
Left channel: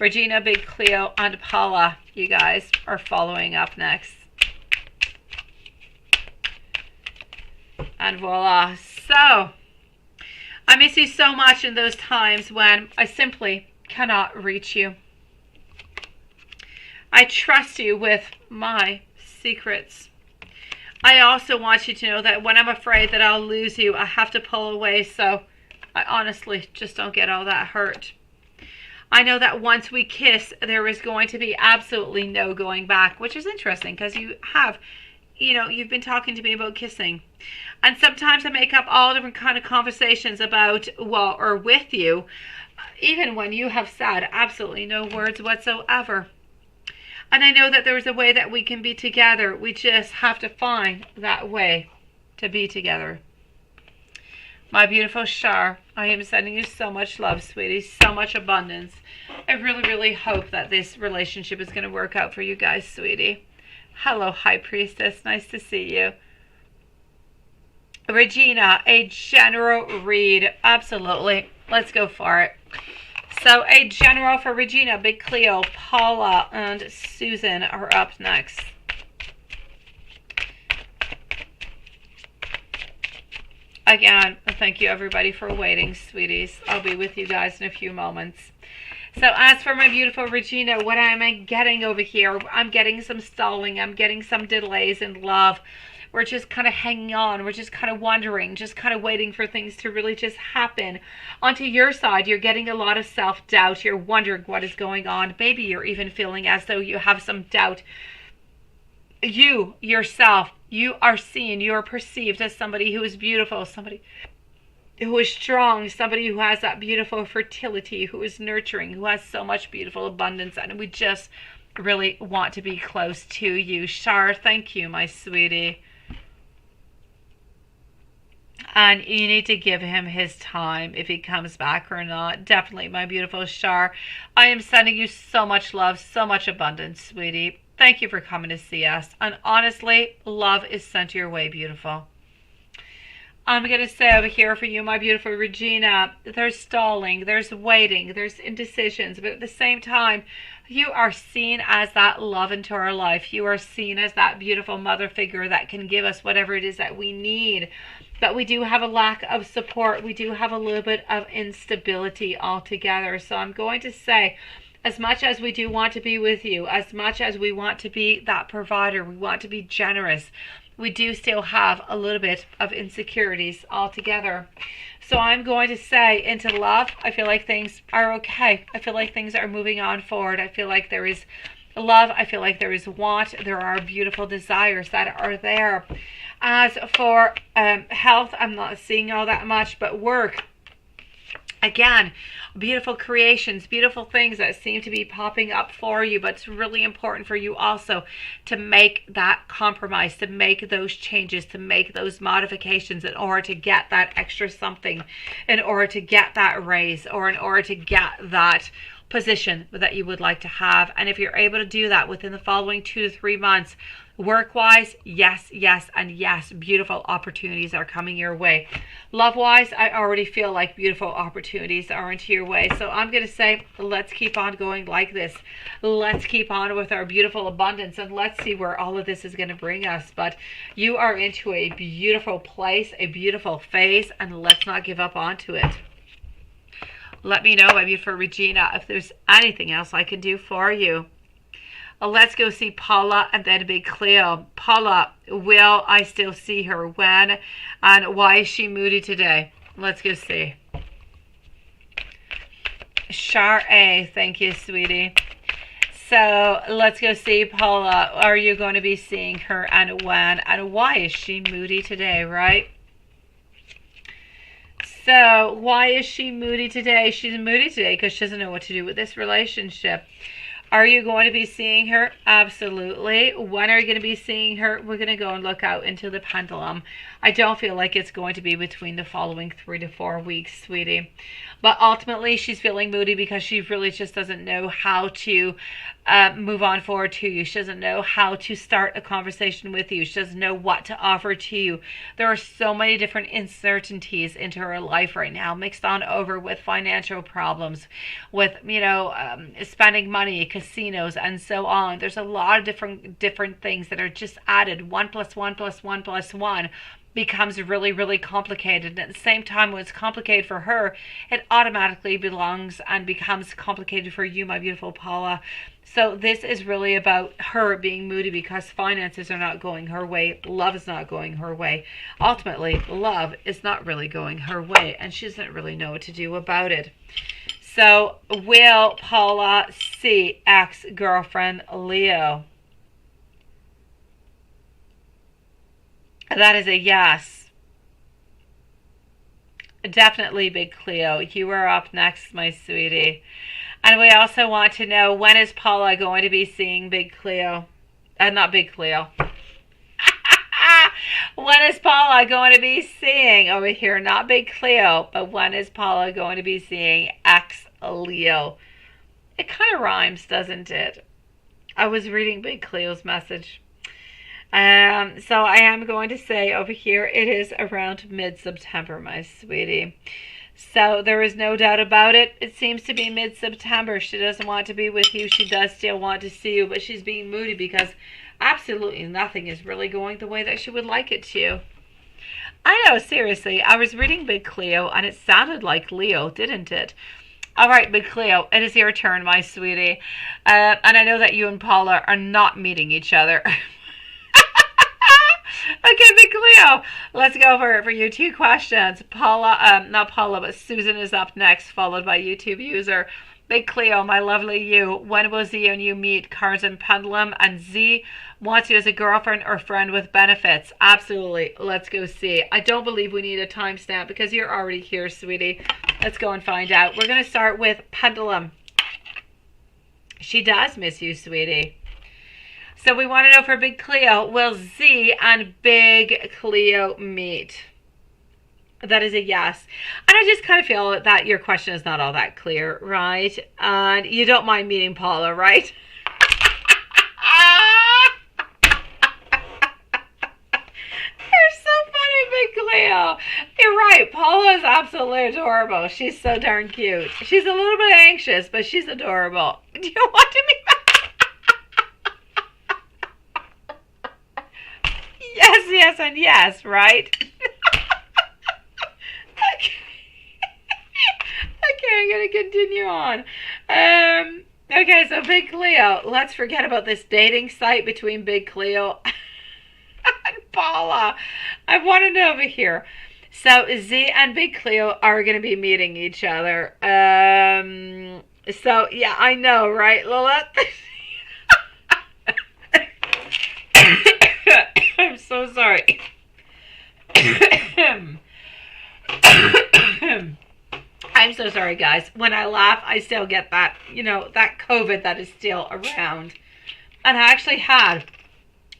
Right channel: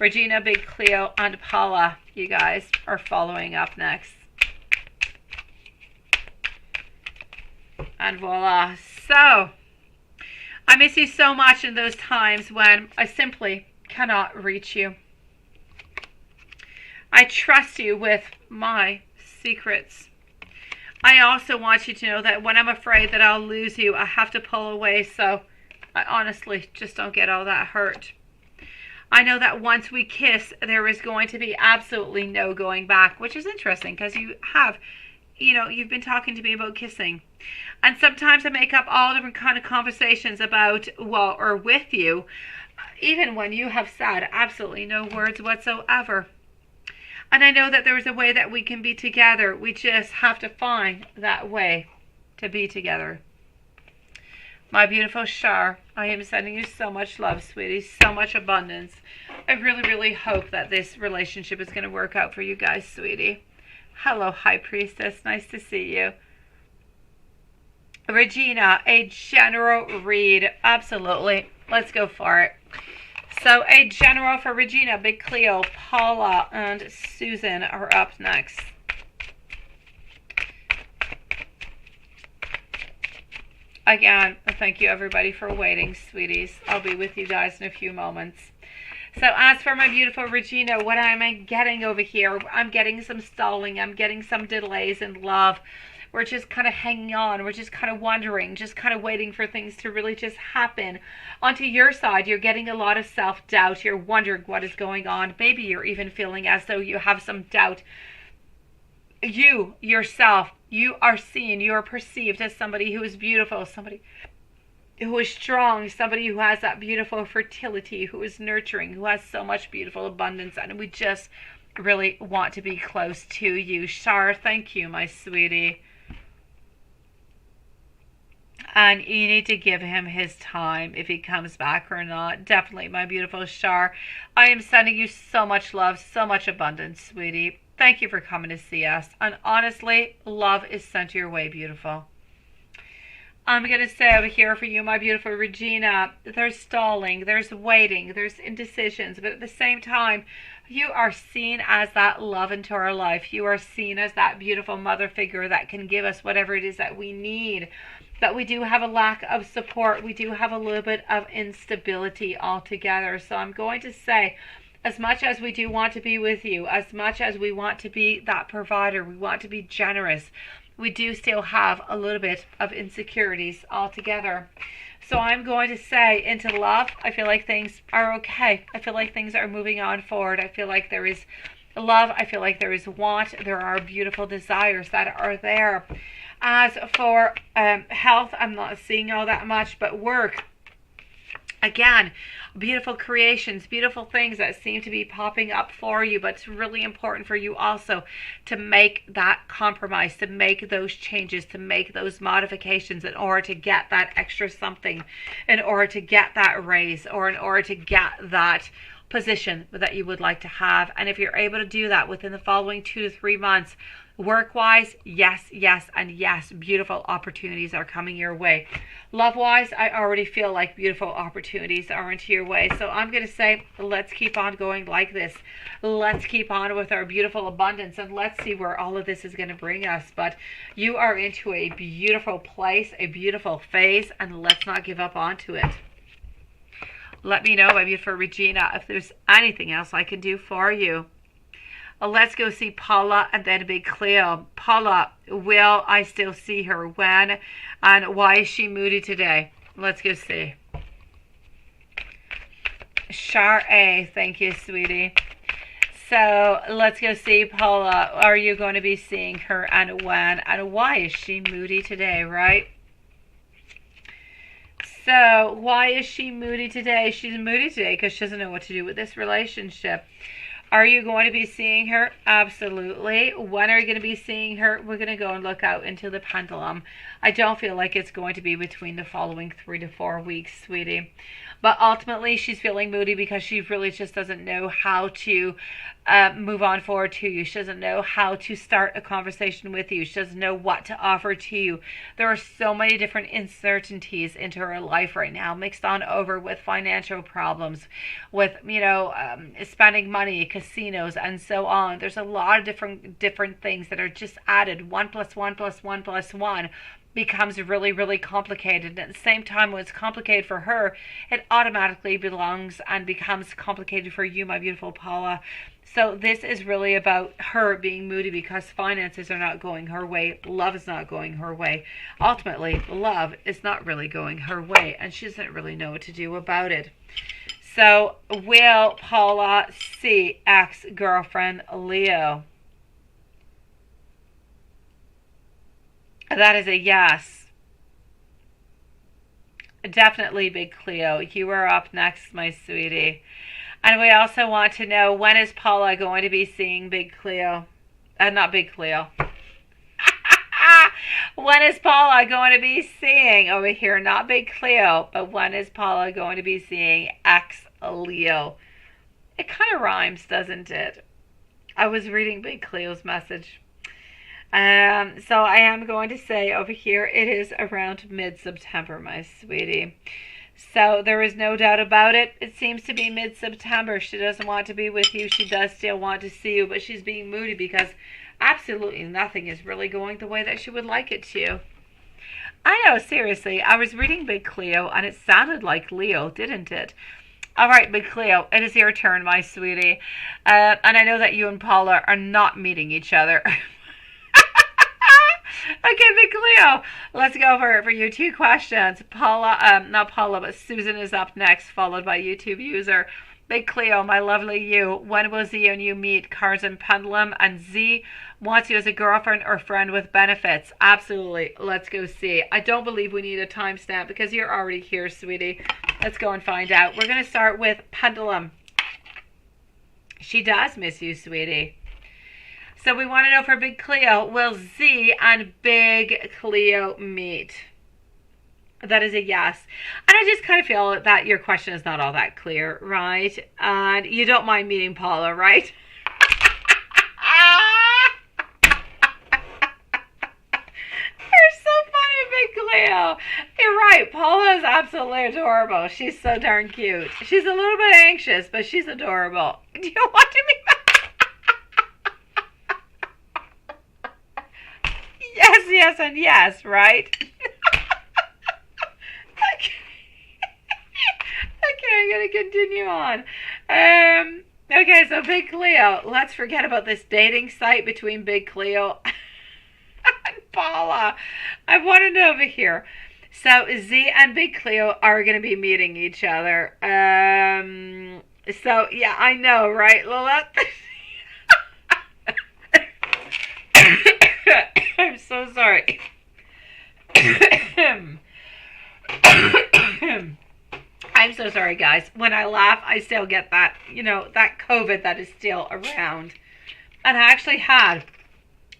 Regina, Big Cleo, and Paula, you guys are following up next. And voila. So, I miss you so much in those times when I simply cannot reach you. I trust you with my secrets. I also want you to know that when I'm afraid that I'll lose you, I have to pull away, so I honestly just don't get all that hurt. I know that once we kiss, there is going to be absolutely no going back, which is interesting because you've been talking to me about kissing. And sometimes I make up all different kind of conversations about, or with you, even when you have said absolutely no words whatsoever. And I know that there is a way that we can be together. We just have to find that way to be together. My beautiful Shar, I am sending you so much love, sweetie, so much abundance. I really, really hope that this relationship is going to work out for you guys, sweetie. Hello, High Priestess. Nice to see you. Regina, a general read. Absolutely. Let's go for it. So a general for Regina, Big Cleo, Paula, and Susan are up next. Again, thank you everybody for waiting, sweeties. I'll be with you guys in a few moments. So as for my beautiful Regina, what am I getting over here? I'm getting some stalling. I'm getting some delays in love. We're just kind of hanging on. We're just kind of wondering, just kind of waiting for things to really just happen. Onto your side, you're getting a lot of self-doubt. You're wondering what is going on. Maybe you're even feeling as though you have some doubt. You, yourself, you are seen, you are perceived as somebody who is beautiful, somebody who is strong, somebody who has that beautiful fertility, who is nurturing, who has so much beautiful abundance, and we just really want to be close to you. Shar, thank you, my sweetie. And you need to give him his time if he comes back or not. Definitely, my beautiful Shar. I am sending you so much love, so much abundance, sweetie. Thank you for coming to see us. And honestly, love is sent your way, beautiful. I'm going to say over here for you, my beautiful Regina, there's stalling, there's waiting, there's indecisions. But at the same time, you are seen as that love into our life. You are seen as that beautiful mother figure that can give us whatever it is that we need. But we do have a lack of support. We do have a little bit of instability altogether. So I'm going to say, as much as we do want to be with you, as much as we want to be that provider, we want to be generous, we do still have a little bit of insecurities altogether. So I'm going to say, into love, I feel like things are okay. I feel like things are moving on forward. I feel like there is love. I feel like there is want. There are beautiful desires that are there. As for health, I'm not seeing all that much, but work, again, beautiful creations, beautiful things that seem to be popping up for you, but it's really important for you also to make that compromise, to make those changes, to make those modifications in order to get that extra something, in order to get that raise, or in order to get that position that you would like to have. And if you're able to do that within the following 2 to 3 months, work-wise, yes, yes, and yes, beautiful opportunities are coming your way. Love-wise, I already feel like beautiful opportunities are into your way. So I'm going to say, let's keep on going like this. Let's keep on with our beautiful abundance, and let's see where all of this is going to bring us. But you are into a beautiful place, a beautiful phase, and let's not give up onto it. Let me know, maybe for Regina, if there's anything else I can do for you. Let's go see Paula and then Big Cleo. Paula, will I still see her? When? And why is she moody today? Let's go see. Shar A, thank you, sweetie. So let's go see Paula. Are you going to be seeing her, and when? And why is she moody today, right? So why is she moody today? She's moody today because she doesn't know what to do with this relationship. Are you going to be seeing her? Absolutely. When are you going to be seeing her? We're going to go and look out into the pendulum. I don't feel like it's going to be between the following 3 to 4 weeks, sweetie. But ultimately, she's feeling moody because she really just doesn't know how to move on forward to you. She doesn't know how to start a conversation with you. She doesn't know what to offer to you. There are so many different uncertainties into her life right now, mixed on over with financial problems, with, spending money, casinos, and so on. There's a lot of different things that are just added, 1 + 1 + 1 + 1. becomes really, really complicated. And at the same time, when it's complicated for her, it automatically belongs and becomes complicated for you, my beautiful Paula. So this is really about her being moody because finances are not going her way. Love is not going her way. Ultimately, love is not really going her way, and she doesn't really know what to do about it. So will Paula see ex-girlfriend Leo? That is a yes. Definitely, Big Cleo. You are up next, my sweetie. And we also want to know, when is Paula going to be seeing Big Cleo? Not Big Cleo. When is Paula going to be seeing over here? Not Big Cleo, but when is Paula going to be seeing ex-Leo? It kind of rhymes, doesn't it? I was reading Big Cleo's message. So I am going to say over here, it is around mid-September, my sweetie. So there is no doubt about it. It seems to be mid-September. She doesn't want to be with you. She does still want to see you, but she's being moody because absolutely nothing is really going the way that she would like it to. I know, seriously. I was reading Big Cleo, and it sounded like Leo, didn't it? All right, Big Cleo, it is your turn, my sweetie. And I know that you and Paula are not meeting each other. Okay, Big Cleo, let's go for your two questions. Paula, not Paula, but Susan is up next, followed by YouTube user. Big Cleo, my lovely you, when will Z and you meet? Cards and pendulum, and Z wants you as a girlfriend or friend with benefits. Absolutely, let's go see. I don't believe we need a timestamp because you're already here, sweetie. Let's go and find out. We're going to start with pendulum. She does miss you, sweetie. So we want to know for Big Cleo, will Z and Big Cleo meet? That is a yes. And I just kind of feel that your question is not all that clear, right? And you don't mind meeting Paula, right? You're so funny, Big Cleo. You're right. Paula is absolutely adorable. She's so darn cute. She's a little bit anxious, but she's adorable. Do you want to meet Yes, and yes, right? Okay, I'm going to continue on. Okay, so Big Cleo, let's forget about this dating site between Big Cleo and Paula. I want to know over here. So Z and Big Cleo are going to be meeting each other. So, yeah, I know, right, Lilith? I'm so sorry. I'm so sorry, guys. When I laugh, I still get that, that COVID that is still around. And I actually had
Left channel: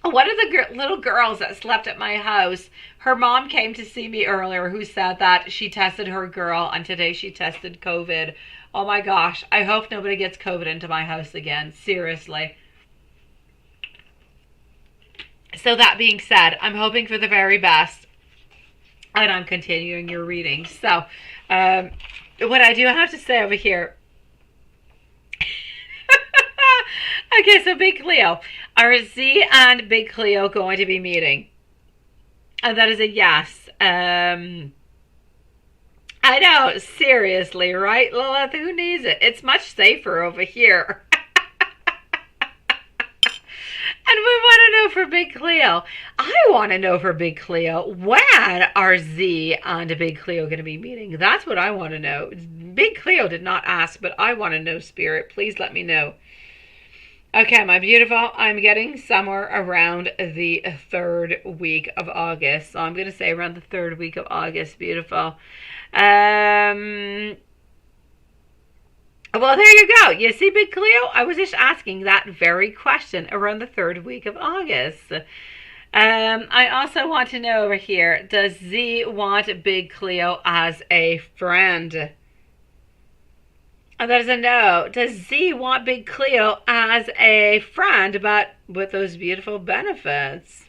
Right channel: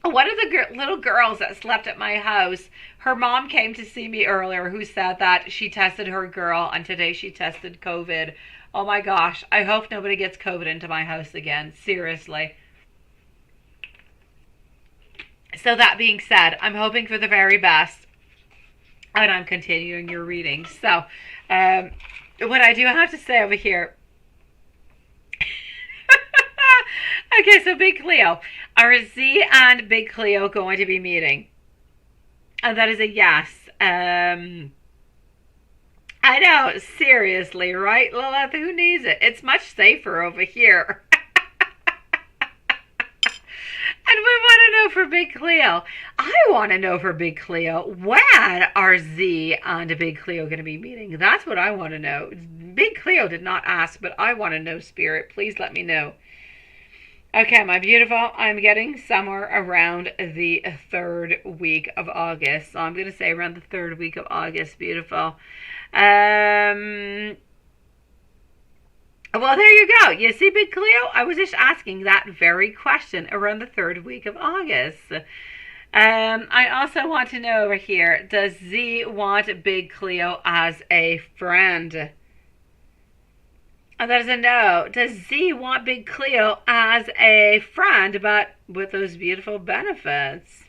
one of the little girls that slept at my house. Her mom came to see me earlier who said that she tested her girl and today she tested COVID. Oh my gosh. I hope nobody gets COVID into my house again. Seriously. So that being said, I'm hoping for the very best, and I'm continuing your reading. So, what I do have to say over here. Okay, so Big Cleo, are Z and Big Cleo going to be meeting? And that is a yes. I know, seriously, right, Lilith? Who needs it? It's much safer over here. And we want to know for Big Cleo. I want to know for Big Cleo, when are Z and Big Cleo going to be meeting? That's what I want to know. Big Cleo did not ask, but I want to know, Spirit. Please let me know. Okay, my beautiful, I'm getting somewhere around the 3rd week of August. So I'm going to say around the 3rd week of August, beautiful. Well, there you go. You see, Big Cleo, I was just asking that very question around the 3rd week of August. I also want to know over here, does Z want Big Cleo as a friend? And that is a no. Does Z want Big Cleo as a friend, but with those beautiful benefits?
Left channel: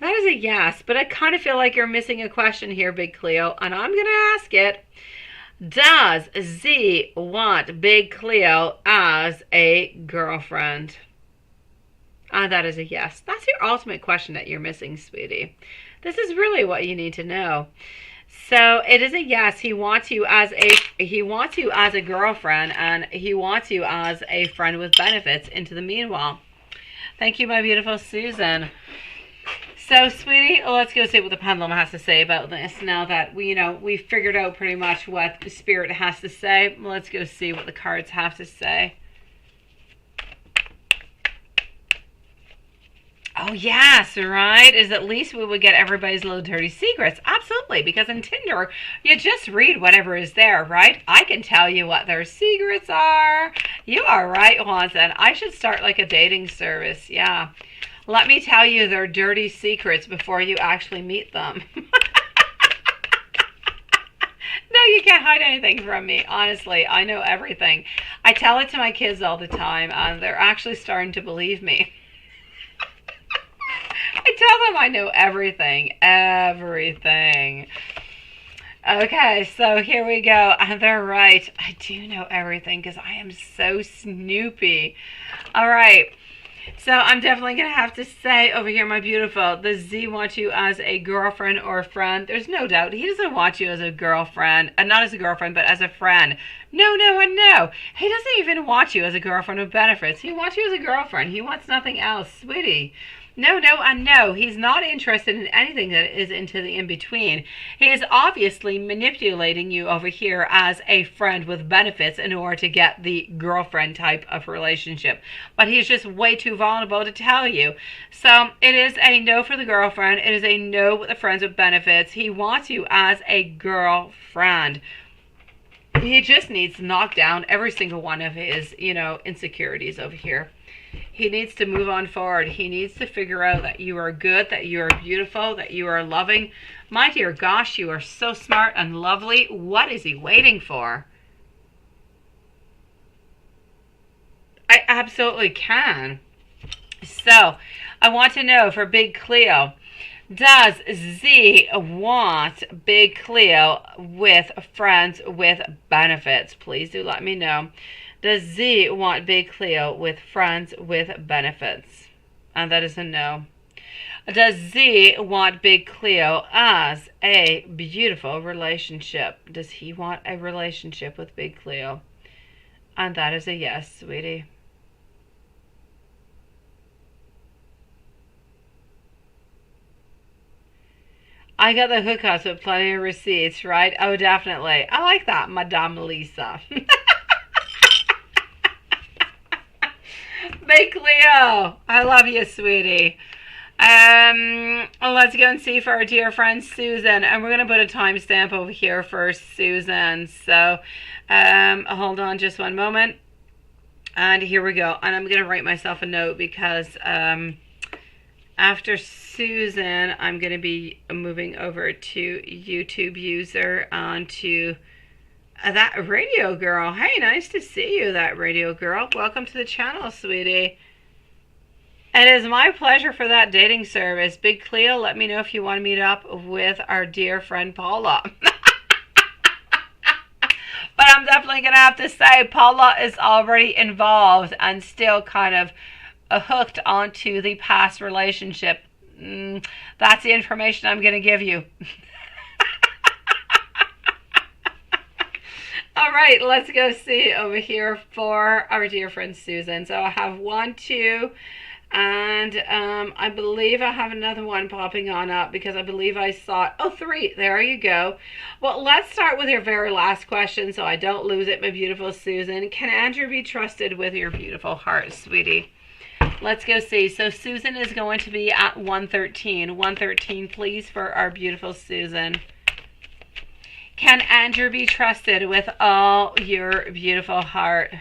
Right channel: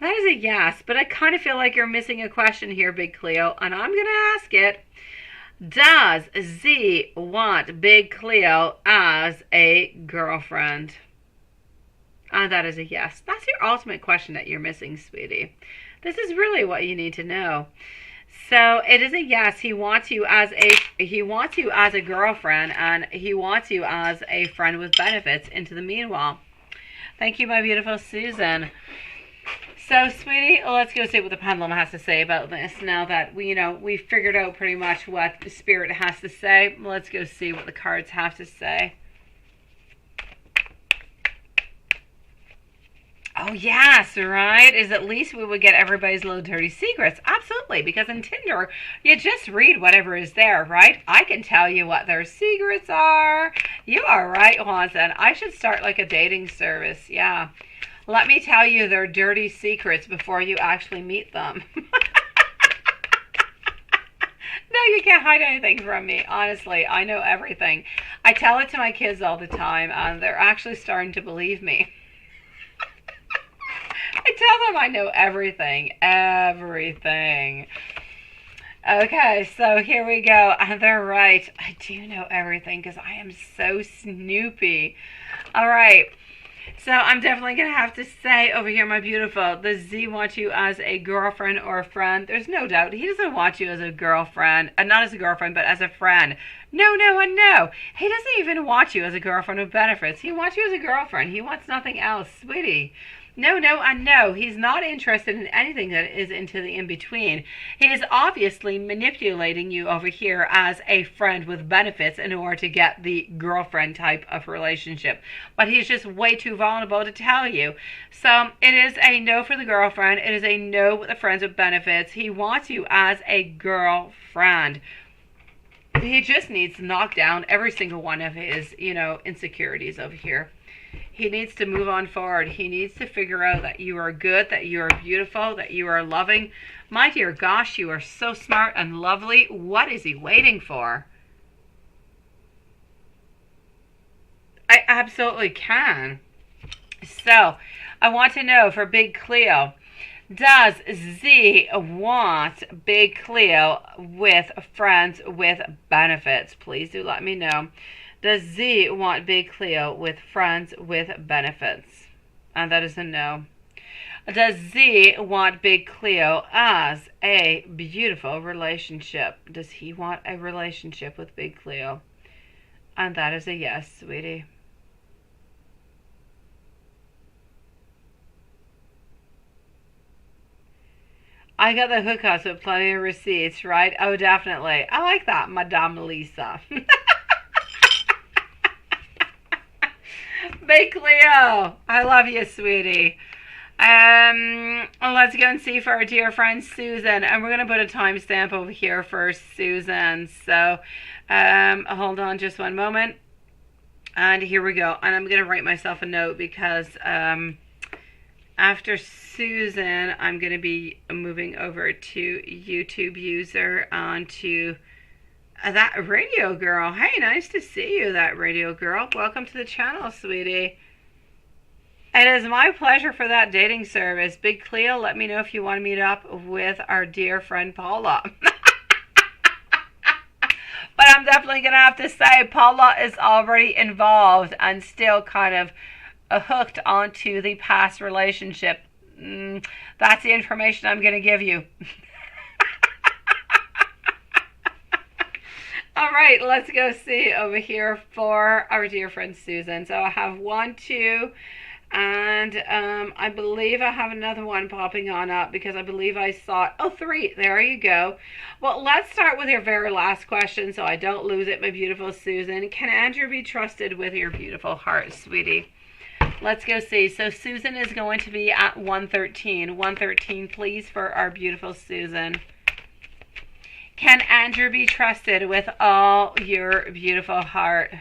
That is a yes, but I kind of feel like you're missing a question here, Big Cleo, and I'm going to ask it. Does Z want Big Cleo as a girlfriend? And that is a yes. That's your ultimate question that you're missing, sweetie. This is really what you need to know. So it is a yes. He wants you as a girlfriend, and he wants you as a friend with benefits into the meanwhile. Thank you, my beautiful Susan. So, sweetie, let's go see what the pendulum has to say about this. Now that we figured out pretty much what the spirit has to say, let's go see what the cards have to say. Oh, yes, right? Is at least we would get everybody's little dirty secrets. Absolutely, because in Tinder, you just read whatever is there, right? I can tell you what their secrets are. You are right, Watson. I should start like a dating service, yeah. Let me tell you their dirty secrets before you actually meet them. No, you can't hide anything from me. Honestly, I know everything. I tell it to my kids all the time, and they're actually starting to believe me. I tell them I know everything. Everything. Okay, so here we go. They're right. I do know everything because I am so snoopy. All right. So I'm definitely going to have to say over here, my beautiful, the Z wants you as a girlfriend or a friend. There's no doubt. He doesn't want you as a girlfriend. Not as a girlfriend, but as a friend. No, no, and no. He doesn't even want you as a girlfriend with benefits. He wants you as a girlfriend. He wants nothing else, sweetie. No, no, and no. He's not interested in anything that is into the in-between. He is obviously manipulating you over here as a friend with benefits in order to get the girlfriend type of relationship. But he's just way too vulnerable to tell you. So it is a no for the girlfriend. It is a no with the friends with benefits. He wants you as a girlfriend. He just needs to knock down every single one of his, insecurities over here. He needs to move on forward. He needs to figure out that you are good, that you are beautiful, that you are loving. My dear gosh, you are so smart and lovely. What is he waiting for? I absolutely can. So, I want to know for Big Cleo, does Z want Big Cleo with friends with benefits? Please do let me know. Does Z want Big Cleo with friends with benefits? And that is a no. Does Z want Big Cleo as a beautiful relationship? Does he want a relationship with Big Cleo? And that is a yes, sweetie. I got the hookups with plenty of receipts, right? Oh, definitely. I like that, Madame Lisa. Big Cleo, I love you, sweetie. Let's go and see for our dear friend Susan, and we're going to put a timestamp over here for Susan. So, hold on just one moment, and here we go. And I'm going to write myself a note because after Susan, I'm going to be moving over to YouTube user onto that radio girl. Hey, nice to see you, that radio girl. Welcome to the channel, sweetie. It is my pleasure for that dating service. Big Cleo, let me know if you want to meet up with our dear friend Paula. But I'm definitely going to have to say Paula is already involved and still kind of hooked onto the past relationship. That's the information I'm going to give you. All right, let's go see over here for our dear friend Susan. So I have 1, 2, and I believe I have another one popping on up because I believe I saw, 3. There you go. Well, let's start with your very last question so I don't lose it, my beautiful Susan. Can Andrew be trusted with your beautiful heart, sweetie? Let's go see. So Susan is going to be at 113. 113, please, for our beautiful Susan. Can Andrew be trusted with all your beautiful heart?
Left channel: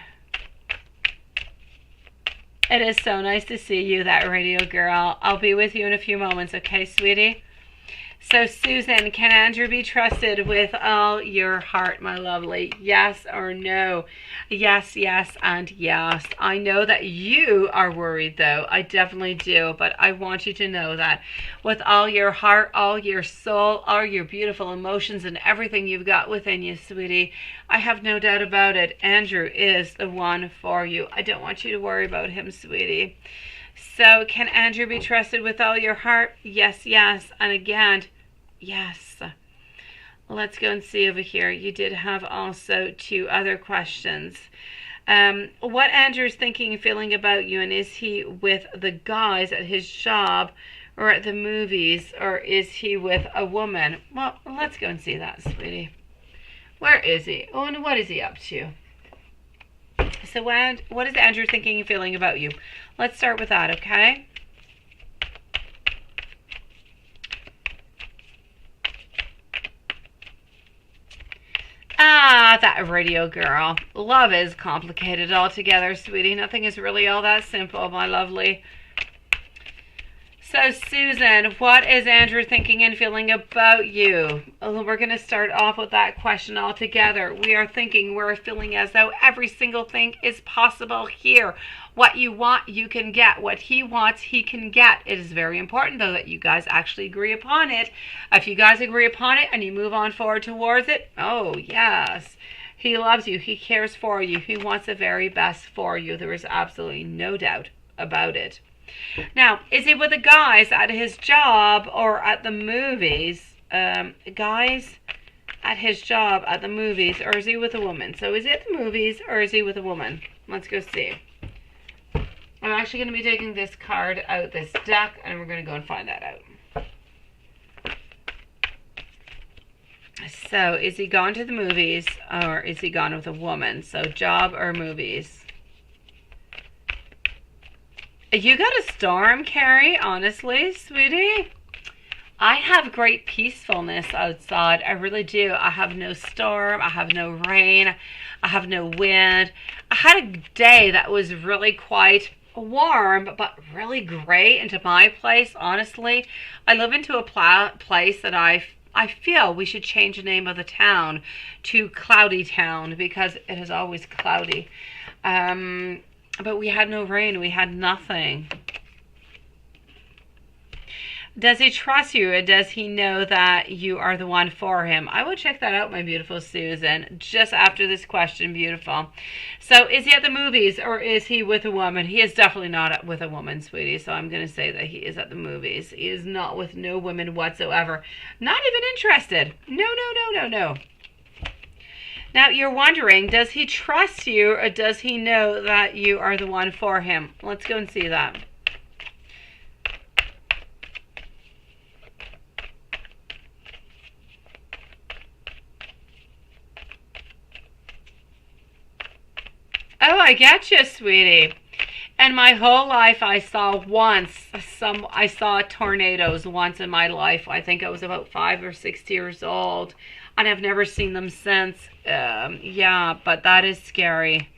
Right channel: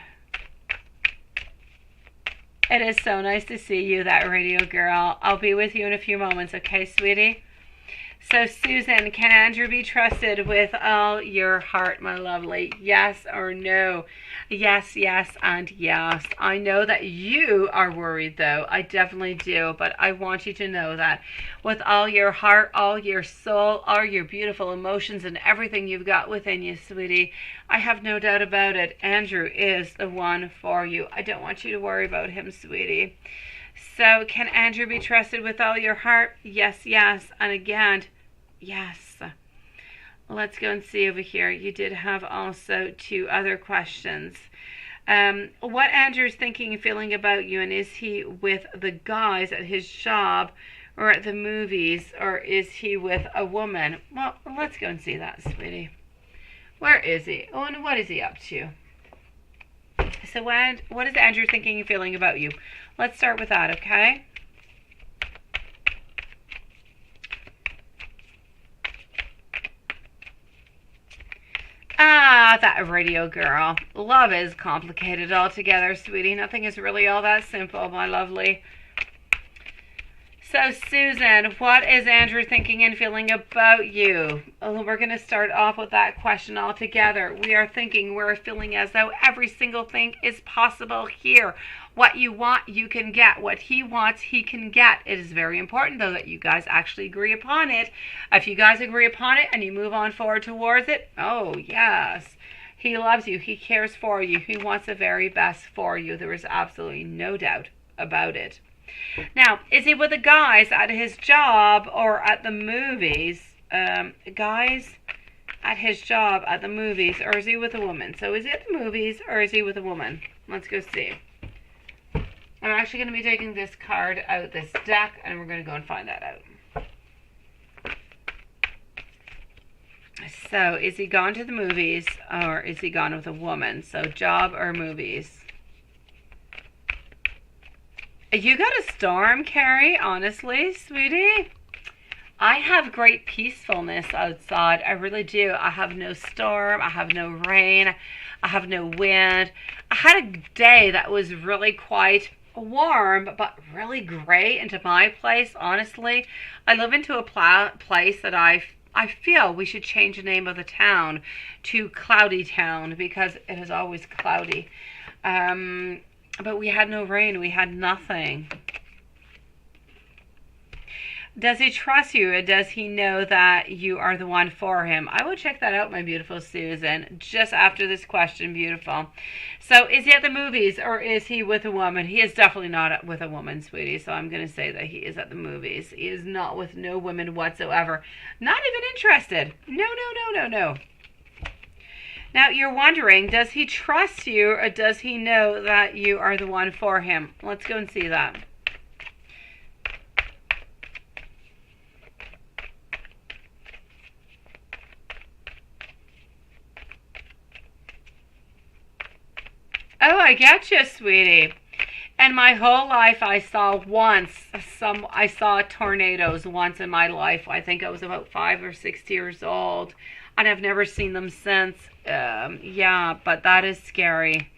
It is so nice to see you, that radio girl. I'll be with you in a few moments, okay, sweetie? So, Susan, can Andrew be trusted with all your heart, my lovely? Yes or no? Yes, yes, and yes. I know that you are worried, though. I definitely do. But I want you to know that with all your heart, all your soul, all your beautiful emotions, and everything you've got within you, sweetie, I have no doubt about it. Andrew is the one for you. I don't want you to worry about him, sweetie. So can Andrew be trusted with all your heart? Yes, yes. And again, yes. Let's go and see over here. You did have also 2 other questions. What Andrew's thinking and feeling about you, and is he with the guys at his job or at the movies, or is he with a woman? Well, let's go and see that, sweetie. Where is he? Oh, and what is he up to? So what is Andrew thinking and feeling about you? Let's start with that, okay? Ah, that radio girl. Love is complicated altogether, sweetie. Nothing is really all that simple, my lovely. So, Susan, what is Andrew thinking and feeling about you? We're going to start off with that question altogether. We are thinking, we're feeling as though every single thing is possible here. What you want, you can get. What he wants, he can get. It is very important, though, that you guys actually agree upon it. If you guys agree upon it and you move on forward towards it, oh, yes. He loves you. He cares for you. He wants the very best for you. There is absolutely no doubt about it. Now, is he with the guys at his job or at the movies? Guys at his job at the movies, or is he with a woman? So is he at the movies or is he with a woman? Let's go see. I'm actually going to be taking this card out this deck, and we're going to go and find that out. So is he gone to the movies or is he gone with a woman? So job or movies? You got a storm, Carrie, honestly, sweetie. I have great peacefulness outside. I really do. I have no storm. I have no rain. I have no wind. I had a day that was really quite warm, but really gray into my place, honestly. I live into a place that I feel we should change the name of the town to Cloudy Town because it is always cloudy. But we had no rain. We had nothing. Does he trust you, or does he know that you are the one for him? I will check that out, my beautiful Susan, just after this question, beautiful. So is he at the movies or is he with a woman? He is definitely not with a woman, sweetie, so I'm going to say that he is at the movies. He is not with no women whatsoever. Not even interested. No, no, no, no, no. Now, you're wondering, does he trust you or does he know that you are the one for him? Let's go and see that. Oh, I get you, sweetie. And my whole life, I saw tornadoes once in my life. I think I was about 5 or 6 years old. And I've never seen them since. Yeah, but that is scary.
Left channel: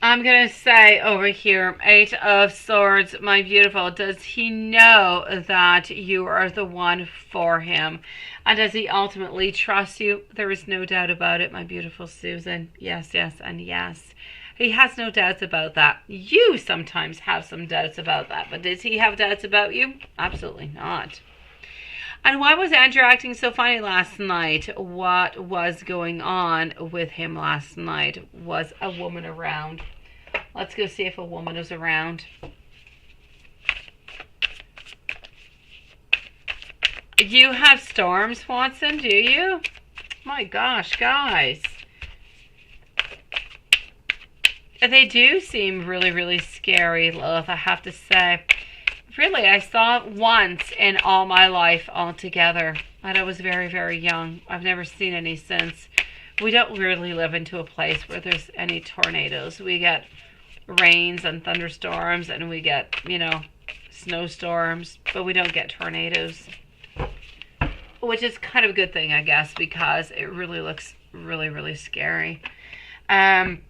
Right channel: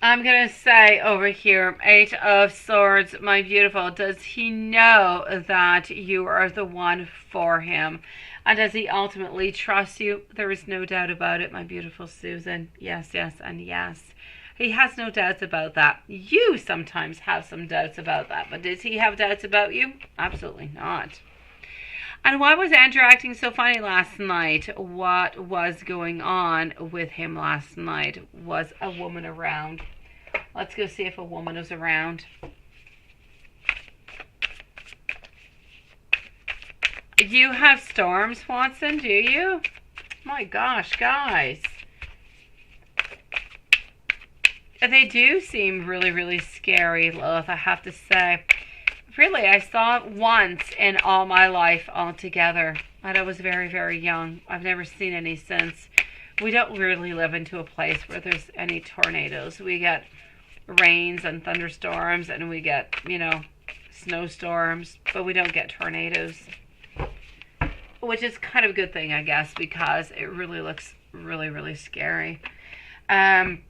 I'm going to say over here, 8 of Swords, my beautiful. Does he know that you are the one for him? And does he ultimately trust you? There is no doubt about it, my beautiful Susan. Yes, yes, and yes. He has no doubts about that. You sometimes have some doubts about that. But does he have doubts about you? Absolutely not. And why was Andrew acting so funny last night? What was going on with him last night? Was a woman around? Let's go see if a woman was around. You have storms, Watson, do you? My gosh, guys. They do seem really, really scary, Lilith, I have to say. Really, I saw it once in all my life altogether. And I was very, very young. I've never seen any since. We don't really live into a place where there's any tornadoes. We get rains and thunderstorms and we get, snowstorms. But we don't get tornadoes. Which is kind of a good thing, I guess, because it really looks really, really scary. I'm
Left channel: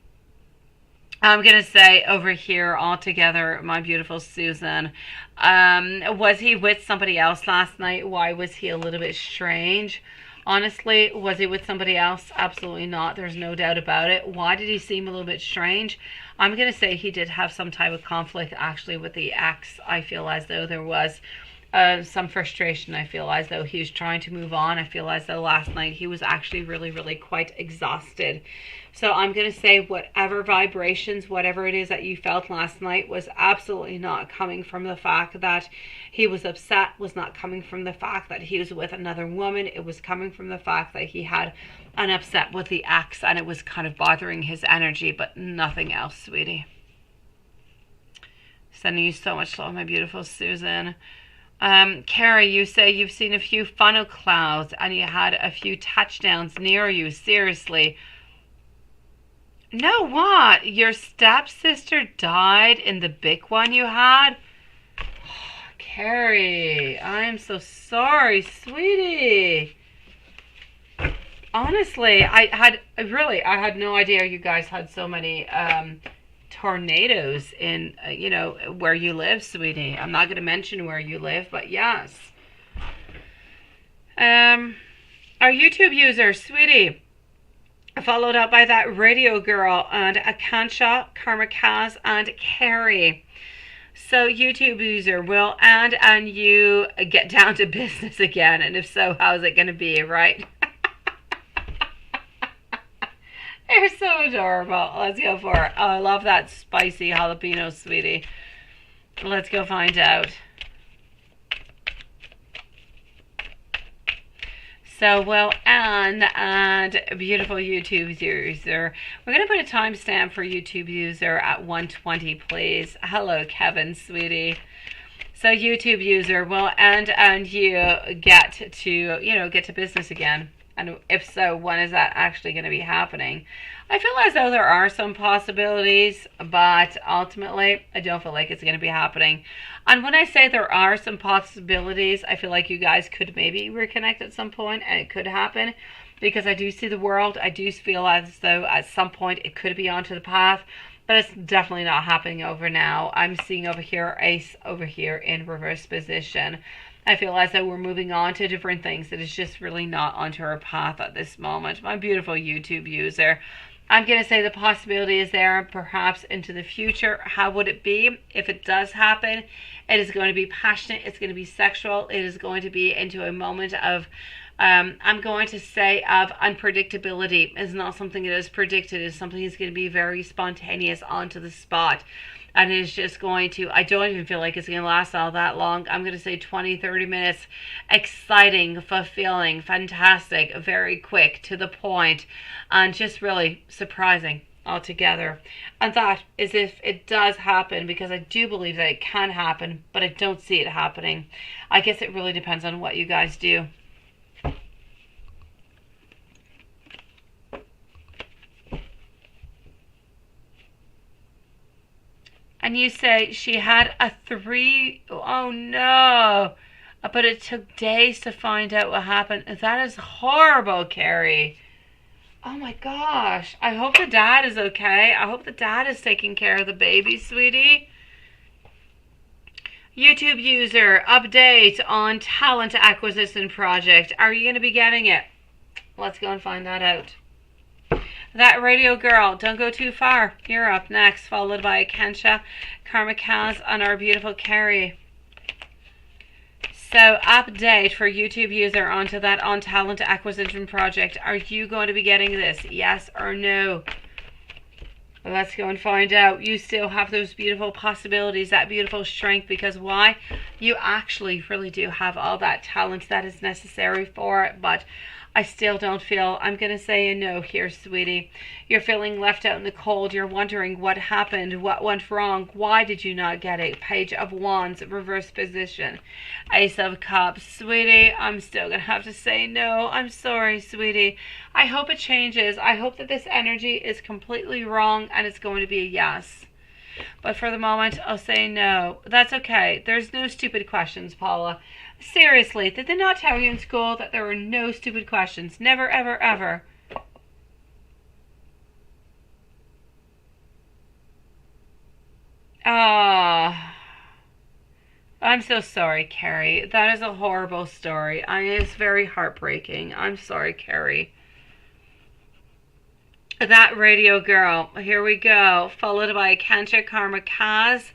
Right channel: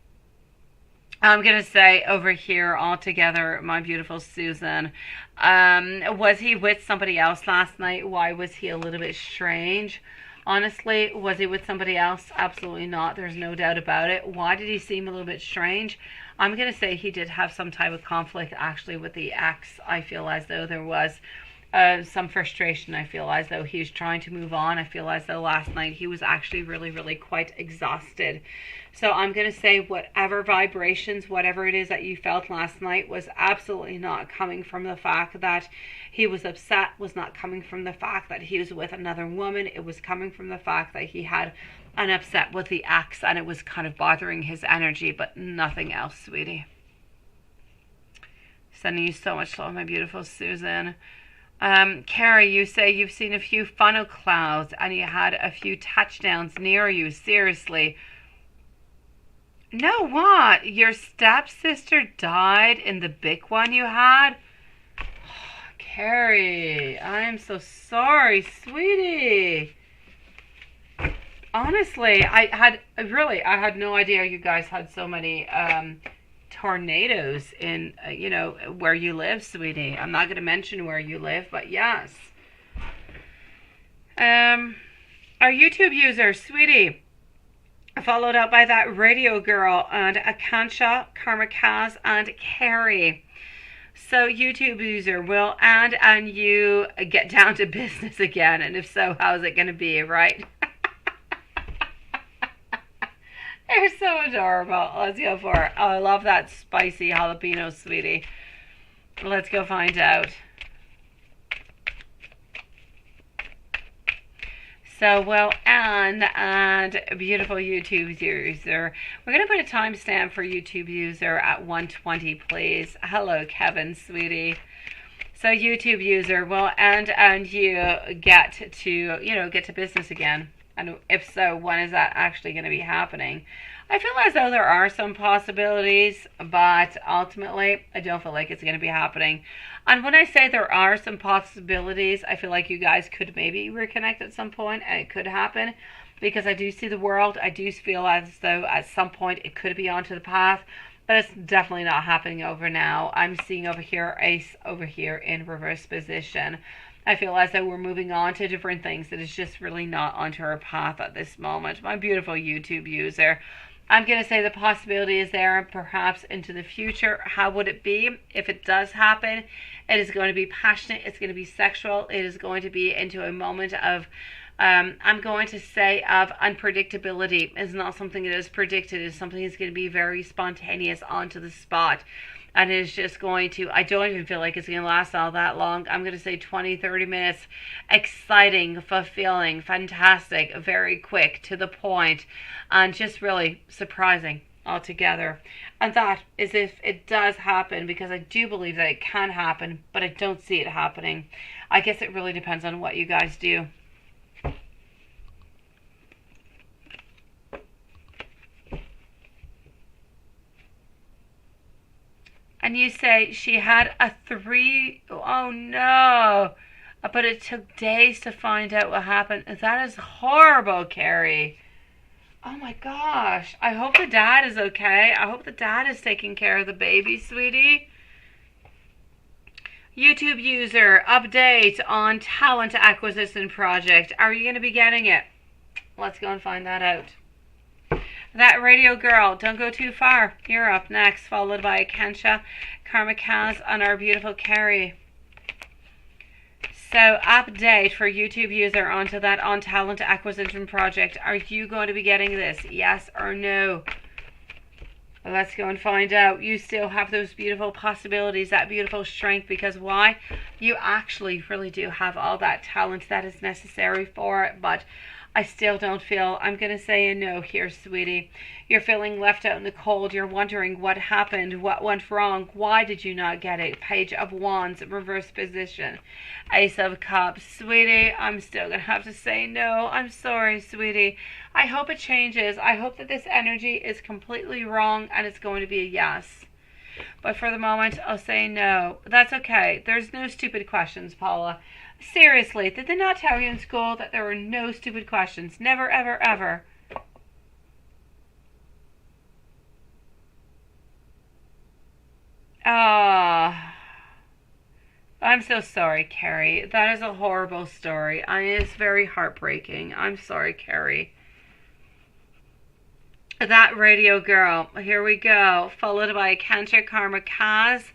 going to say over here altogether, my beautiful Susan, was he with somebody else last night? Why was he a little bit strange? Honestly, was he with somebody else? Absolutely not. There's no doubt about it. Why did he seem a little bit strange? I'm going to say he did have some type of conflict actually with the ex. I feel as though there was. some frustration. I feel as though he's trying to move on. I feel as though last night he was actually really, really quite exhausted. So I'm going to say whatever vibrations, whatever it is that you felt last night was absolutely not coming from the fact that he was upset, was not coming from the fact that he was with another woman. It was coming from the fact that he had an upset with the ex and it was kind of bothering his energy, but nothing else, sweetie. Sending you so much love, my beautiful Susan. Carrie, you say you've seen a few funnel clouds and you had a few touchdowns near you. Seriously. No, what? Your stepsister died in the big one you had? Carrie, I am so sorry, sweetie. Honestly, I had no idea you guys had so many tornadoes in, where you live, sweetie. I'm not going to mention where you live, but yes. Our YouTube user, sweetie, followed up by that radio girl and Akansha, Karmakaz, and Carrie. So YouTube user, will and you get down to business again? And if so, how's it going to be, right? You're so adorable. Let's go for it. Oh, I love that spicy jalapeno, sweetie. Let's go find out. So, well, and beautiful YouTube user. We're going to put a timestamp for YouTube user at 1:20, please. Hello, Kevin, sweetie. So, YouTube user, well, and you get to business again. And if so, when is that actually going to be happening? I feel as though there are some possibilities, but ultimately, I don't feel like it's going to be happening. And when I say there are some possibilities, I feel like you guys could maybe reconnect at some point, and it could happen, because I do see the world. I do feel as though at some point it could be onto the path, but it's definitely not happening over now. I'm seeing over here, Ace over here in reverse position. I feel as though we're moving on to different things that is just really not onto our path at this moment. My beautiful YouTube user, I'm going to say the possibility is there, perhaps into the future. How would it be if it does happen? It is going to be passionate. It's going to be sexual. It is going to be into a moment of, I'm going to say, of unpredictability. It's not something that is predicted. It's something that's going to be very spontaneous, onto the spot. And it's just going to, I don't even feel like it's going to last all that long. I'm going to say 20, 30 minutes. Exciting, fulfilling, fantastic, very quick, to the point, and just really surprising altogether. And that is if it does happen, because I do believe that it can happen, but I don't see it happening. I guess it really depends on what you guys do. And you say she had a 3, oh no, but it took days to find out what happened. That is horrible, Carrie. Oh my gosh. I hope the dad is okay. I hope the dad is taking care of the baby, sweetie. YouTube user, update on talent acquisition project. Are you going to be getting it? Let's go and find that out. That radio girl, don't go too far. You're up next, followed by Kensha, Karmakaz, and our beautiful Carrie. So, update for YouTube user onto that on talent acquisition project. Are you going to be getting this? Yes or no? Let's go and find out. You still have those beautiful possibilities, that beautiful strength, because why? You actually really do have all that talent that is necessary for it, but I still don't feel, I'm going to say a no here, sweetie. You're feeling left out in the cold. You're wondering what happened, what went wrong. Why did you not get it? Page of Wands, reverse position. Ace of Cups. Sweetie, I'm still going to have to say no. I'm sorry, sweetie. I hope it changes. I hope that this energy is completely wrong and it's going to be a yes. But for the moment, I'll say no. That's okay. There's no stupid questions, Paula. Seriously, did they not tell you in school that there were no stupid questions? Never, ever, ever. Ah, I'm so sorry, Carrie. That is a horrible story. It's very heartbreaking. I'm sorry, Carrie. That radio girl. Here we go. Followed by Kancha Karma Kaz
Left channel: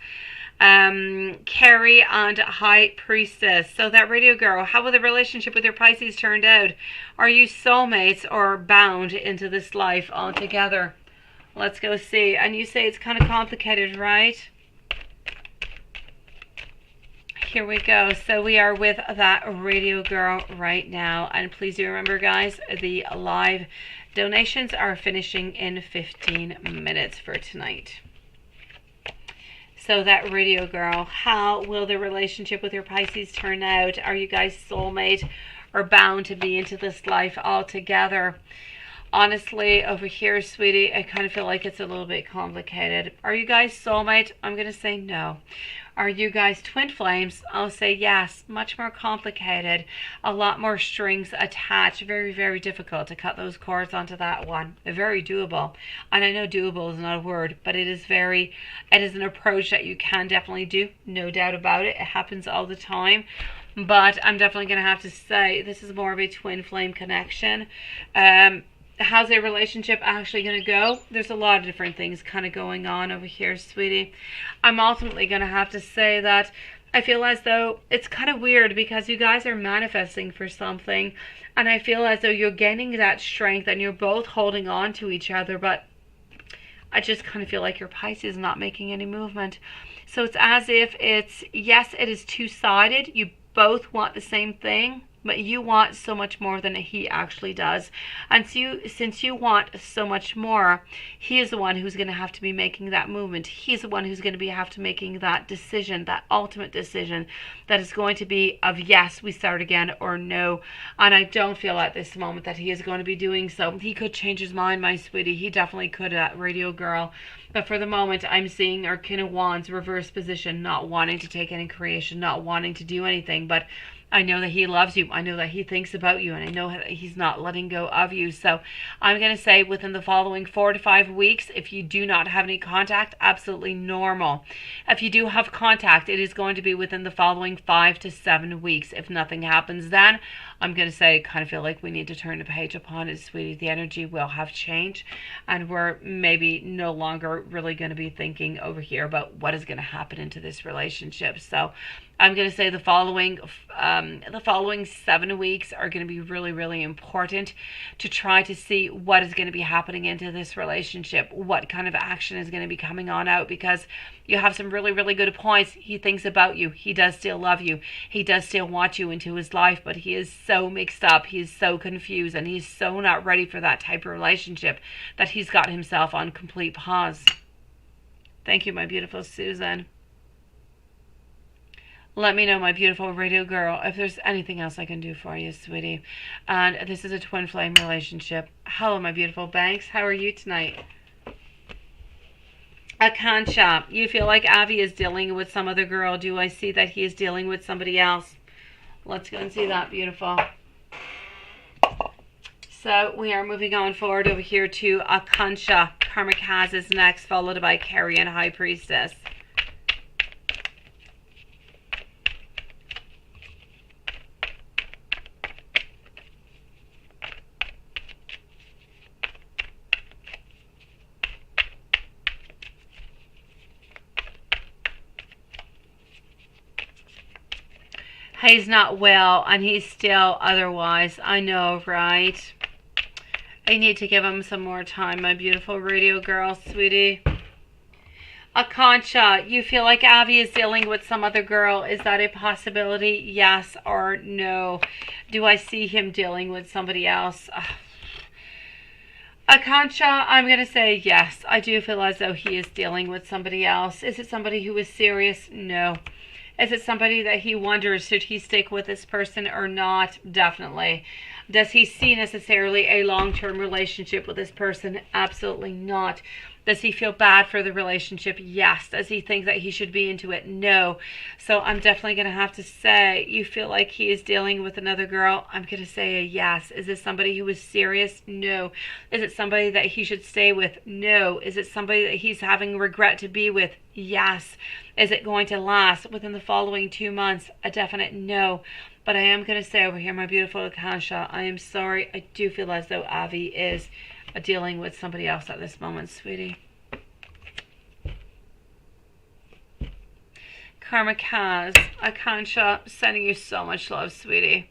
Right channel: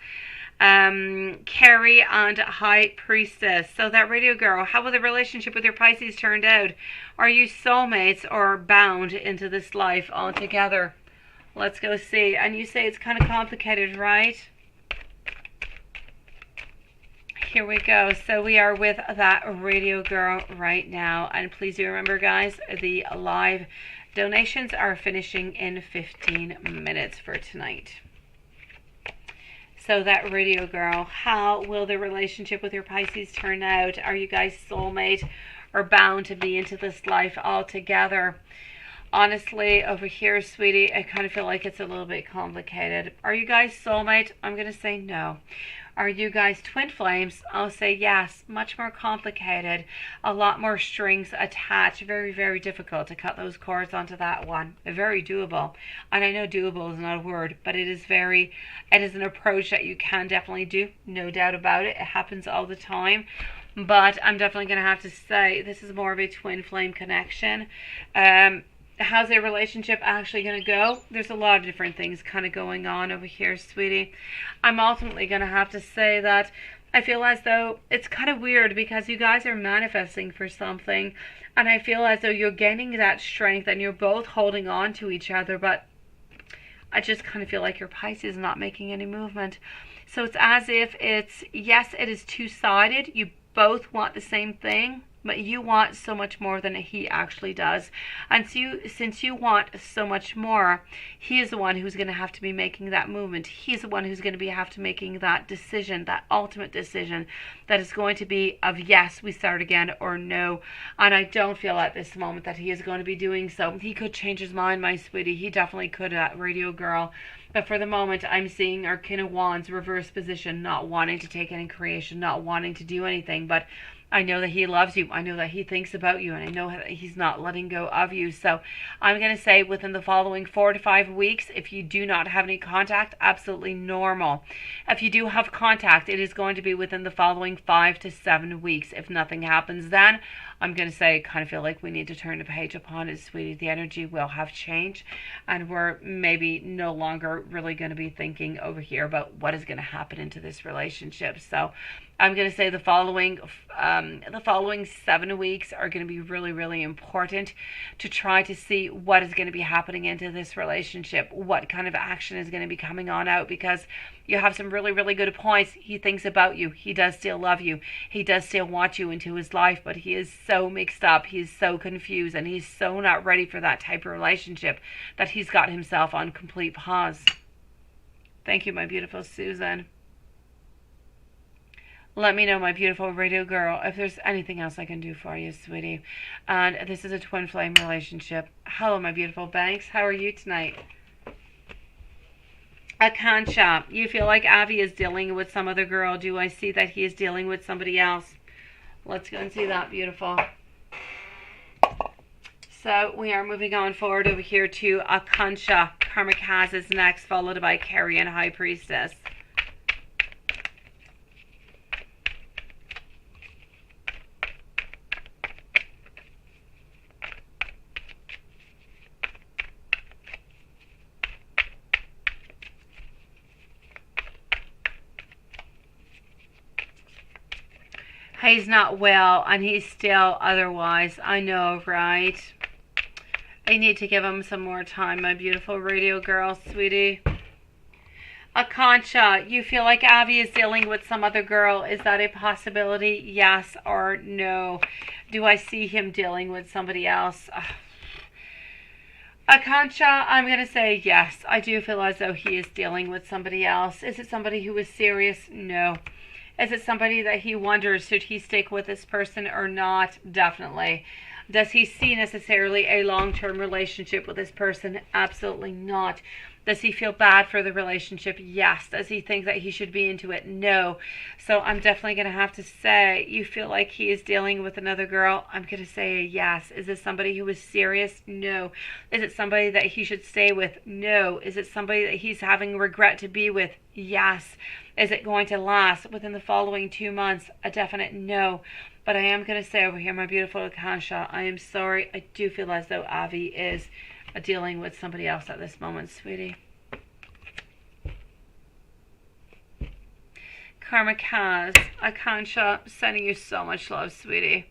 Carrie and High Priestess. So that radio girl, how will the relationship with your Pisces turned out? Are you soulmates or bound into this life altogether? Let's go see. And you say it's kind of complicated, right? Here we go. So we are with that radio girl right now. And please do remember, guys, the live donations are finishing in 15 minutes for tonight. So that radio girl, how will the relationship with your Pisces turn out? Are you guys soulmate or bound to be into this life altogether? Honestly, over here, sweetie, I kind of feel like it's a little bit complicated. Are you guys soulmate? I'm going to say no. Are you guys twin flames? I'll say yes. Much more complicated. A lot more strings attached. Very, very difficult to cut those cords onto that one. Very doable. And I know doable is not a word, but it is an approach that you can definitely do. No doubt about it. It happens all the time. But I'm definitely going to have to say this is more of a twin flame connection. How's a relationship actually going to go? There's a lot of different things kind of going on over here, sweetie. I'm ultimately going to have to say that I feel as though it's kind of weird because you guys are manifesting for something, and I feel as though you're gaining that strength and you're both holding on to each other, but I just kind of feel like your Pisces is not making any movement. So it's as if it's, yes, it is two-sided. You both want the same thing, but you want so much more than he actually does. And so since you want so much more, he is the one who's going to have to be making that movement. He's the one who's going to have to making that decision, that ultimate decision that is going to be of yes, we start again, or no. And I don't feel at this moment that he is going to be doing so. He could change his mind, my sweetie. He definitely could, that radio girl. But for the moment, I'm seeing our King of Wands reverse position, not wanting to take any creation, not wanting to do anything, but I know that he loves you. I know that he thinks about you, and I know that he's not letting go of you. So I'm going to say within the following 4 to 5 weeks, if you do not have any contact, absolutely normal. If you do have contact, it is going to be within the following 5 to 7 weeks. If nothing happens then, I'm going to say, kind of feel like we need to turn the page upon it, sweetie. The energy will have changed, and we're maybe no longer really going to be thinking over here about what is going to happen into this relationship. So I'm going to say the following 7 weeks are going to be really, really important to try to see what is going to be happening into this relationship, what kind of action is going to be coming on out, because you have some really, really good points. He thinks about you. He does still love you. He does still want you into his life, but he is so mixed up. He's so confused, and he's so not ready for that type of relationship that he's got himself on complete pause. Thank you, my beautiful Susan. Let me know, my beautiful radio girl, if there's anything else I can do for you, sweetie. And this is a twin flame relationship. Hello, my beautiful Banks. How are you tonight? Akansha, you feel like Avi is dealing with some other girl. Do I see that he is dealing with somebody else? Let's go and see that, beautiful. So we are moving on forward over here to Akansha. Karmic Has is next, followed by Carrie and High Priestess. He's not well, and he's still otherwise. I know, right? I need to give him some more time, my beautiful radio girl, sweetie. Akansha, you feel like Avi is dealing with some other girl. Is that a possibility? Yes or no? Do I see him dealing with somebody else? Akansha, I'm going to say yes. I do feel as though he is dealing with somebody else. Is it somebody who is serious? No. Is it somebody that he wonders, should he stick with this person or not? Definitely. Does he see necessarily a long-term relationship with this person? Absolutely not. Does he feel bad for the relationship? Yes. Does he think that he should be into it? No. So I'm definitely going to have to say, you feel like he is dealing with another girl? I'm going to say a yes. Is this somebody who is serious? No. Is it somebody that he should stay with? No. Is it somebody that he's having regret to be with? Yes. Is it going to last within the following 2 months? A definite no. But I am going to say over here, my beautiful Akansha, I am sorry. I do feel as though Avi is dealing with somebody else at this moment, sweetie. Karma Kaz, Akansha, sending you so much love, sweetie.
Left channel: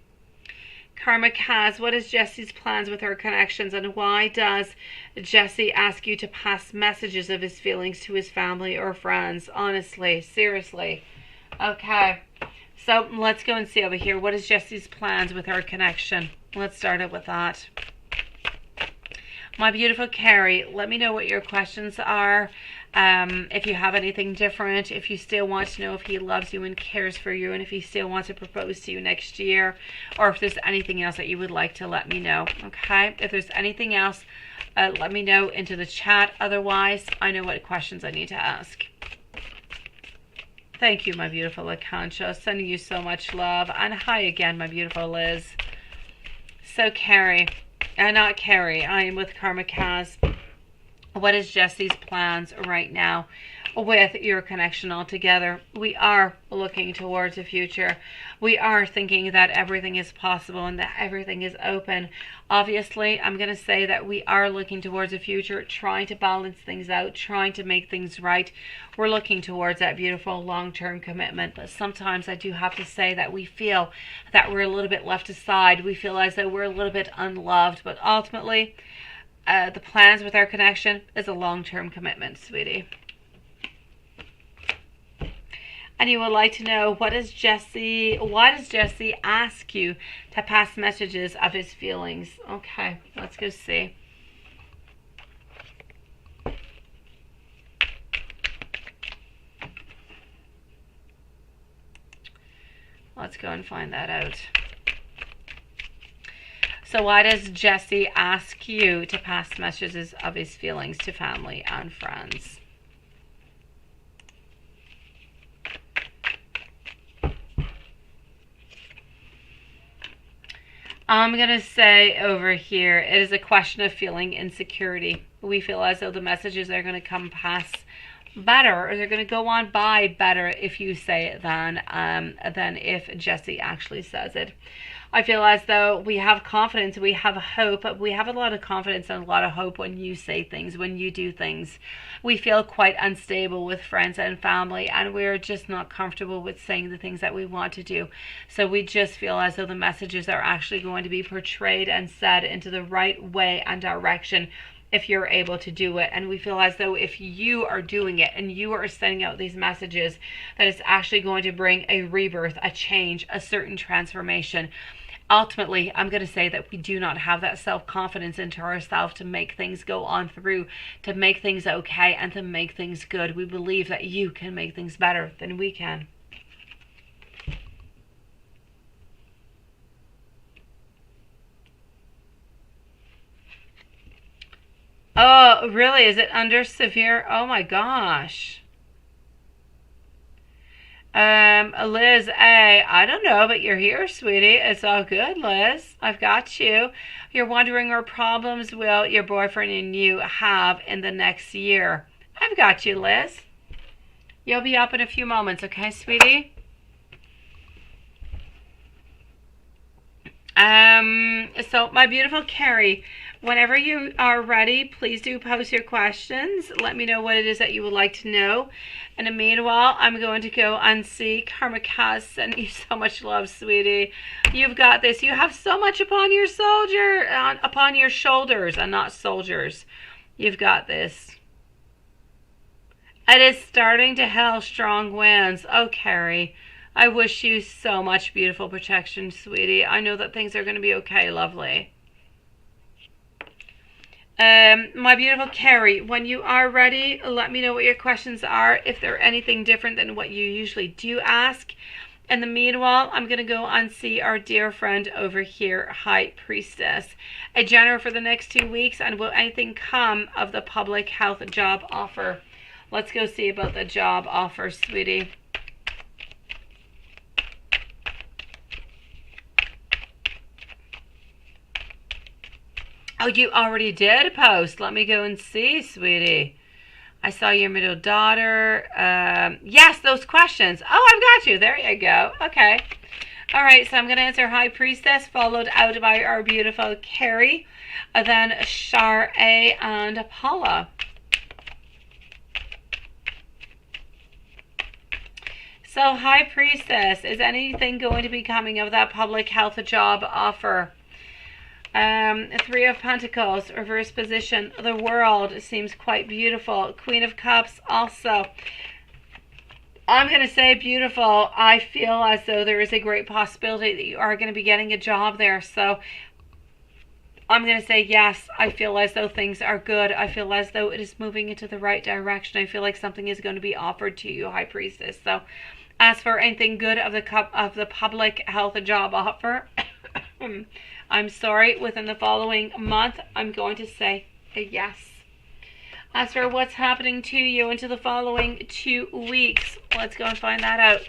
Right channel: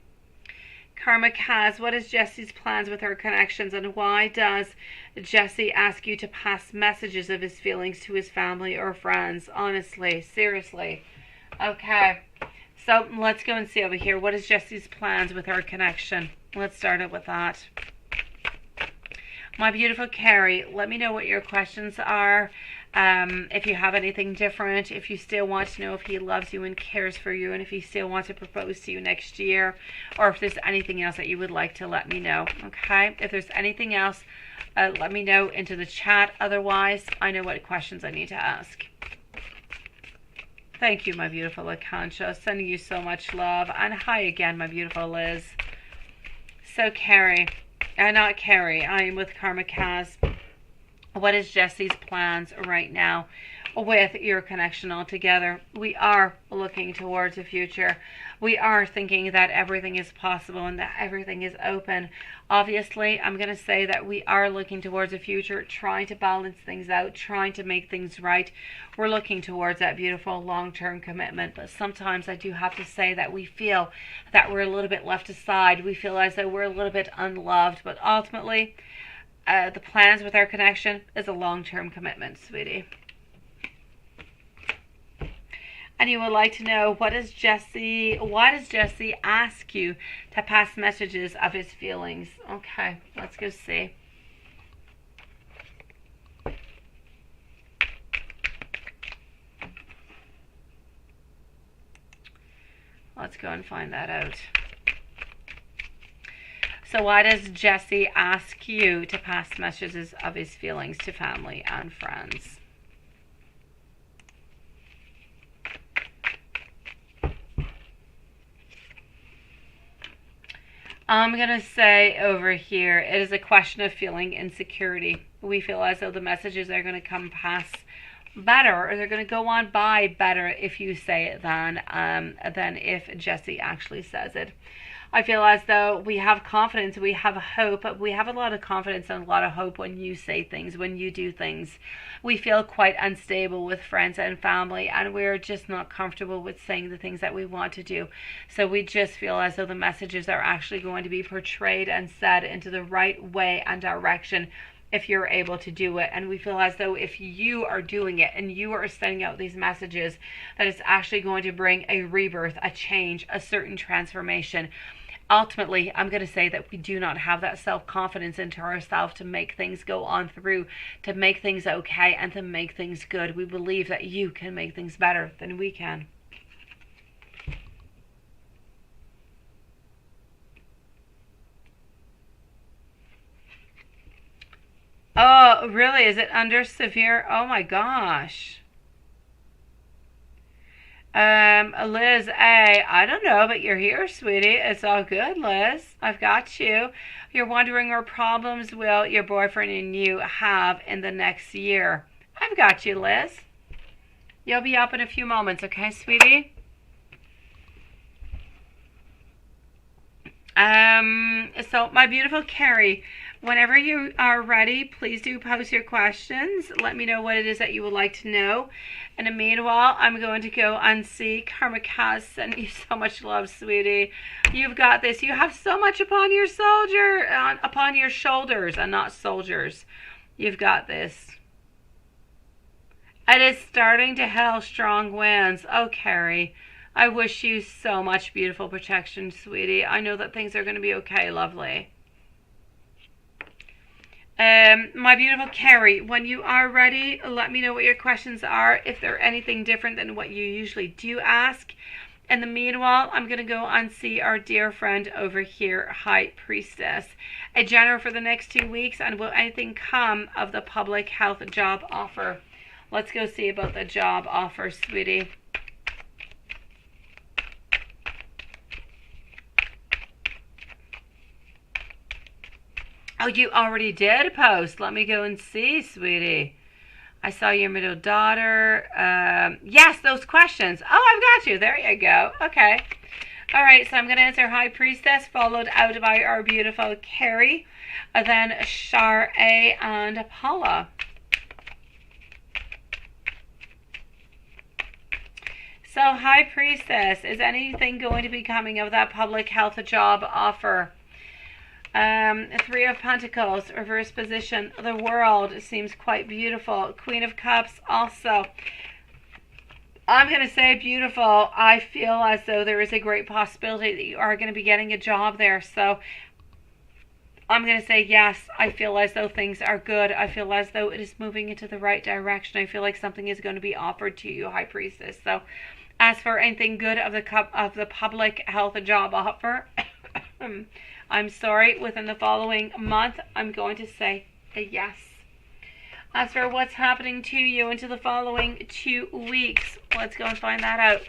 Karma Kaz, what is Jesse's plans with her connections, and why does Jesse ask you to pass messages of his feelings to his family or friends? Honestly, seriously. Okay, so let's go and see over here. What is Jesse's plans with her connection? Let's start it with that. My beautiful Carrie, let me know what your questions are. If you have anything different, if you still want to know if he loves you and cares for you, and if he still wants to propose to you next year, or if there's anything else that you would like to let me know. Okay, if there's anything else, let me know into the chat. Otherwise, I know what questions I need to ask. Thank you, my beautiful Akansha. Sending you so much love. And hi again, my beautiful Liz. So Carrie, not Carrie, I am with Karma Kaz. What is Jesse's plans right now with your connection altogether? We are looking towards the future. We are thinking that everything is possible and that everything is open. Obviously, I'm going to say that we are looking towards the future, trying to balance things out, trying to make things right. We're looking towards that beautiful long-term commitment. But sometimes I do have to say that we feel that we're a little bit left aside. We feel as though we're a little bit unloved. But ultimately, the plans with our connection is a long-term commitment, sweetie. And you would like to know, why does Jesse ask you to pass messages of his feelings? Okay, let's go see. Let's go and find that out. So why does Jesse ask you to pass messages of his feelings to family and friends? I'm going to say over here, it is a question of feeling insecurity. We feel as though the messages are going to come past better, or they're going to go on by better if you say it than if Jesse actually says it. I feel as though we have confidence, we have hope, we have a lot of confidence and a lot of hope when you say things, when you do things. We feel quite unstable with friends and family, and we're just not comfortable with saying the things that we want to do. So we just feel as though the messages are actually going to be portrayed and said into the right way and direction if you're able to do it. And we feel as though if you are doing it and you are sending out these messages, that it's actually going to bring a rebirth, a change, a certain transformation. Ultimately, I'm going to say that we do not have that self-confidence into ourselves to make things go on through, to make things okay, and to make things good. We believe that you can make things better than we can. Oh, really? Is it under severe? Oh my gosh. Liz A, I don't know, but you're here, sweetie. It's all good, Liz. I've got you. You're wondering what problems will your boyfriend and you have in the next year. I've got you, Liz. You'll be up in a few moments, okay, sweetie? So my beautiful Carrie, whenever you are ready, please do post your questions. Let me know what it is that you would like to know. In the meanwhile, I'm going to go and see Karma Kaz. Sending you so much love, sweetie. You've got this. You have so much upon your upon your shoulders, and not soldiers. You've got this. It is starting to hail strong winds. Oh, Carrie, I wish you so much beautiful protection, sweetie. I know that things are going to be okay, lovely. My beautiful Carrie, when you are ready, let me know what your questions are, if they're anything different than what you usually do ask. In the meanwhile, I'm going to go and see our dear friend over here, High Priestess. A general for the next 2 weeks, and will anything come of the public health job offer? Let's go see about the job offer, sweetie. Oh, you already did post. Let me go and see, sweetie. I saw your middle daughter. Yes, those questions. Oh, I've got you. There you go. Okay. All right, so I'm going to answer High Priestess, followed out by our beautiful Carrie, then Shar A, and Paula. So, High Priestess, is anything going to be coming of that public health job offer? Three of Pentacles, reverse position. The World seems quite beautiful. Queen of Cups also. I'm going to say beautiful. I feel as though there is a great possibility that you are going to be getting a job there. So I'm going to say yes. I feel as though things are good. I feel as though it is moving into the right direction. I feel like something is going to be offered to you, High Priestess. So as for anything good of the public health job offer, I'm sorry, within the following month, I'm going to say a yes. As for what's happening to you into the following 2 weeks, let's go and find that out.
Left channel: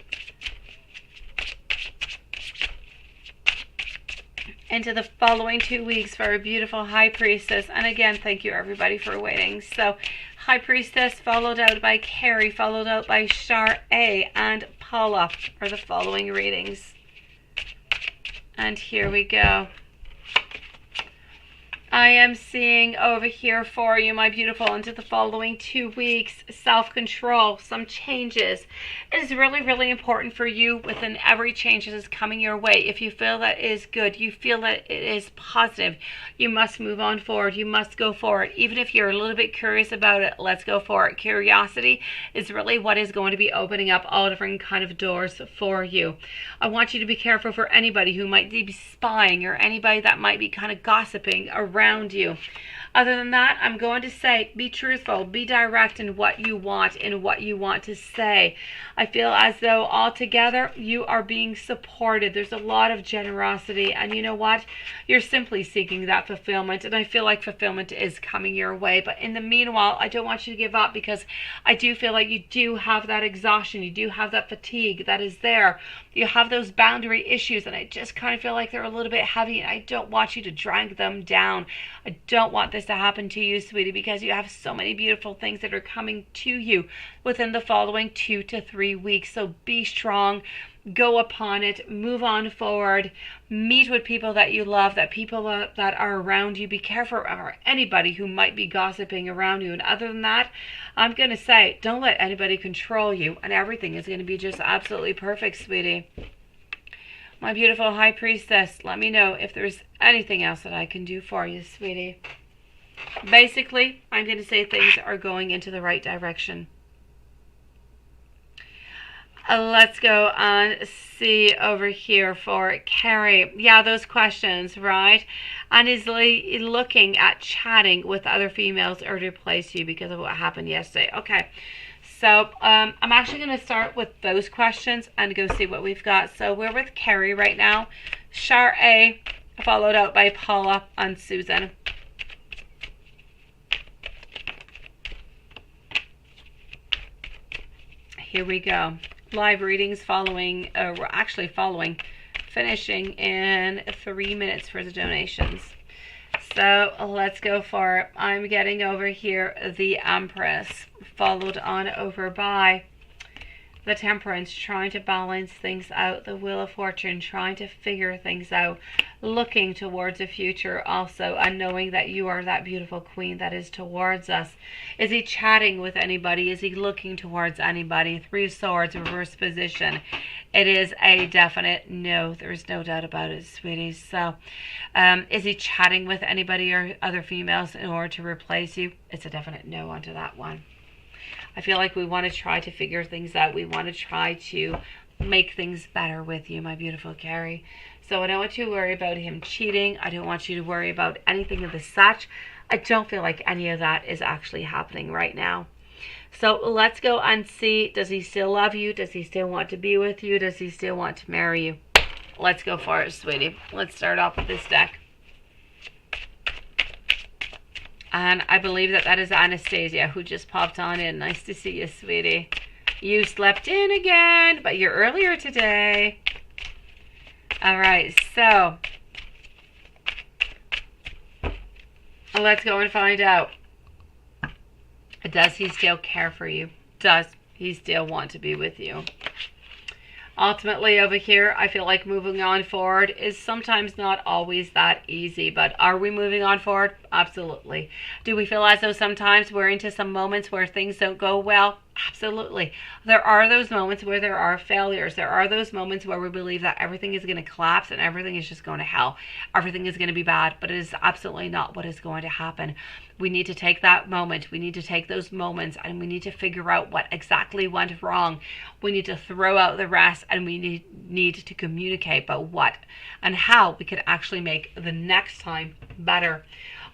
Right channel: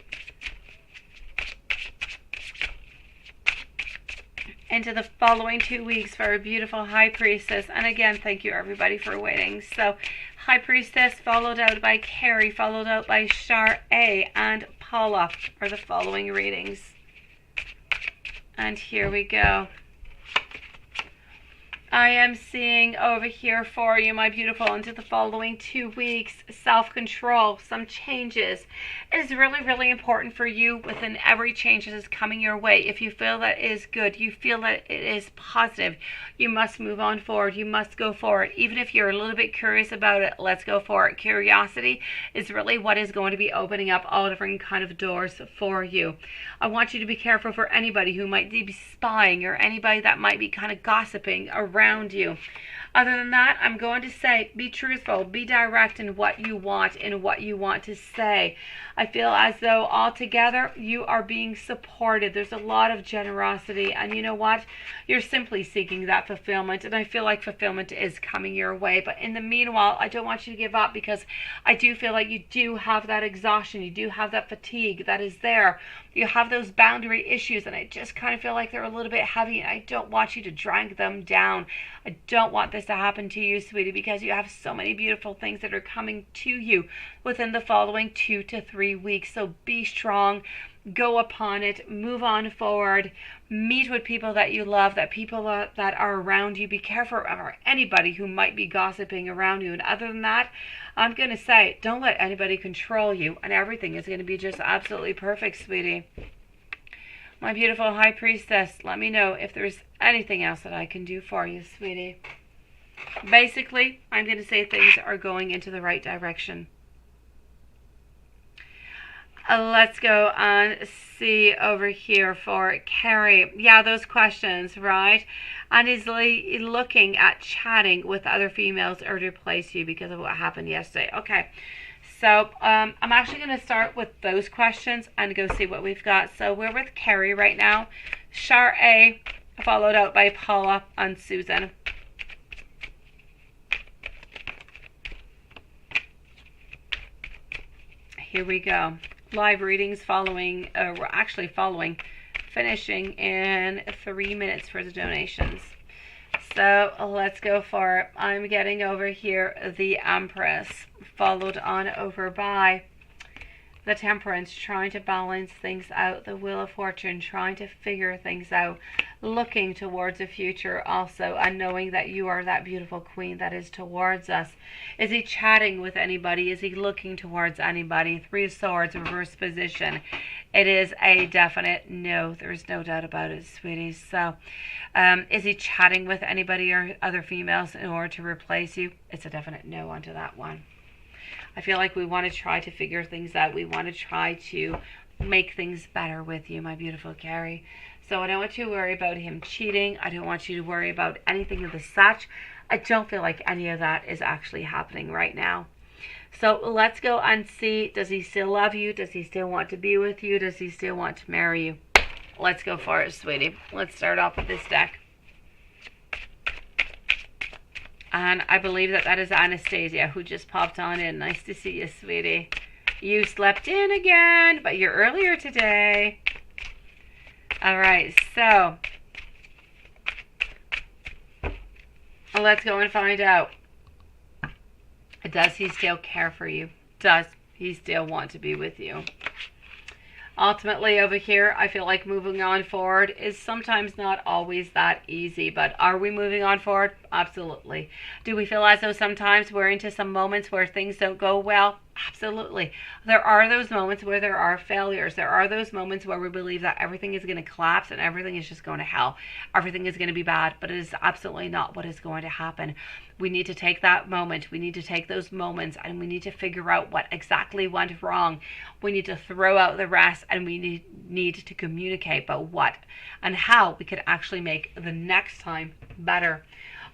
Into the following 2 weeks for a beautiful High Priestess. And again, thank you everybody for waiting. So, High Priestess followed out by Carrie, followed out by Shar A and Paula are the following readings. And here we go. I am seeing over here for you, my beautiful, into the following 2 weeks, self-control, some changes. It is really, really important for you within every change that is coming your way. If you feel that it is good, you feel that it is positive, you must move on forward. You must go forward. Even if you're a little bit curious about it, let's go for it. Curiosity is really what is going to be opening up all different kind of doors for you. I want you to be careful for anybody who might be spying or anybody that might be kind of gossiping around you. Other than that, I'm going to say be truthful, be direct in what you want and what you want to say. I feel as though altogether you are being supported. There's a lot of generosity, and you know what? You're simply seeking that fulfillment, and I feel like fulfillment is coming your way. But in the meanwhile, I don't want you to give up, because I do feel like you do have that exhaustion, you do have that fatigue that is there. You have those boundary issues, and I just kind of feel like they're a little bit heavy, and I don't want you to drag them down. I don't want this to happen to you, sweetie, because you have so many beautiful things that are coming to you within the following 2 to 3 weeks. So be strong, go upon it, move on forward, meet with people that you love, that people that are around you. Be careful of anybody who might be gossiping around you. And other than that, I'm going to say, don't let anybody control you, and everything is going to be just absolutely perfect, sweetie. My beautiful High Priestess, let me know if there's anything else that I can do for you, sweetie. Basically, I'm going to say things are going into the right direction. Let's go and see over here for Carrie. Yeah, those questions, right? And is looking at chatting with other females or to replace you because of what happened yesterday. Okay, so I'm actually going to start with those questions and go see what we've got. So we're with Carrie right now. Shar A, followed out by Paula and Susan. Here we go. Live readings following, finishing in 3 minutes for the donations. So let's go for it. I'm getting over here the Empress, followed on over by the Temperance, trying to balance things out, the Wheel of Fortune, trying to figure things out, looking towards the future also, and knowing that you are that beautiful queen that is towards us. Is he chatting with anybody? Is he looking towards anybody? 3 of Swords, reverse position. It is a definite no. There's no doubt about it, sweeties. So, is he chatting with anybody or other females in order to replace you? It's a definite no onto that one. I feel like we want to try to figure things out. We want to try to make things better with you, my beautiful Carrie. So I don't want you to worry about him cheating. I don't want you to worry about anything of the such. I don't feel like any of that is actually happening right now. So let's go and see, does he still love you? Does he still want to be with you? Does he still want to marry you? Let's go for it, sweetie. Let's start off with this deck. And I believe that that is Anastasia, who just popped on in. Nice to see you, sweetie. You slept in again, but you're earlier today. All right, so let's go and find out. Does he still care for you? Does he still want to be with you? Ultimately, over here, I feel like moving on forward is sometimes not always that easy, but are we moving on forward? Absolutely. Do we feel as though sometimes we're into some moments where things don't go well? Absolutely. There are those moments where there are failures. There are those moments where we believe that everything is going to collapse and everything is just going to hell. Everything is going to be bad, but it is absolutely not what is going to happen. We need to take that moment. We need to take those moments and we need to figure out what exactly went wrong. We need to throw out the rest and we need to communicate about what and how we could actually make the next time better.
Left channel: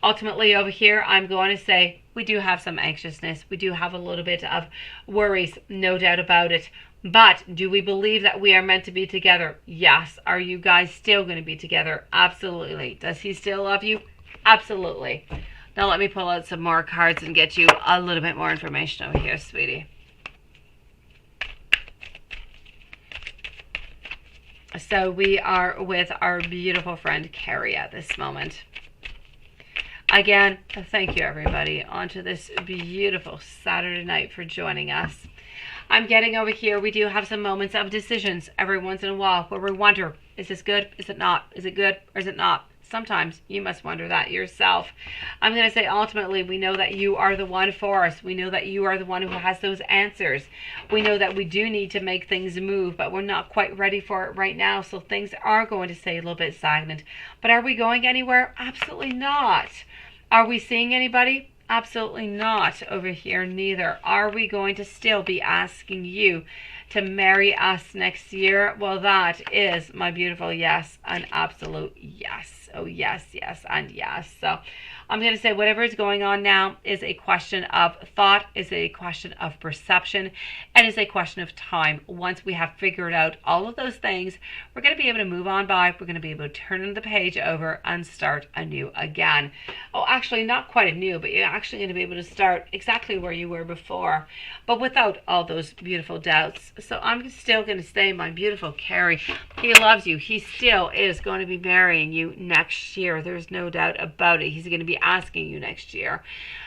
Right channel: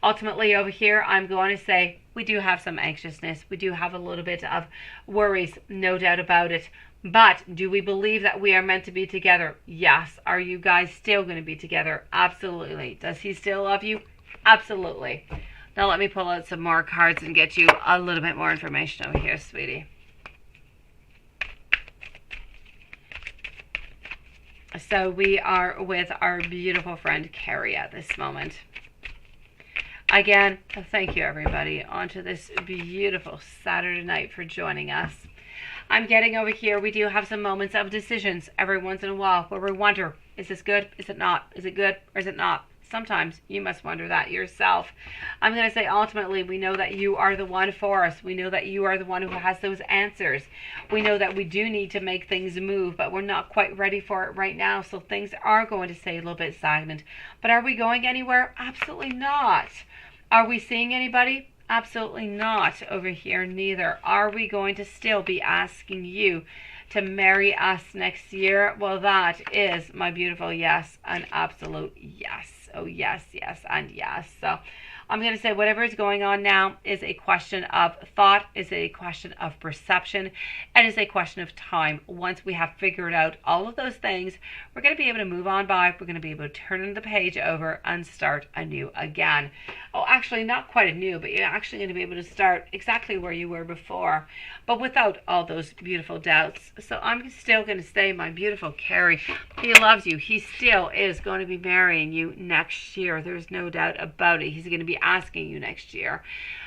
Ultimately, over here, I'm going to say we do have some anxiousness. We do have a little bit of worries, no doubt about it. But do we believe that we are meant to be together? Yes. Are you guys still going to be together? Absolutely. Does he still love you? Absolutely. Now let me pull out some more cards and get you a little bit more information over here, sweetie. So we are with our beautiful friend Carrie at this moment. Again, thank you everybody onto this beautiful Saturday night for joining us. I'm getting over here, we do have some moments of decisions every once in a while where we wonder, is this good? Is it not? Is it good or is it not? Sometimes you must wonder that yourself. I'm going to say ultimately we know that you are the one for us. We know that you are the one who has those answers. We know that we do need to make things move, but we're not quite ready for it right now. So things are going to stay a little bit stagnant. But are we going anywhere? Absolutely not. Are we seeing anybody? Absolutely not over here neither. Are we going to still be asking you to marry us next year? Well, that is my beautiful yes, an absolute yes. Oh, yes, yes, and yes. So I'm going to say whatever is going on now is a question of thought, is a question of perception, and is a question of time. Once we have figured out all of those things, we're going to be able to move on by. We're going to be able to turn the page over and start anew again. Oh, actually, not quite anew, but you're actually going to be able to start exactly where you were before, but without all those beautiful doubts. So I'm still going to say, my beautiful Carrie, he loves you. He still is going to be marrying you next year. There's no doubt about it. He's going to be asking you next year.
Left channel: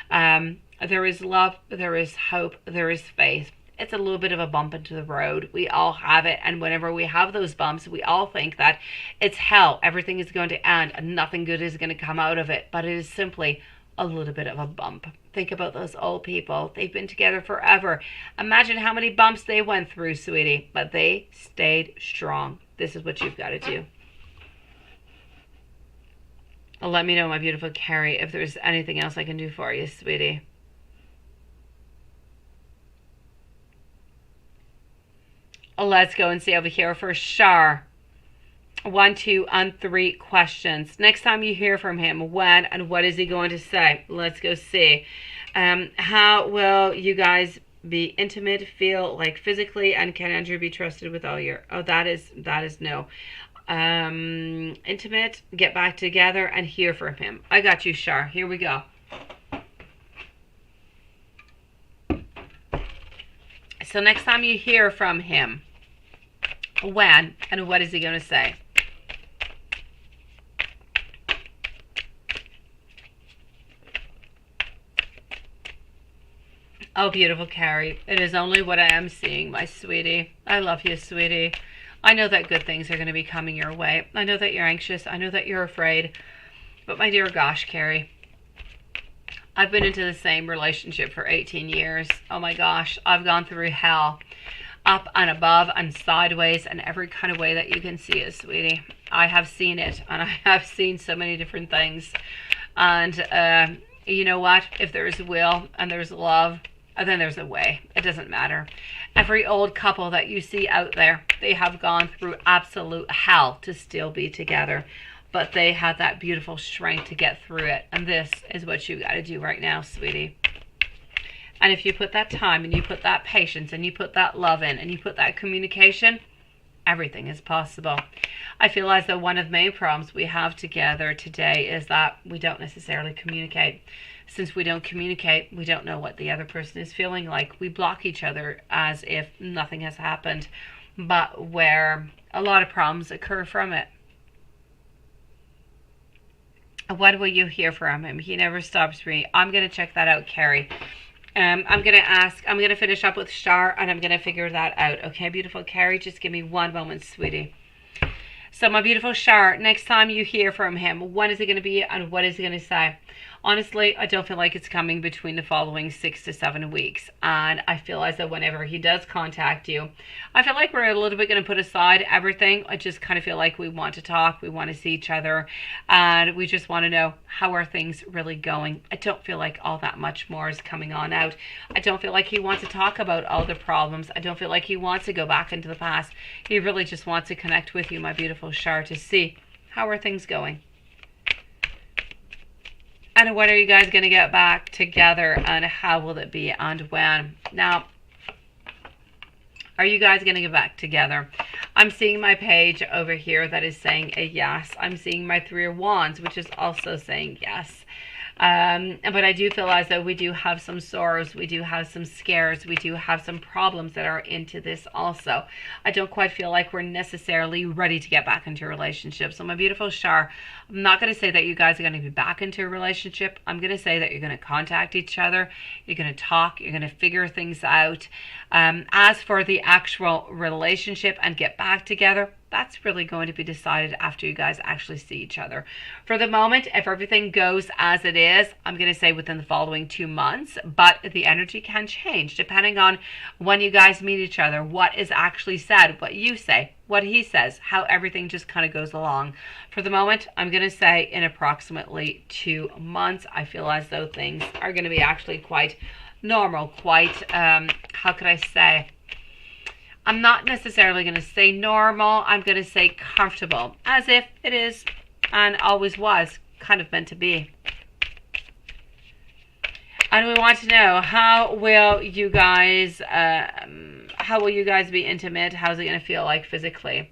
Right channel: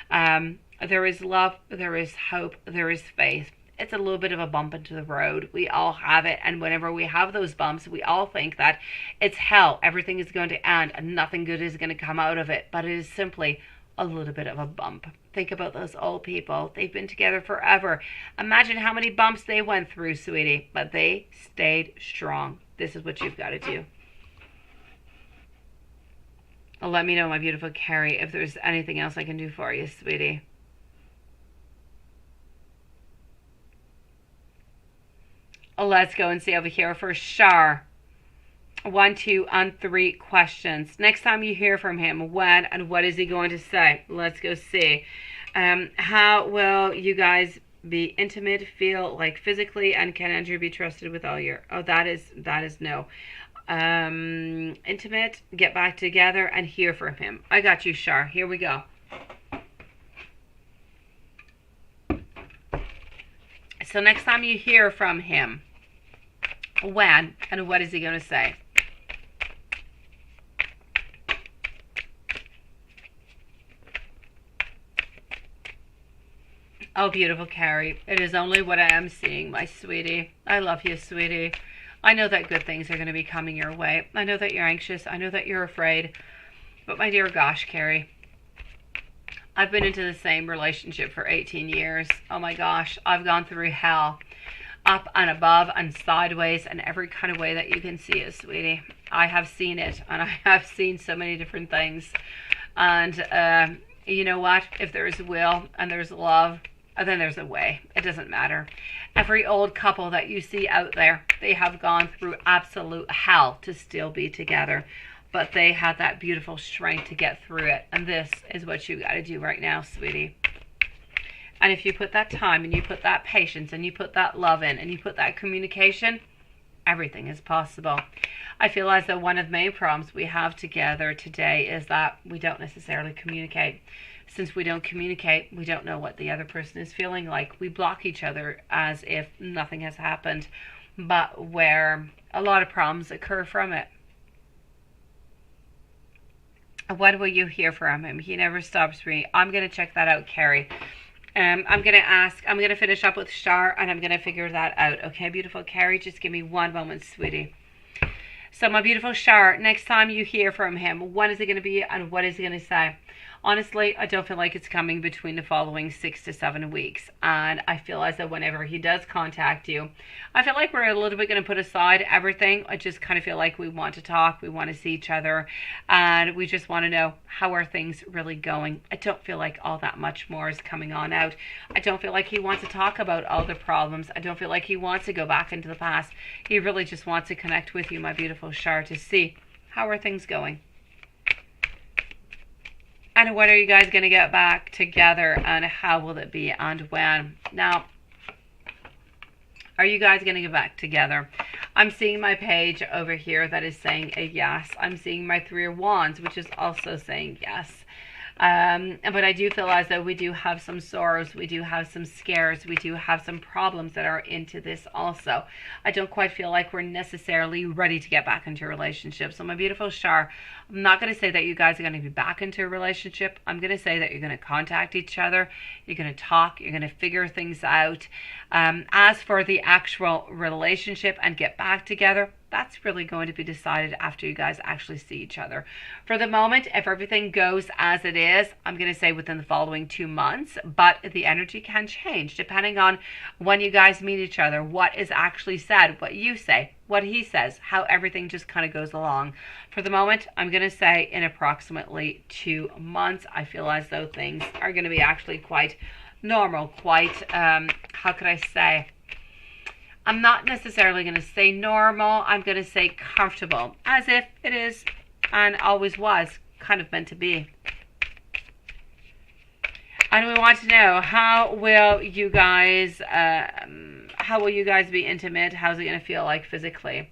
There is love, there is hope, there is faith. It's a little bit of a bump into the road. We all have it, and whenever we have those bumps, we all think that it's hell. Everything is going to end and nothing good is going to come out of it, but it is simply a little bit of a bump. Think about those old people. They've been together forever. Imagine how many bumps they went through, sweetie, but they stayed strong. This is what you've got to do. Let me know, my beautiful Carrie, if there's anything else I can do for you, sweetie. Let's go and see over here for Shar. 1, 2, and 3 questions. Next time you hear from him, when and what is he going to say? Let's go see. How will you guys be intimate, feel like physically, and can Andrew be trusted with all your... Oh, that is no. Intimate, get back together, and hear from him. I got you, Shar. Here we go. So next time you hear from him, when and what is he going to say? Oh, beautiful Carrie. It is only what I am seeing, my sweetie. I love you, sweetie. I know that good things are going to be coming your way. I know that you're anxious. I know that you're afraid. But my dear gosh, Carrie, I've been into the same relationship for 18 years. Oh my gosh, I've gone through hell. Up and above and sideways and every kind of way that you can see it, sweetie. I have seen it, and I have seen so many different things. And you know what? If there's will and there's love, then there's a way. It doesn't matter. Every old couple that you see out there, they have gone through absolute hell to still be together. But they had that beautiful strength to get through it. And this is what you got to do right now, sweetie. And if you put that time and you put that patience and you put that love in and you put that communication, everything is possible. I feel as though one of the main problems we have together today is that we don't necessarily communicate. Since we don't communicate, we don't know what the other person is feeling like. We block each other as if nothing has happened, but where a lot of problems occur from it. What will you hear from him? He never stops me. I'm going to check that out, Carrie. I'm going to finish up with Shar, and I'm going to figure that out. Okay, beautiful Carrie, just give me one moment, sweetie. So my beautiful Shar, next time you hear from him, when is it going to be and what is he going to say? Honestly, I don't feel like it's coming between the following 6 to 7 weeks. And I feel as though whenever he does contact you, I feel like we're a little bit going to put aside everything. I just kind of feel like we want to talk, we want to see each other, and we just want to know, how are things really going. I don't feel like all that much more is coming on out. I don't feel like he wants to talk about all the problems. I don't feel like he wants to go back into the past. He really just wants to connect with you, my beautiful Shar, to see how are things going. And when are you guys going to get back together, and how will it be and when? Now, are you guys going to get back together? I'm seeing my page over here that is saying a yes. I'm seeing my 3 of Wands, which is also saying yes. But I do feel as though we do have some sorrows, we do have some scares, we do have some problems that are into this also. I don't quite feel like we're necessarily ready to get back into a relationship. So my beautiful Shar, I'm not going to say that you guys are going to be back into a relationship. I'm going to say that you're going to contact each other, you're going to talk, you're going to figure things out. As for the actual relationship and get back together, that's really going to be decided after you guys actually see each other. For the moment, if everything goes as it is, I'm going to say within the following 2 months, but the energy can change depending on when you guys meet each other, what is actually said, what you say, what he says, how everything just kind of goes along. For the moment, I'm going to say in approximately 2 months, I feel as though things are going to be actually quite normal, quite, how could I say, I'm not necessarily going to say normal, I'm going to say comfortable, as if it is and always was kind of meant to be. And we want to know, how will you guys be intimate? How's it going to feel like physically?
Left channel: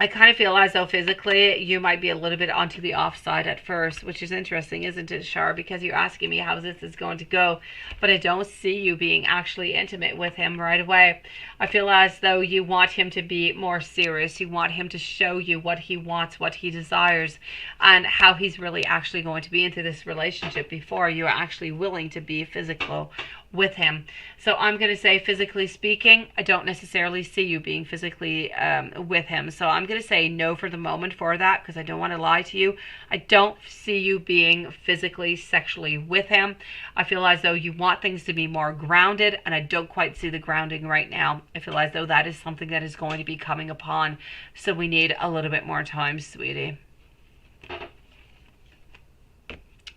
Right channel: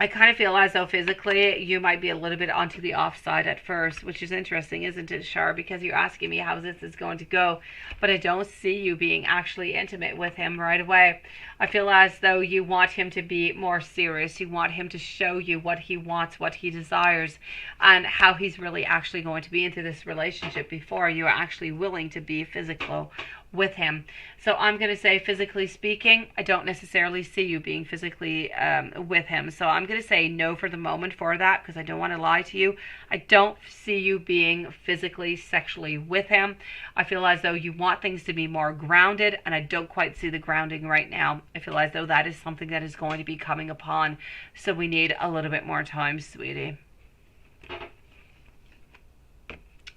I kind of feel as though physically you might be a little bit onto the offside at first, which is interesting, isn't it, Shar? Because you're asking me how this is going to go, but I don't see you being actually intimate with him right away. I feel as though you want him to be more serious. You want him to show you what he wants, what he desires, and how he's really actually going to be into this relationship before you're actually willing to be physical with him. So I'm going to say, physically speaking, I don't necessarily see you being physically with him. So I'm going to say no for the moment for that, because I don't want to lie to you. I don't see you being physically, sexually with him. I feel as though you want things to be more grounded, and I don't quite see the grounding right now. I feel as though that is something that is going to be coming upon. So we need a little bit more time, sweetie.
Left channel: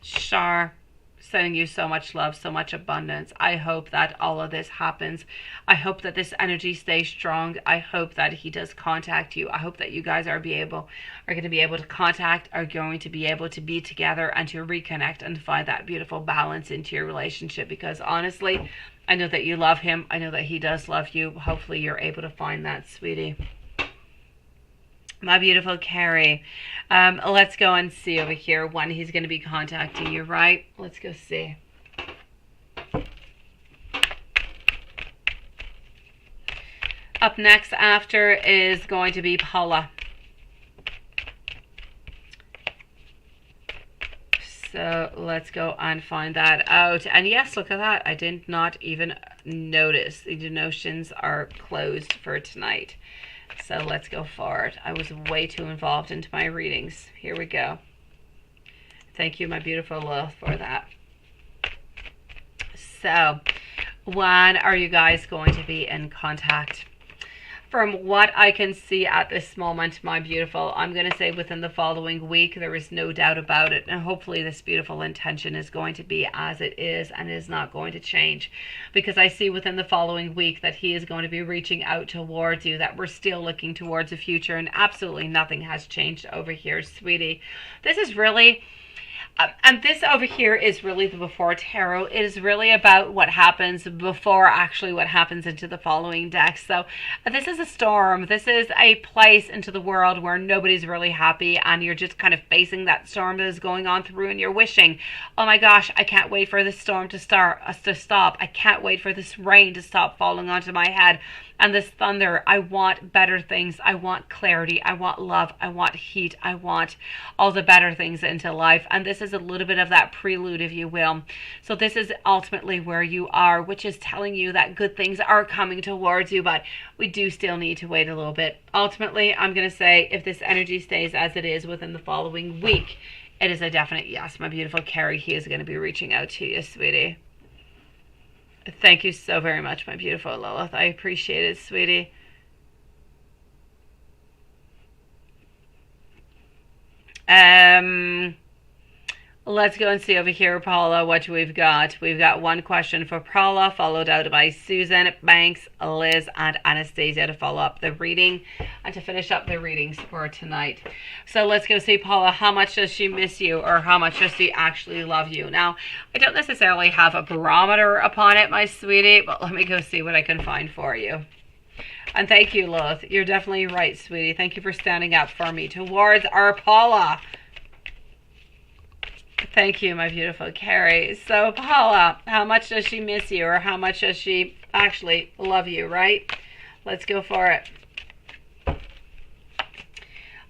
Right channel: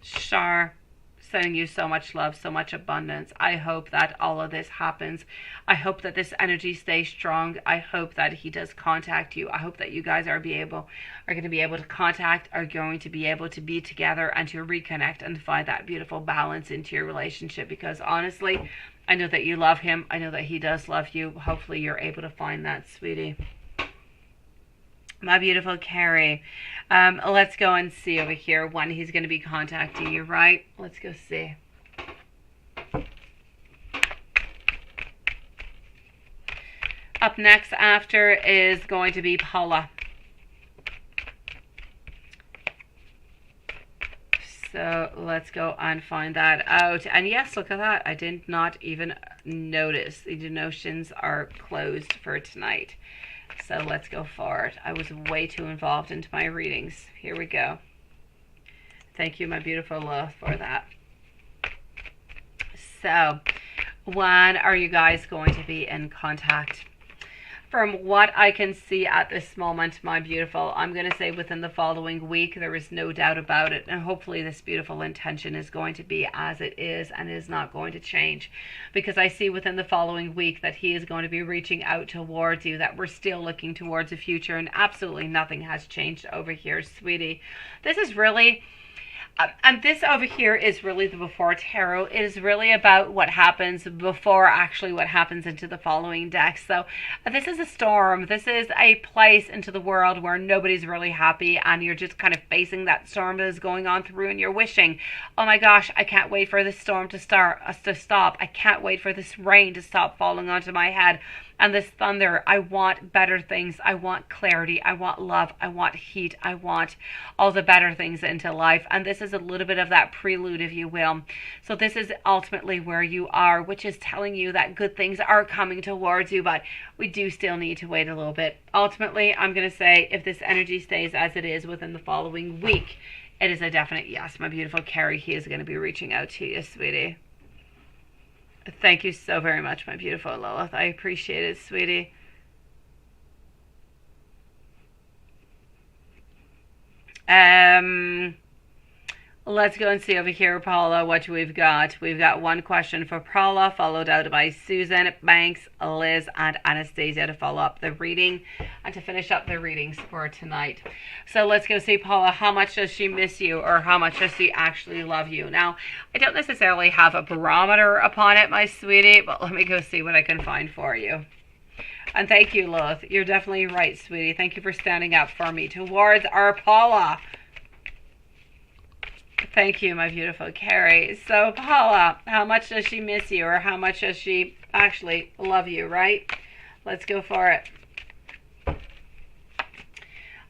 Shar, sending you so much love, so much abundance. I hope that all of this happens. I hope that this energy stays strong. I hope that he does contact you. I hope that you guys are going to be able to contact, are going to be able to be together and to reconnect and find that beautiful balance into your relationship. Because honestly, I know that you love him. I know that he does love you. Hopefully you're able to find that, sweetie. My beautiful Carrie, let's go and see over here when he's going to be contacting you, right? Let's go see. Up next after is going to be Paula. So let's go and find that out. And yes, look at that. I did not even notice. The notions are closed for tonight. So let's go forward. I was way too involved into my readings. Here we go. Thank you, my beautiful love, for that. So, when are you guys going to be in contact? From what I can see at this moment, my beautiful, I'm going to say within the following week. There is no doubt about it. And hopefully this beautiful intention is going to be as it is and is not going to change. Because I see within the following week that he is going to be reaching out towards you, that we're still looking towards the future, and absolutely nothing has changed over here, sweetie. This is really... and this over here is really the before tarot. It is really about what happens before actually what happens into the following deck. So this is a storm. This is a place into the world where nobody's really happy, and you're just kind of facing that storm that is going on through, and you're wishing, oh my gosh, I can't wait for this storm to stop. I can't wait for this rain to stop falling onto my head. And this thunder, I want better things. I want clarity. I want love. I want heat. I want all the better things into life. And this is a little bit of that prelude, if you will. So this is ultimately where you are, which is telling you that good things are coming towards you, but we do still need to wait a little bit. Ultimately, I'm going to say if this energy stays as it is within the following week, It is a definite yes, my beautiful Carrie. He is going to be reaching out to you, sweetie. Thank you so very much, my beautiful Lilith. I appreciate it, sweetie. Let's go and see over here, Paula, what we've got. We've got one question for Paula, followed out by Susan, Banks, Liz, and Anastasia to follow up the reading and to finish up the readings for tonight. So let's go see, Paula, how much does she miss you, or how much does she actually love you? Now, I don't necessarily have a barometer upon it, my sweetie, but let me go see what I can find for you. And thank you, Lilith. You're definitely right, sweetie. Thank you for standing up for me towards our Paula. Thank you, my beautiful Carrie. So, Paula, how much does she miss you, or how much does she actually love you, right? Let's go for it.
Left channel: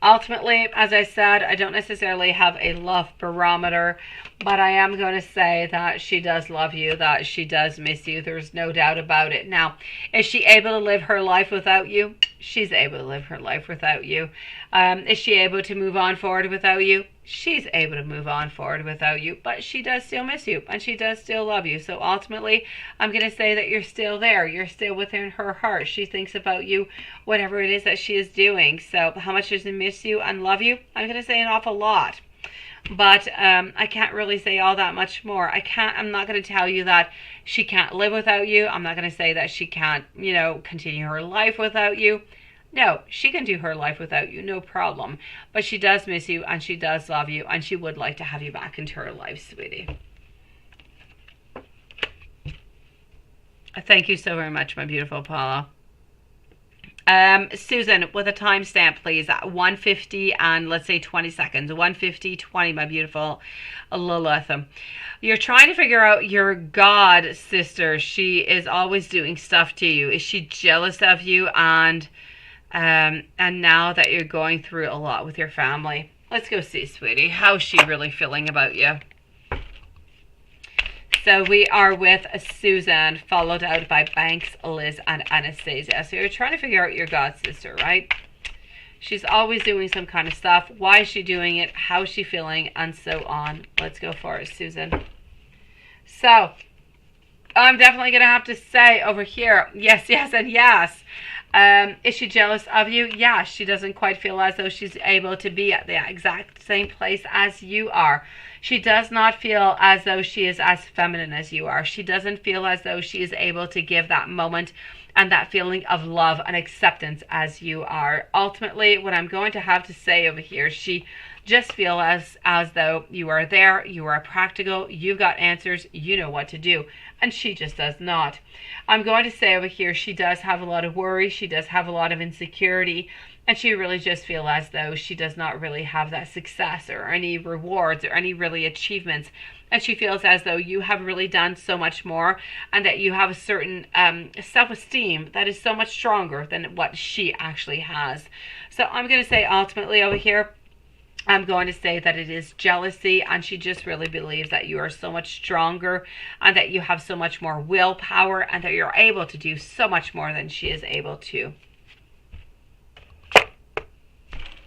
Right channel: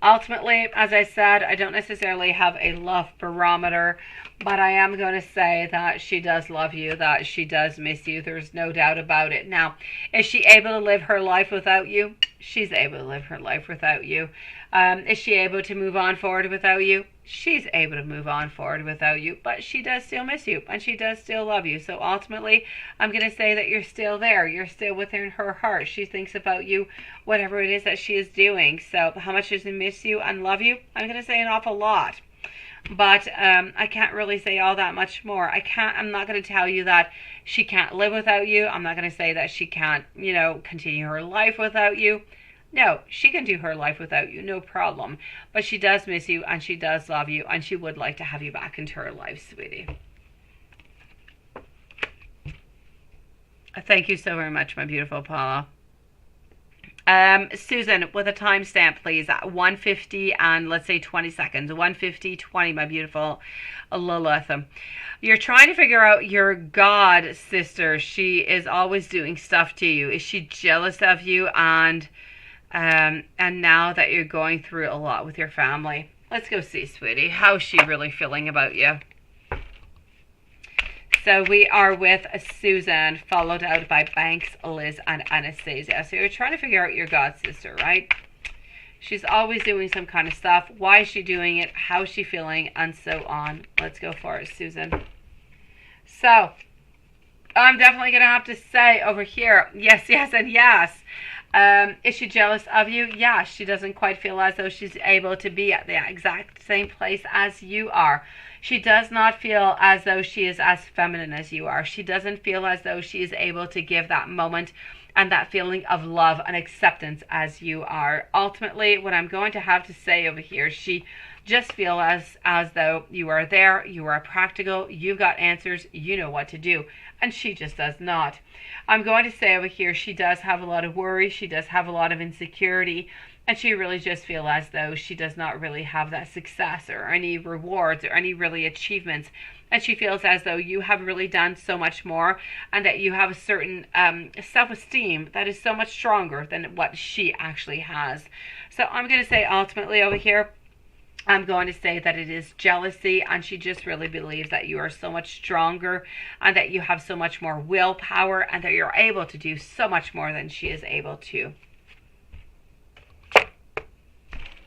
Ultimately, as I said, I don't necessarily have a love barometer, but I am going to say that she does love you, that she does miss you. There's no doubt about it. Now, is she able to live her life without you? She's able to live her life without you. Is she able to move on forward without you? She's able to move on forward without you, but she does still miss you, and she does still love you. So ultimately, I'm going to say that you're still there. You're still within her heart. She thinks about you, whatever it is that she is doing. So how much does she miss you and love you? I'm going to say an awful lot. But I can't really say all that much more. I'm not going to tell you that she can't live without you. I'm not going to say that she can't, continue her life without you. No, she can do her life without you, no problem. But she does miss you, and she does love you, and she would like to have you back into her life, sweetie. Thank you so very much, my beautiful Paula. Susan, with a timestamp, please, at 1:50 and let's say 20 seconds. 1:50:20, my beautiful Lilith. You're trying to figure out your God sister. She is always doing stuff to you. Is she jealous of you? And now that you're going through a lot with your family, let's go see, sweetie. How's she really feeling about you? So we are with Susan, followed out by Banks, Liz, and Anastasia. So you're trying to figure out your God sister, right? She's always doing some kind of stuff. Why is she doing it? How's she feeling? And so on. Let's go for it, Susan. So I'm definitely going to have to say over here, yes, yes, and yes. Is she jealous of you? Yeah, she doesn't quite feel as though she's able to be at the exact same place as you are. She does not feel as though she is as feminine as you are. She doesn't feel as though she is able to give that moment and that feeling of love and acceptance as you are. Ultimately, what I'm going to have to say over here, she just feels as though you are there, you are practical, you've got answers, you know what to do, and she just does not. I'm going to say over here, she does have a lot of worry, she does have a lot of insecurity, and she really just feels as though she does not really have that success or any rewards or any really achievements. And she feels as though you have really done so much more, and that you have a certain self-esteem that is so much stronger than what she actually has. So I'm going to say ultimately over here, I'm going to say that it is jealousy, and she just really believes that you are so much stronger and that you have so much more willpower and that you're able to do so much more than she is able to.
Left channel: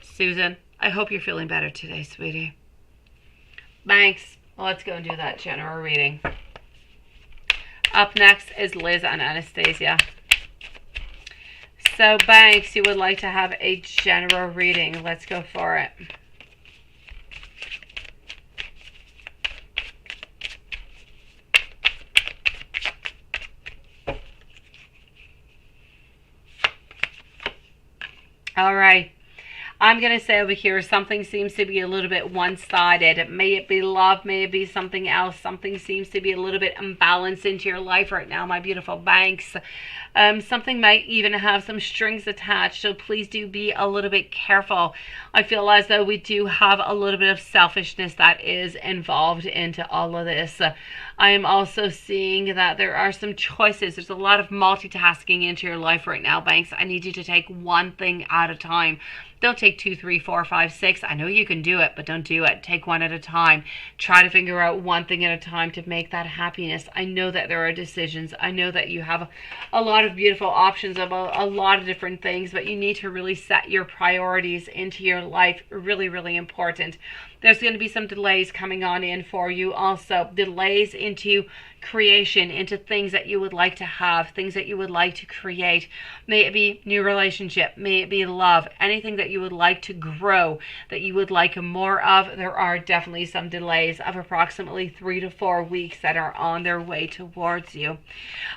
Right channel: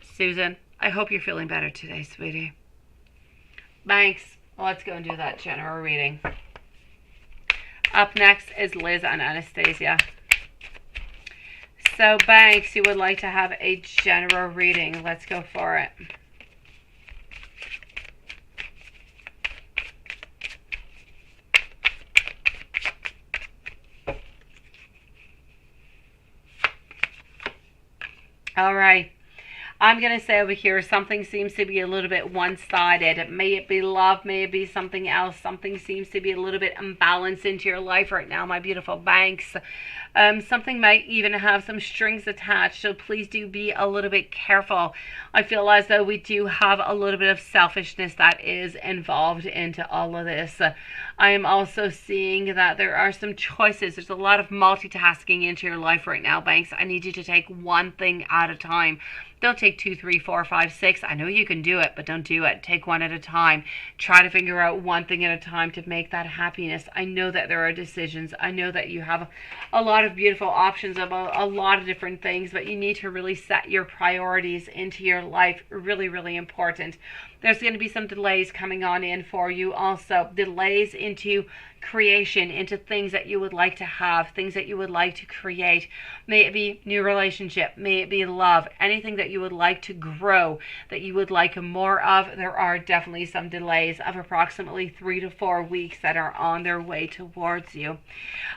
Susan, I hope you're feeling better today, sweetie. Banks, let's go and do that general reading. Up next is Liz and Anastasia. So, Banks, you would like to have a general reading. Let's go for it. All right. I'm going to say over here, something seems to be a little bit one-sided. May it be love, may it be something else. Something seems to be a little bit imbalanced into your life right now, my beautiful Banks. Something might even have some strings attached, so please do be a little bit careful. I feel as though we do have a little bit of selfishness that is involved into all of this. I am also seeing that there are some choices. There's a lot of multitasking into your life right now, Banks. I need you to take one thing at a time. Don't take 2, 3, 4, 5, 6. I know you can do it, but don't do it. Take one at a time. Try to figure out one thing at a time to make that happiness. I know that there are decisions. I know that you have a lot of beautiful options about a lot of different things, but you need to really set your priorities into your life. Really, really important. There's going to be some delays coming on in for you. Also, delays into creation, into things that you would like to have, things that you would like to create. May it be new relationship, may it be love, anything that you would like to grow, that you would like more of. There are definitely some delays of approximately 3 to 4 weeks that are on their way towards you.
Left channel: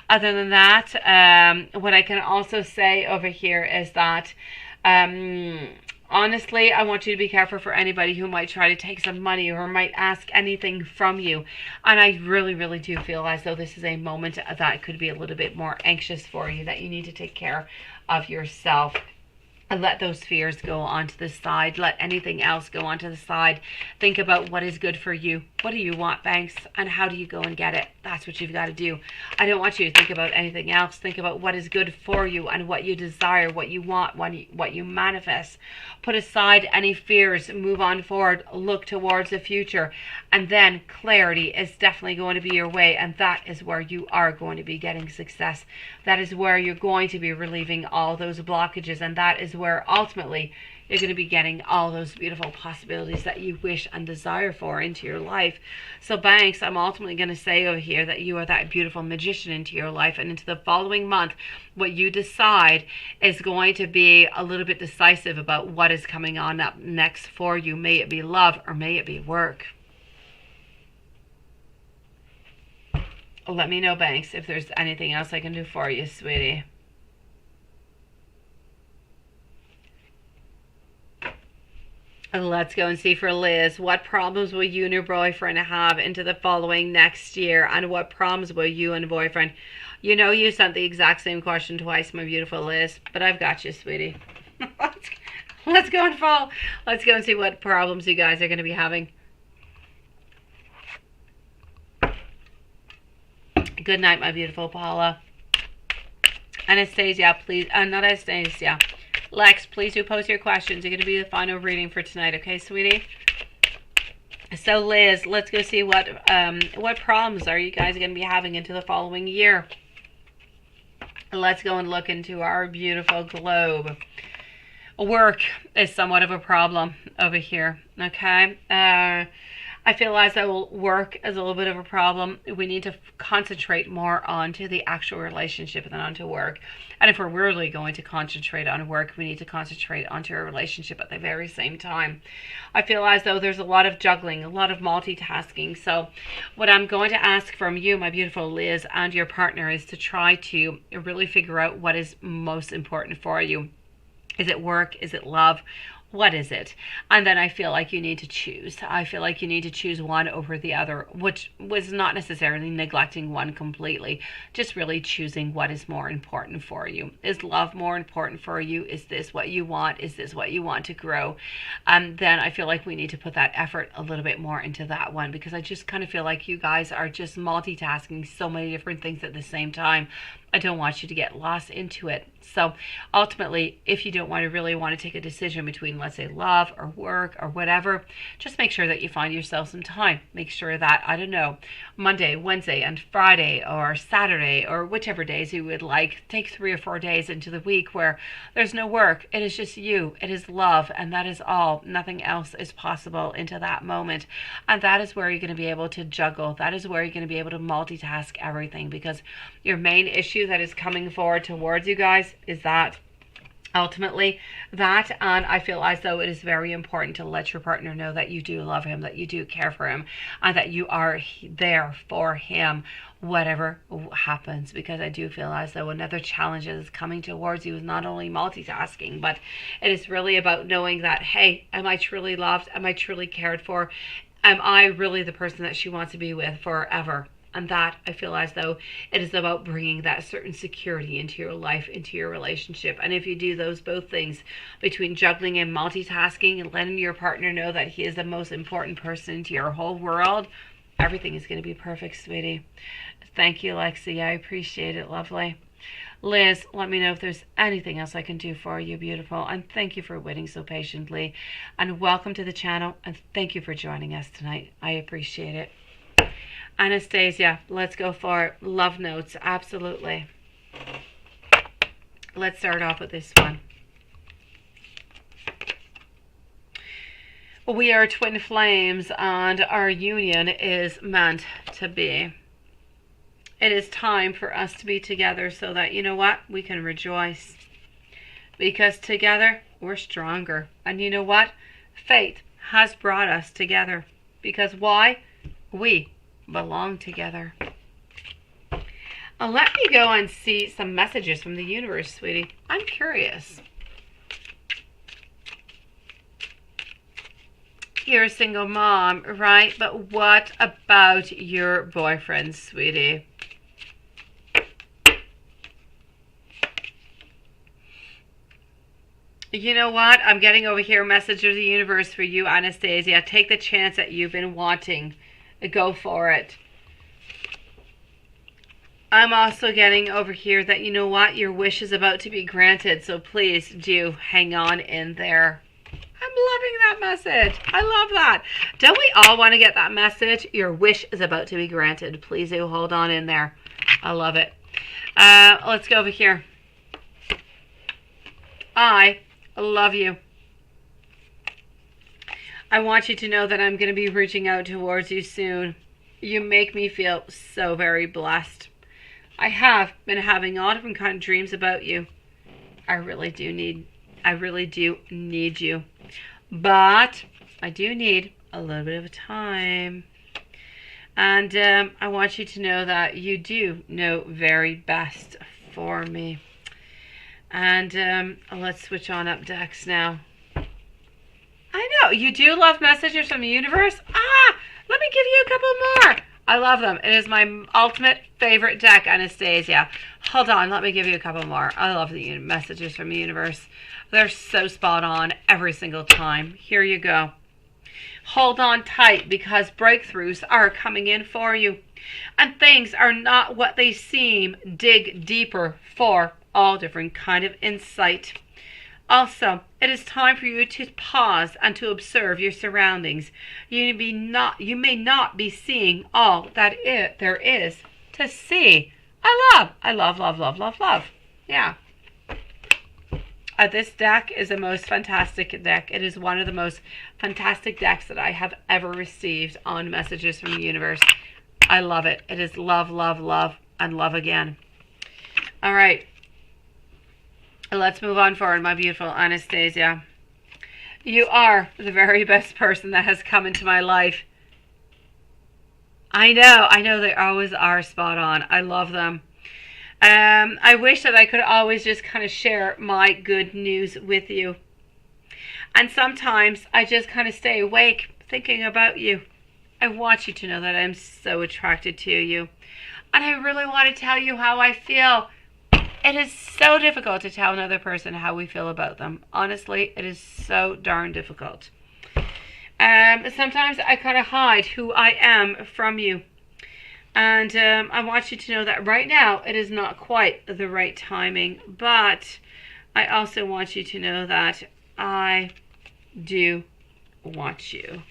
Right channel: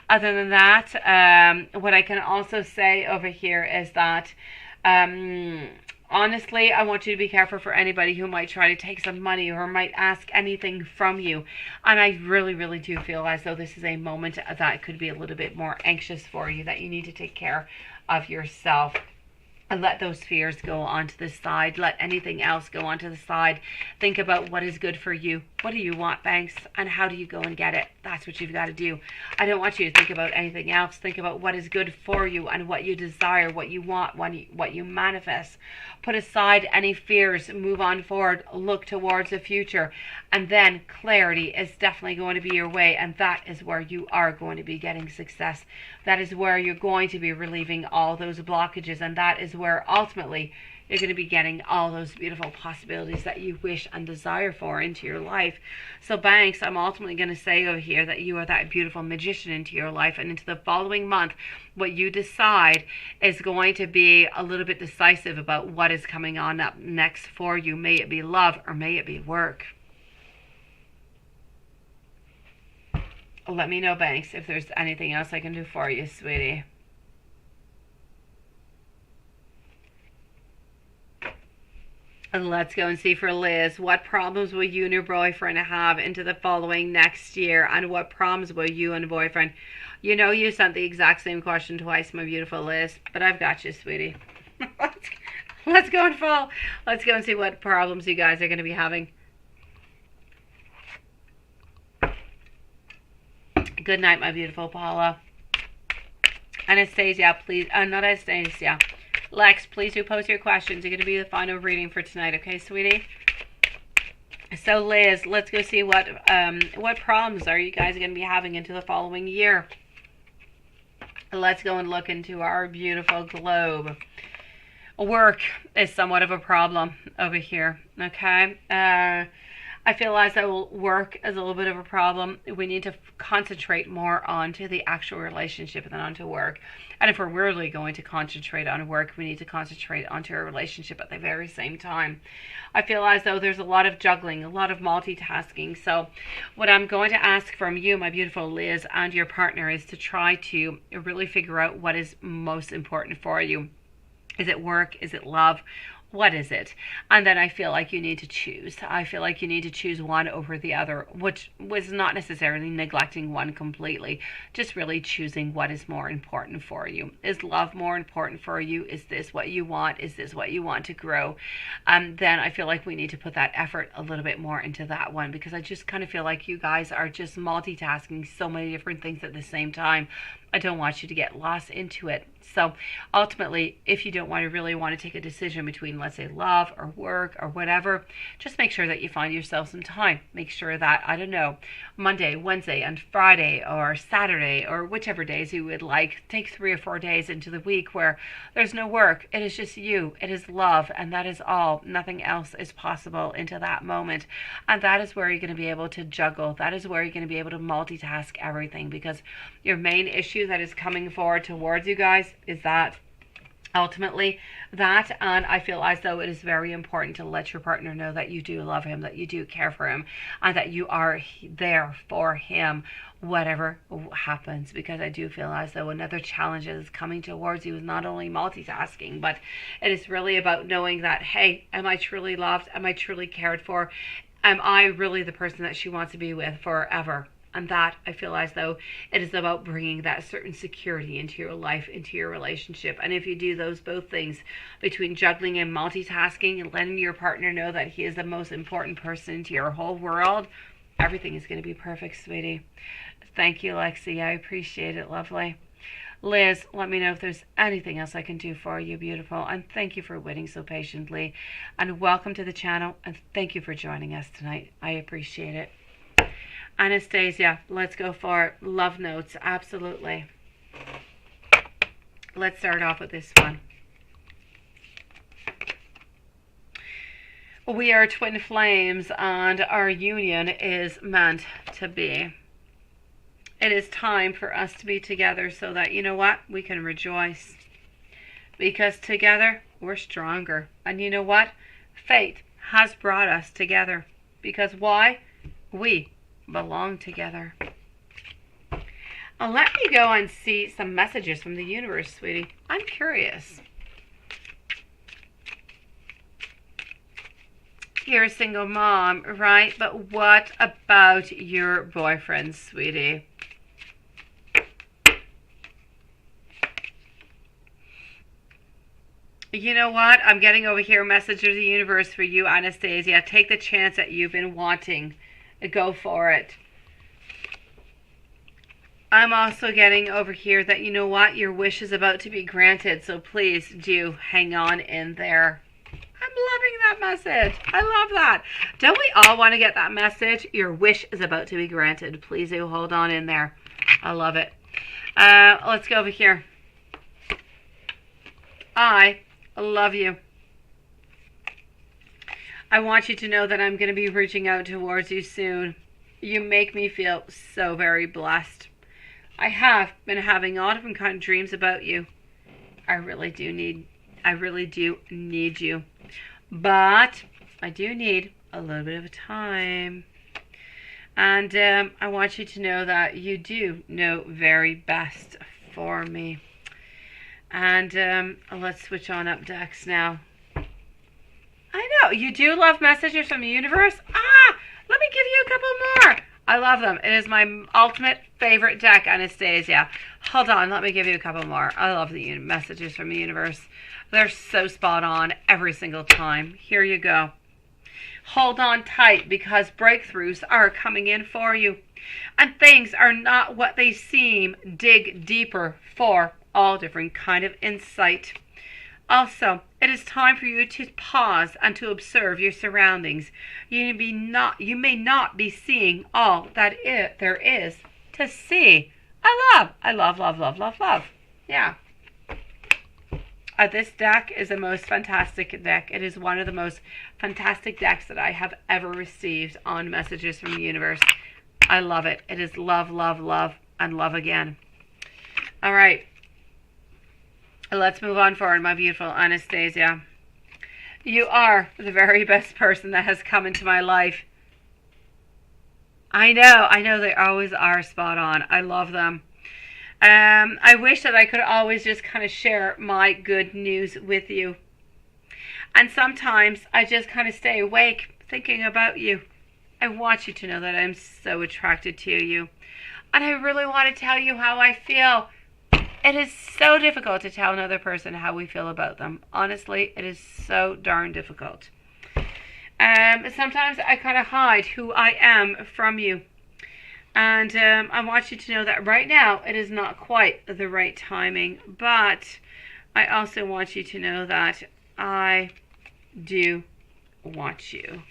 Other than that, what I can also say over here is that honestly, I want you to be careful for anybody who might try to take some money or might ask anything from you. And I really, really do feel as though this is a moment that could be a little bit more anxious for you, that you need to take care of yourself. And let those fears go onto the side. Let anything else go onto the side. Think about what is good for you. What do you want, Banks? And how do you go and get it? That's what you've got to do. I don't want you to think about anything else. Think about what is good for you and what you desire, what you want, what you manifest. Put aside any fears. Move on forward. Look towards the future. And then clarity is definitely going to be your way. And that is where you are going to be getting success. That is where you're going to be relieving all those blockages. And that is where ultimately you're going to be getting all those beautiful possibilities that you wish and desire for into your life. So Banks, I'm ultimately going to say over here that you are that beautiful magician into your life, and into the following month, what you decide is going to be a little bit decisive about what is coming on up next for you. May it be love or may it be work. Let me know, Banks, if there's anything else I can do for you, sweetie. And let's go and see for Liz. What problems will you and your boyfriend have into the following next year? And what problems will you and boyfriend... You know you sent the exact same question twice, my beautiful Liz. But I've got you, sweetie. Let's go and fall. Let's go and see what problems you guys are going to be having. Good night, my beautiful Paula. Anastasia, please. Not Anastasia. Lex, please do post your questions. You're going to be the final reading for tonight, okay, sweetie? So, Liz, let's go see what problems are you guys going to be having into the following year. Let's go and look into our beautiful globe. Work is somewhat of a problem over here, okay? I feel as though work is a little bit of a problem. We need to concentrate more onto the actual relationship than onto work. And if we're really going to concentrate on work, we need to concentrate onto a relationship at the very same time. I feel as though there's a lot of juggling, a lot of multitasking. So what I'm going to ask from you, my beautiful Liz, and your partner is to try to really figure out what is most important for you. Is it work? Is it love? What is it? And then I feel like you need to choose. I feel like you need to choose one over the other, which was not necessarily neglecting one completely, just really choosing what is more important for you. Is love more important for you? Is this what you want? Is this what you want to grow? And then I feel like we need to put that effort a little bit more into that one, because I just kind of feel like you guys are just multitasking so many different things at the same time. I don't want you to get lost into it. So ultimately, if you don't really want to take a decision between, let's say, love or work or whatever, just make sure that you find yourself some time. Make sure that, I don't know, Monday, Wednesday, and Friday or Saturday or whichever days you would like, take 3 or 4 days into the week where there's no work. It is just you. It is love. And that is all. Nothing else is possible into that moment. And that is where you're going to be able to juggle. That is where you're going to be able to multitask everything, because your main issue that is coming forward towards you guys is that ultimately that, and I feel as though it is very important to let your partner know that you do love him, that you do care for him, and that you are there for him whatever happens, because I do feel as though another challenge that is coming towards you is not only multitasking, but it is really about knowing that, hey, am I truly loved? Am I truly cared for? Am I really the person that she wants to be with forever? And that, I feel as though it is about bringing that certain security into your life, into your relationship. And if you do those both things, between juggling and multitasking and letting your partner know that he is the most important person into your whole world, everything is going to be perfect, sweetie. Thank you, Lexi. I appreciate it. Lovely. Liz, let me know if there's anything else I can do for you, beautiful. And thank you for waiting so patiently. And welcome to the channel. And thank you for joining us tonight. I appreciate it. Anastasia, let's go for it. Love notes, absolutely. Let's start off with this one. We are twin flames and our union is meant to be. It is time for us to be together so that, you know what, we can rejoice. Because together, we're stronger. And you know what? Fate has brought us together. Because why? We belong together. Let me go and see some messages from the universe, sweetie. I'm curious. You're a single mom, right? But what about your boyfriend, sweetie? You know what? I'm getting over here a message of the universe for you, Anastasia. Take the chance that you've been wanting. Go for it. I'm also getting over here that, you know what? Your wish is about to be granted. So please do hang on in there. I'm loving that message. I love that. Don't we all want to get that message? Your wish is about to be granted. Please do hold on in there. I love it. Let's go over here. I love you. I want you to know that I'm going to be reaching out towards you soon. You make me feel so very blessed. I have been having all different kind of dreams about you. I really do need you. But I do need a little bit of time. And I want you to know that you do know very best for me. And let's switch on up decks now. I know, you do love messages from the universe? Let me give you a couple more. I love them. It is my ultimate favorite deck, Anastasia. Hold on, let me give you a couple more. I love the messages from the universe. They're so spot on every single time. Here you go. Hold on tight because breakthroughs are coming in for you. And things are not what they seem. Dig deeper for all different kind of insight. Also, it is time for you to pause and to observe your surroundings. You may not be seeing all that there is to see. I love. Yeah. This deck is the most fantastic deck. It is one of the most fantastic decks that I have ever received on messages from the universe. I love it. It is love, and love again. All right. Let's move on forward, my beautiful Anastasia. You are the very best person that has come into my life. I know they always are spot on. I love them. I wish that I could always just kind of share my good news with you. And sometimes I just kind of stay awake thinking about you. I want you to know that I'm so attracted to you. And I really want to tell you how I feel. It is so difficult to tell another person how we feel about them. Honestly, it is so darn difficult. Sometimes I kind of hide who I am from you. And I want you to know that right now it is not quite the right timing. But I also want you to know that I do want you.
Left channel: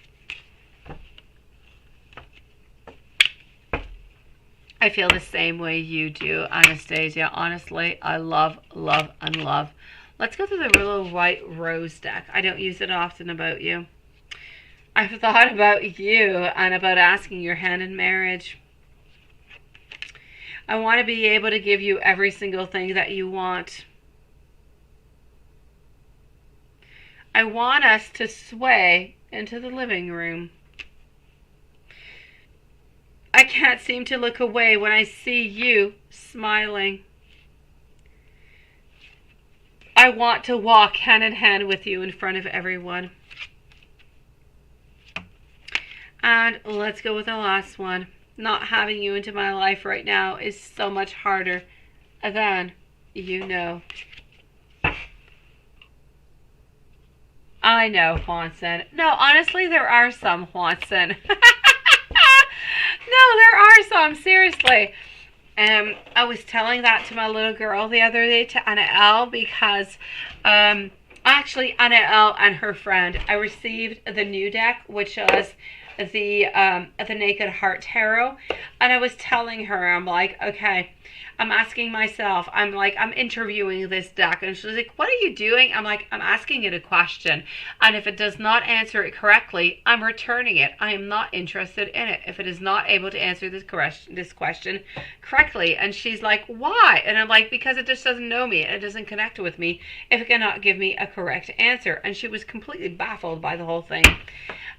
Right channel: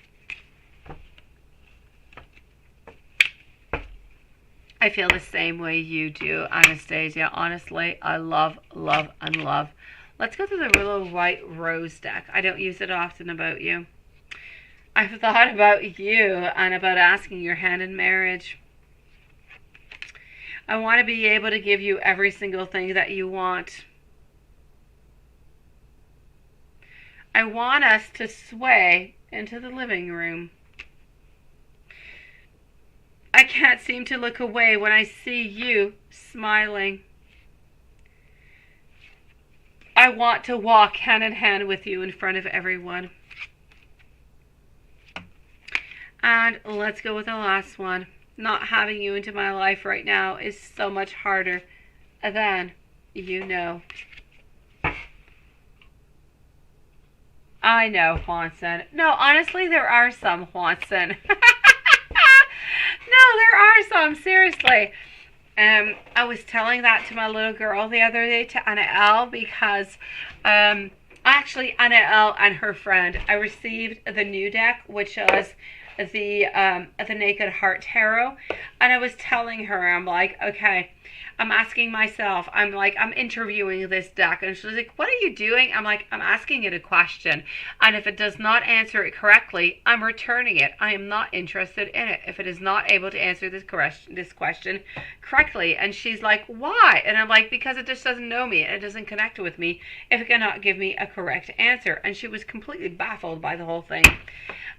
I feel the same way you do, Anastasia. Honestly, I love. Let's go to the little white rose deck. I don't use it often about you. I've thought about you and about asking your hand in marriage. I want to be able to give you every single thing that you want. I want us to sway into the living room. I can't seem to look away when I see you smiling. I want to walk hand in hand with you in front of everyone. And let's go with the last one. Not having you into my life right now is so much harder than you know. I know, Juanson. No, honestly, there are some, Juanson. No, there are some, seriously. I was telling that to my little girl the other day, to Anna L, because actually Anna L and her friend, I received the new deck, which was the Naked Heart Tarot, and I was telling her, I'm like, okay, I'm asking myself, I'm like, I'm interviewing this deck. And she's like, what are you doing? I'm like, I'm asking it a question. And if it does not answer it correctly, I'm returning it. I am not interested in it if it is not able to answer this question correctly. And she's like, why? And I'm like, because it just doesn't know me. It doesn't connect with me if it cannot give me a correct answer. And she was completely baffled by the whole thing.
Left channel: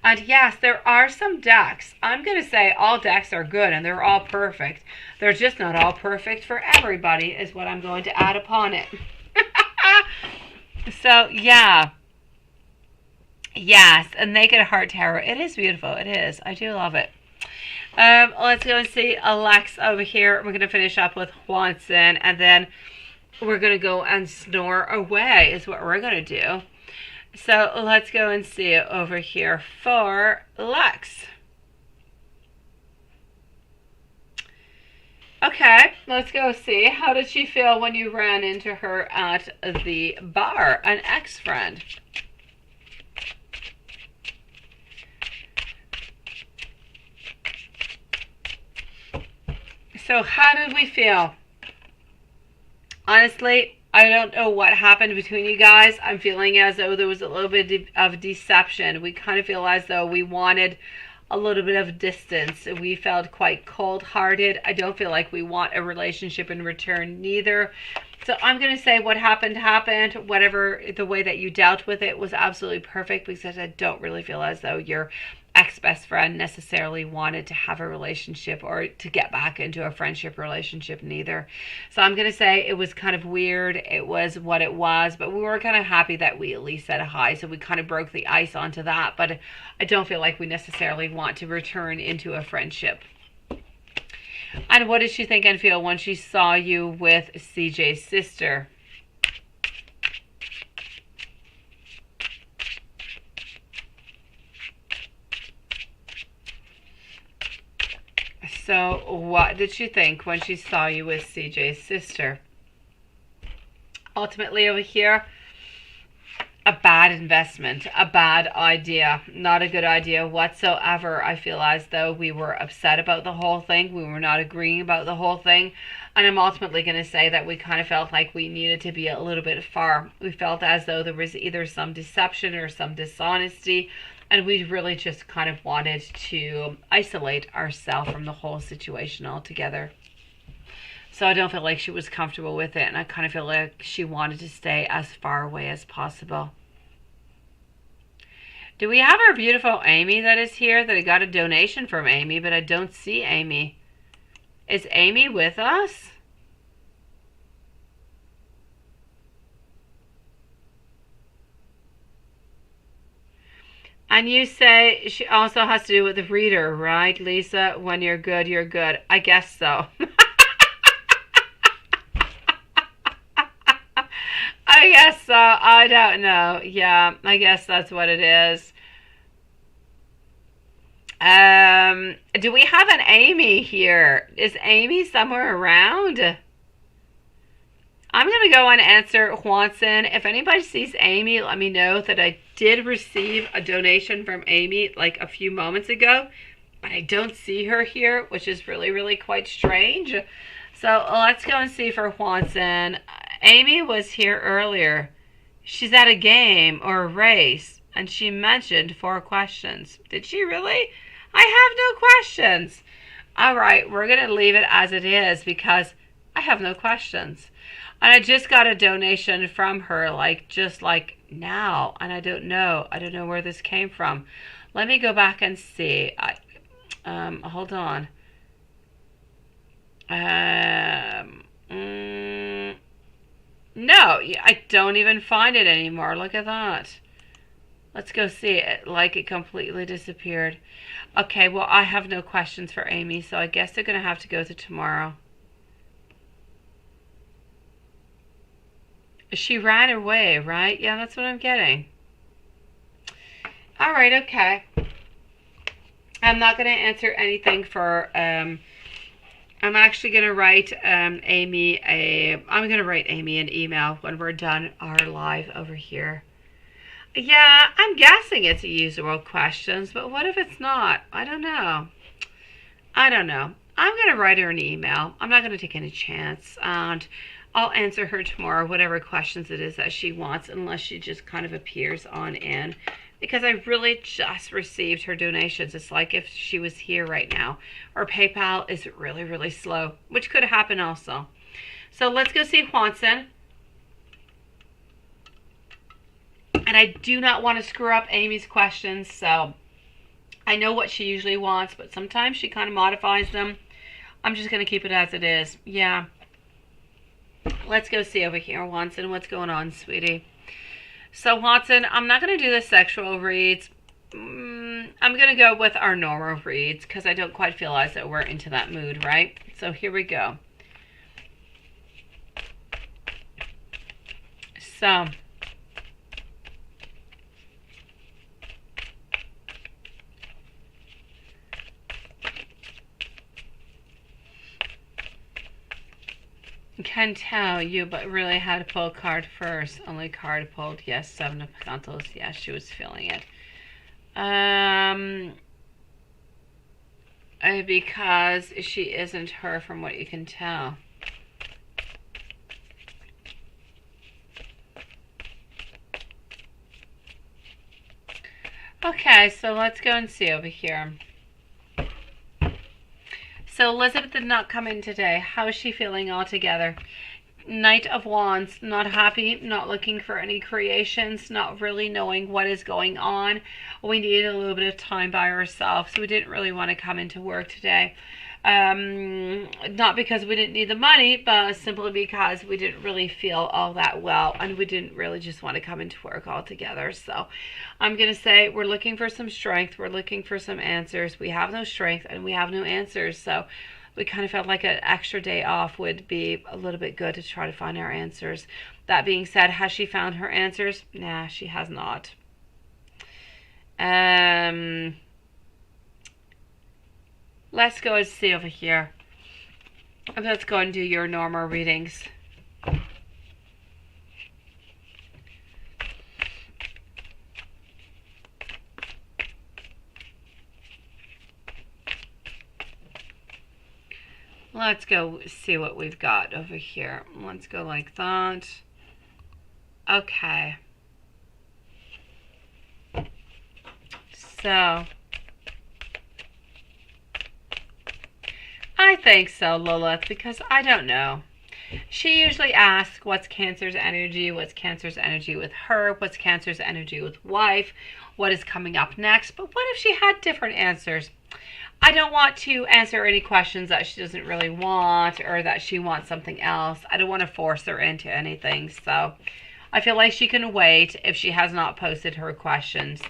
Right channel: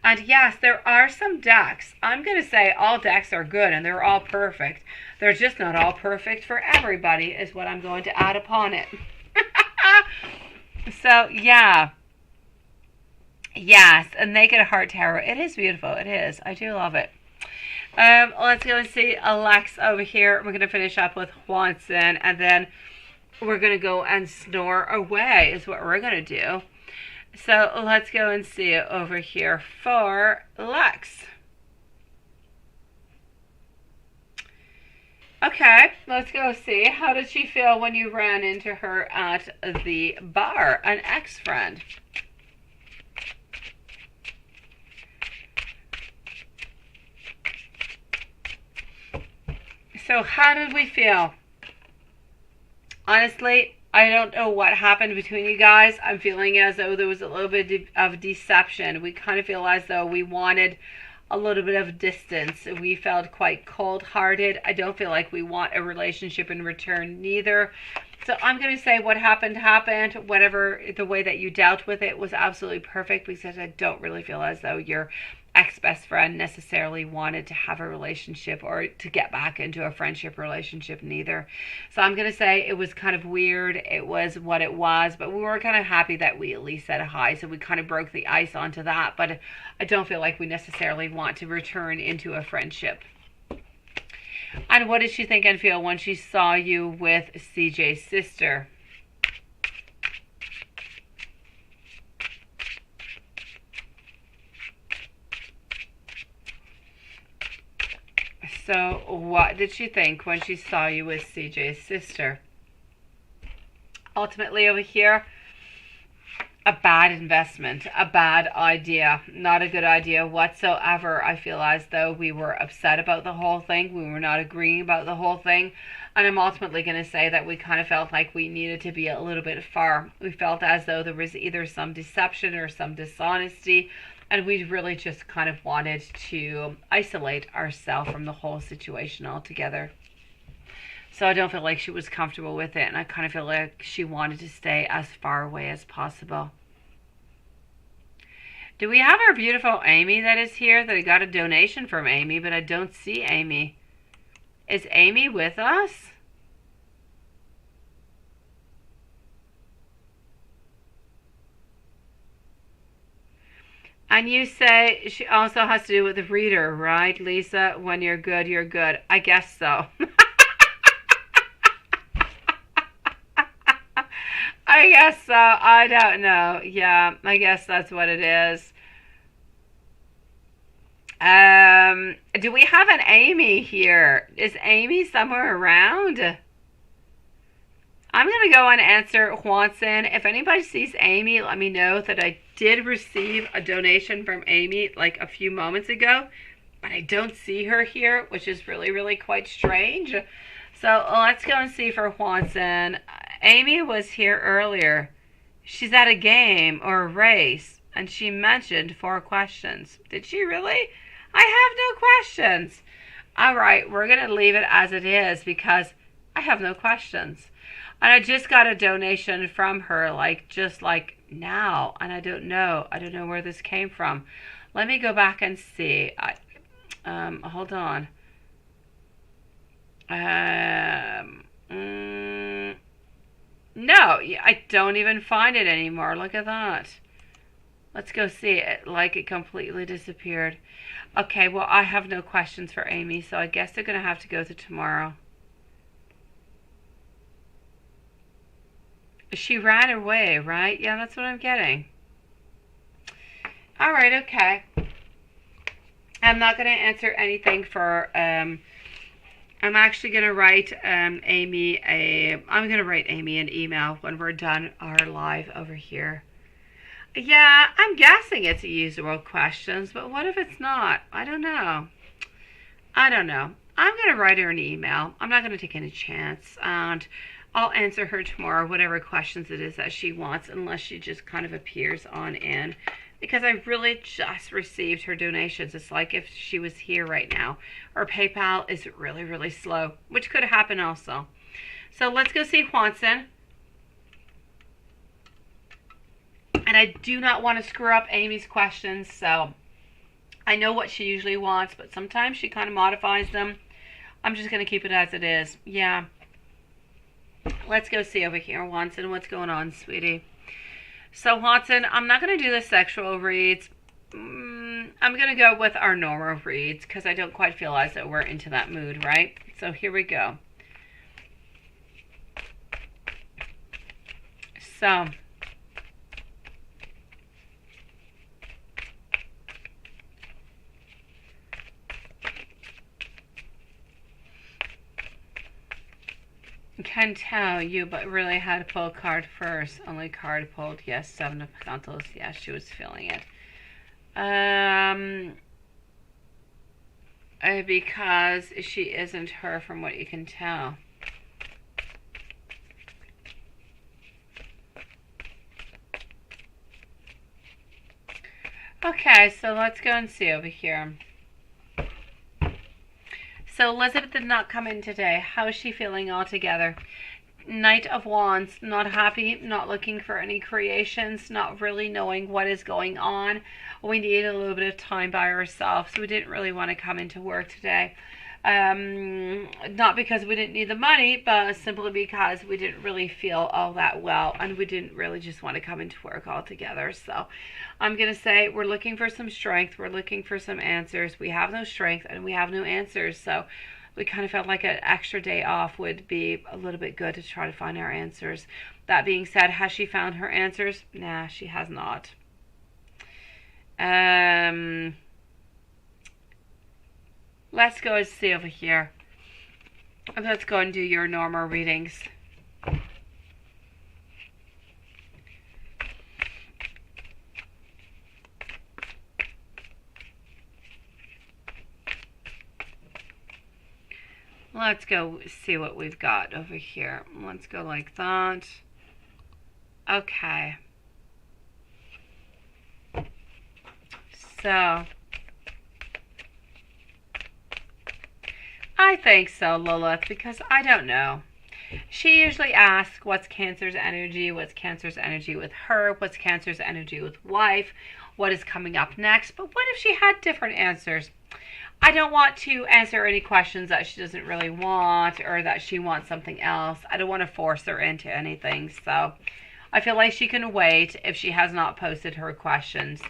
And yes, there are some decks. I'm going to say all decks are good and they're all perfect. They're just not all perfect for everybody, is what I'm going to add upon it. So, yeah. Yes, a Naked Heart Tarot. It is beautiful. It is. I do love it. Let's go and see Alex over here. We're going to finish up with Juanson, and then we're going to go and snore away is what we're going to do. So let's go and see it over here for Lex. Okay, let's go see. How did she feel when you ran into her at the bar? An ex-friend. So how did we feel? Honestly, I don't know what happened between you guys. I'm feeling as though there was a little bit of deception. We kind of feel as though we wanted a little bit of distance. We felt quite cold-hearted. I don't feel like we want a relationship in return neither. So I'm going to say what happened, happened. Whatever the way that you dealt with it was absolutely perfect, because I don't really feel as though your ex-best friend necessarily wanted to have a relationship or to get back into a friendship relationship neither. So I'm going to say it was kind of weird. It was what it was, but we were kind of happy that we at least said hi. So we kind of broke the ice onto that, but I don't feel like we necessarily want to return into a friendship. And what did she think and feel when she saw you with CJ's sister? So what did she think when she saw you with CJ's sister? Ultimately over here, a bad investment, a bad idea, not a good idea whatsoever. I feel as though we were upset about the whole thing. We were not agreeing about the whole thing. And I'm ultimately going to say that we kind of felt like we needed to be a little bit far. We felt as though there was either some deception or some dishonesty. And we really just kind of wanted to isolate ourselves from the whole situation altogether. So I don't feel like she was comfortable with it. And I kind of feel like she wanted to stay as far away as possible. Do we have our beautiful Amy that is here? That I got a donation from Amy, but I don't see Amy. Is Amy with us? And you say she also has to do with the reader, right, Lisa? When you're good, you're good. I guess so. I guess so. I don't know. Yeah, I guess that's what it is. Do we have an Amy here? Is Amy somewhere around? I'm going to go and answer Juanson. If anybody sees Amy, let me know that I did receive a donation from Amy like a few moments ago, but I don't see her here, which is really, really quite strange. So let's go and see for Juanson. Amy was here earlier. She's at a game or a race, and she mentioned 4 questions. Did she really? I have no questions. All right, we're going to leave it as it is because I have no questions. And I just got a donation from her, just now, and I don't know where this came from. Let me go back and see. Hold on. No, I don't even find it anymore. Look at that. Let's go see it. It completely disappeared. Okay, well, I have no questions for Amy, so I guess they're going to have to go to tomorrow. She ran away, right? Yeah, that's what I'm getting. All right, okay. I'm not going to answer anything for, I'm actually going to write Amy an email when we're done our live over here. Yeah, I'm guessing it's usual questions, but what if it's not? I don't know. I'm going to write her an email. I'm not going to take any chance. And I'll answer her tomorrow, whatever questions it is that she wants, unless she just kind of appears on in. Because I really just received her donations. It's like if she was here right now. Or PayPal is really, really slow, which could happen also. So let's go see Juanson. And I do not want to screw up Amy's questions, so I know what she usually wants, but sometimes she kind of modifies them. I'm just going to keep it as it is. Yeah. Let's go see over here, Juanson. What's going on, sweetie? So, Juanson, I'm not going to do the sexual reads. I'm going to go with our normal reads because I don't quite feel as though we're into that mood, right? So, here we go. So, can tell you, but really had to pull a card first. Only card pulled. Yes, Seven of Pentacles. Yes, she was feeling it. Because she isn't her from what you can tell. Okay, so let's go and see over here. So Elizabeth did not come in today. How is she feeling altogether? Knight of Wands, not happy, not looking for any creations, not really knowing what is going on. We needed a little bit of time by ourselves, so we didn't really want to come into work today. Not because we didn't need the money, but simply because we didn't really feel all that well, and we didn't really just want to come into work altogether. So I'm going to say we're looking for some strength. We're looking for some answers. We have no strength and we have no answers. So we kind of felt like an extra day off would be a little bit good to try to find our answers. That being said, has she found her answers? Nah, she has not. Let's go and see over here. Let's go and do your normal readings. Let's go see what we've got over here. Let's go like that. Okay. So I think so, Lilith, because I don't know. She usually asks what's Cancer's energy, what's Cancer's energy with her, what's Cancer's energy with wife, what is coming up next. But what if she had different answers? I don't want to answer any questions that she doesn't really want or that she wants something else. I don't want to force her into anything. So I feel like she can wait if she has not posted her questions.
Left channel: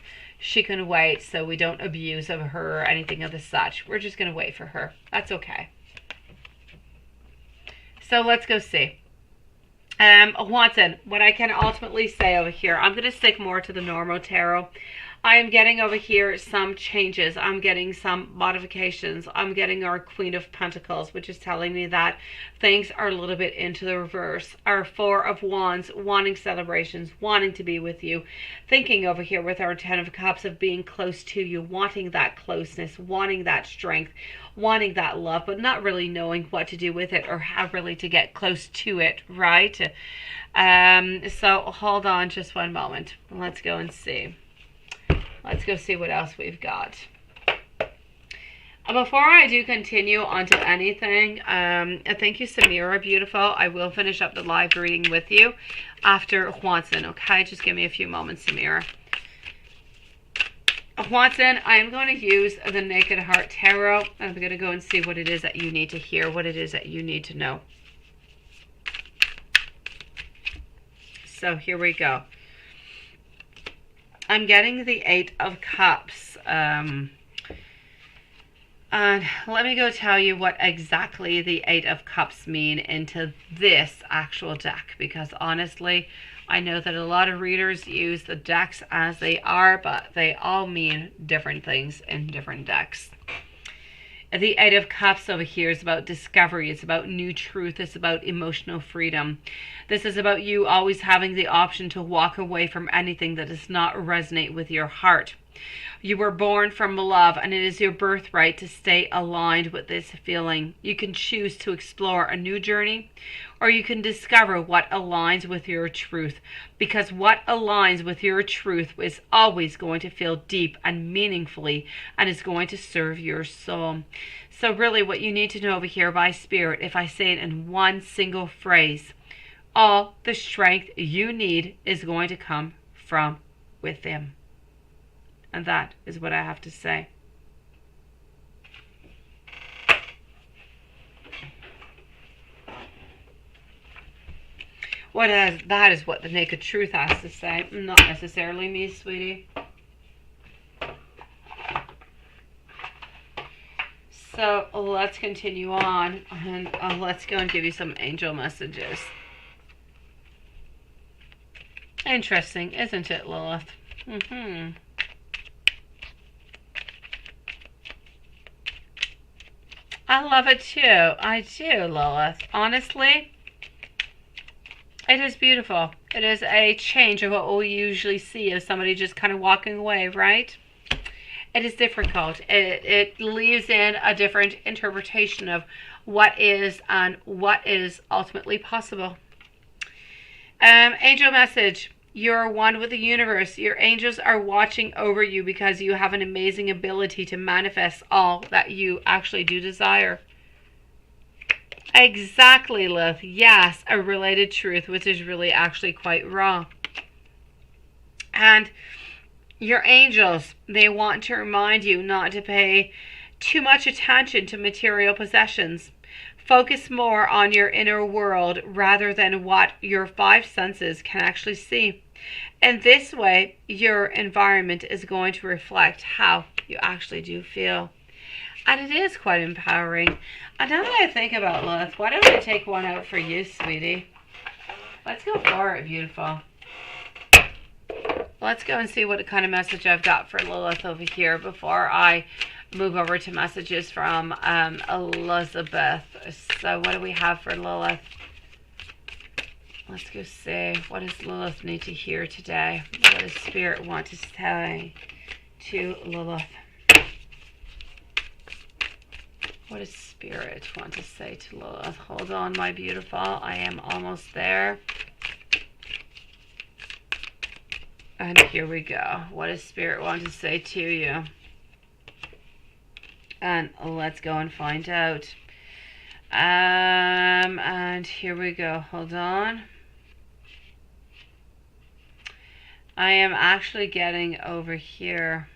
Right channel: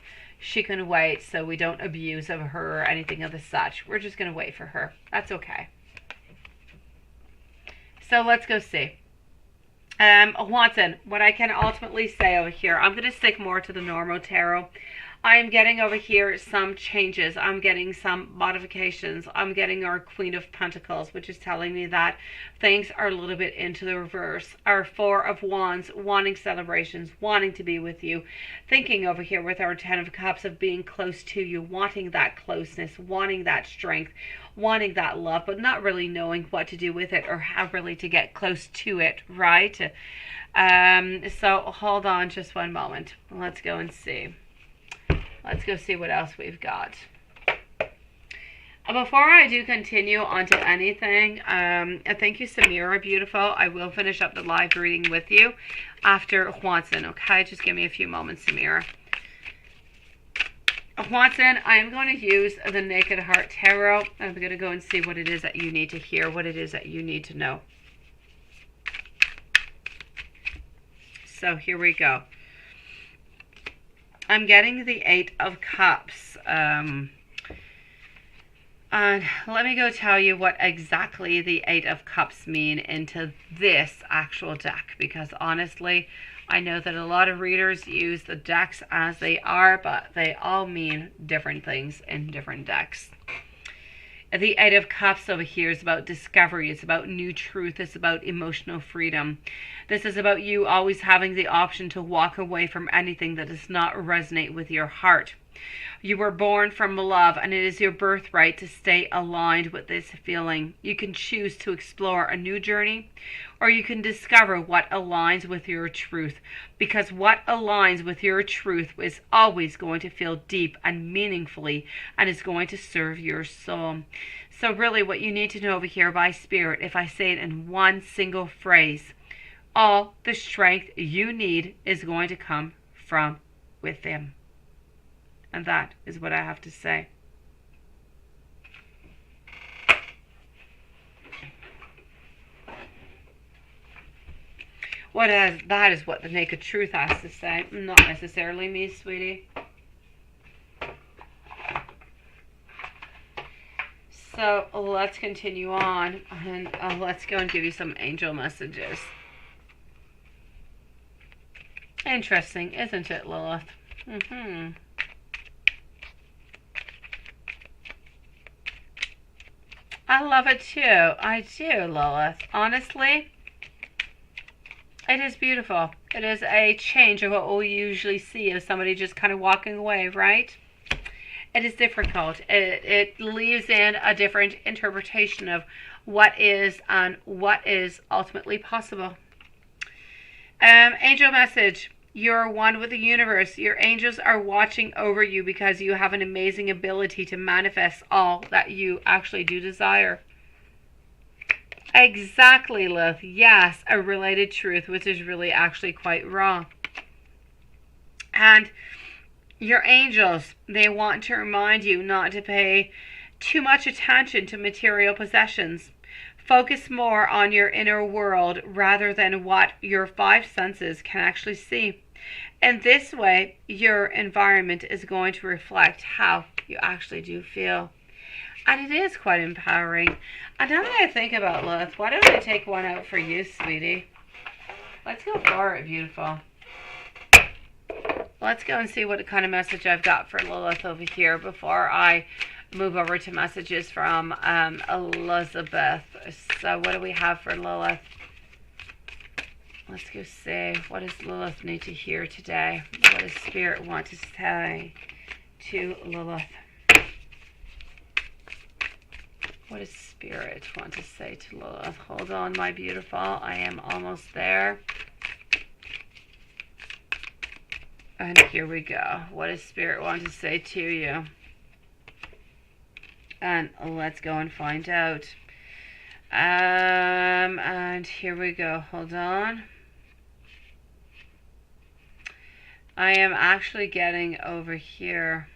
She can wait so we don't abuse of her or anything of the such. We're just going to wait for her. That's okay. So let's go see. Juanson, what I can ultimately say over here, I'm going to stick more to the normal tarot. I am getting over here some changes. I'm getting some modifications. I'm getting our Queen of Pentacles, which is telling me that things are a little bit into the reverse. Our Four of Wands, wanting celebrations, wanting to be with you. Thinking over here with our Ten of Cups of being close to you, wanting that closeness, wanting that strength, wanting that love, but not really knowing what to do with it or how really to get close to it, right? So hold on just one moment. Let's go and see. Let's go see what else we've got. Before I do continue onto anything, thank you, Samira, beautiful. I will finish up the live reading with you after Juanson, okay? Just give me a few moments, Samira. Juanson, I am going to use the Naked Heart Tarot. I'm going to go and see what it is that you need to hear, what it is that you need to know. So here we go. I'm getting the Eight of Cups. And let me go tell you what exactly the Eight of Cups mean into this actual deck. Because honestly, I know that a lot of readers use the decks as they are, but they all mean different things in different decks. The Eight of Cups over here is about discovery. It's about new truth. It's about emotional freedom. This is about you always having the option to walk away from anything that does not resonate with your heart. You were born from love, and it is your birthright to stay aligned with this feeling. You can choose to explore a new journey, or you can discover what aligns with your truth, because what aligns with your truth is always going to feel deep and meaningfully and is going to serve your soul. So really what you need to know over here by Spirit, if I say it in one single phrase, all the strength you need is going to come from within. And that is what I have to say. That is what the naked truth has to say, not necessarily me, sweetie. So let's continue on, and let's go and give you some angel messages. Interesting, isn't it, Lilith? I love it too. I do, Lilith. Honestly, it is beautiful. It is a change of what we usually see of somebody just kind of walking away, right? It is difficult. It leaves in a different interpretation of what is and what is ultimately possible. Angel message. You're one with the universe. Your angels are watching over you because you have an amazing ability to manifest all that you actually do desire. Exactly, Lilith. Yes, a related truth, which is really actually quite wrong. And your angels, they want to remind you not to pay too much attention to material possessions. Focus more on your inner world rather than what your five senses can actually see. In this way, your environment is going to reflect how you actually do feel. And it is quite empowering. And now that I think about Lilith, why don't I take one out for you, sweetie? Let's go for it, beautiful. Let's go and see what kind of message I've got for Lilith over here before I move over to messages from Elizabeth. So what do we have for Lilith? Let's go see. What does Lilith need to hear today? What does Spirit want to say to Lilith? What does Spirit want to say to Lilith? Hold on, my beautiful. I am almost there. And here we go. What does Spirit want to say to you? And let's go and find out. And here we go. Hold on. I am actually getting over here.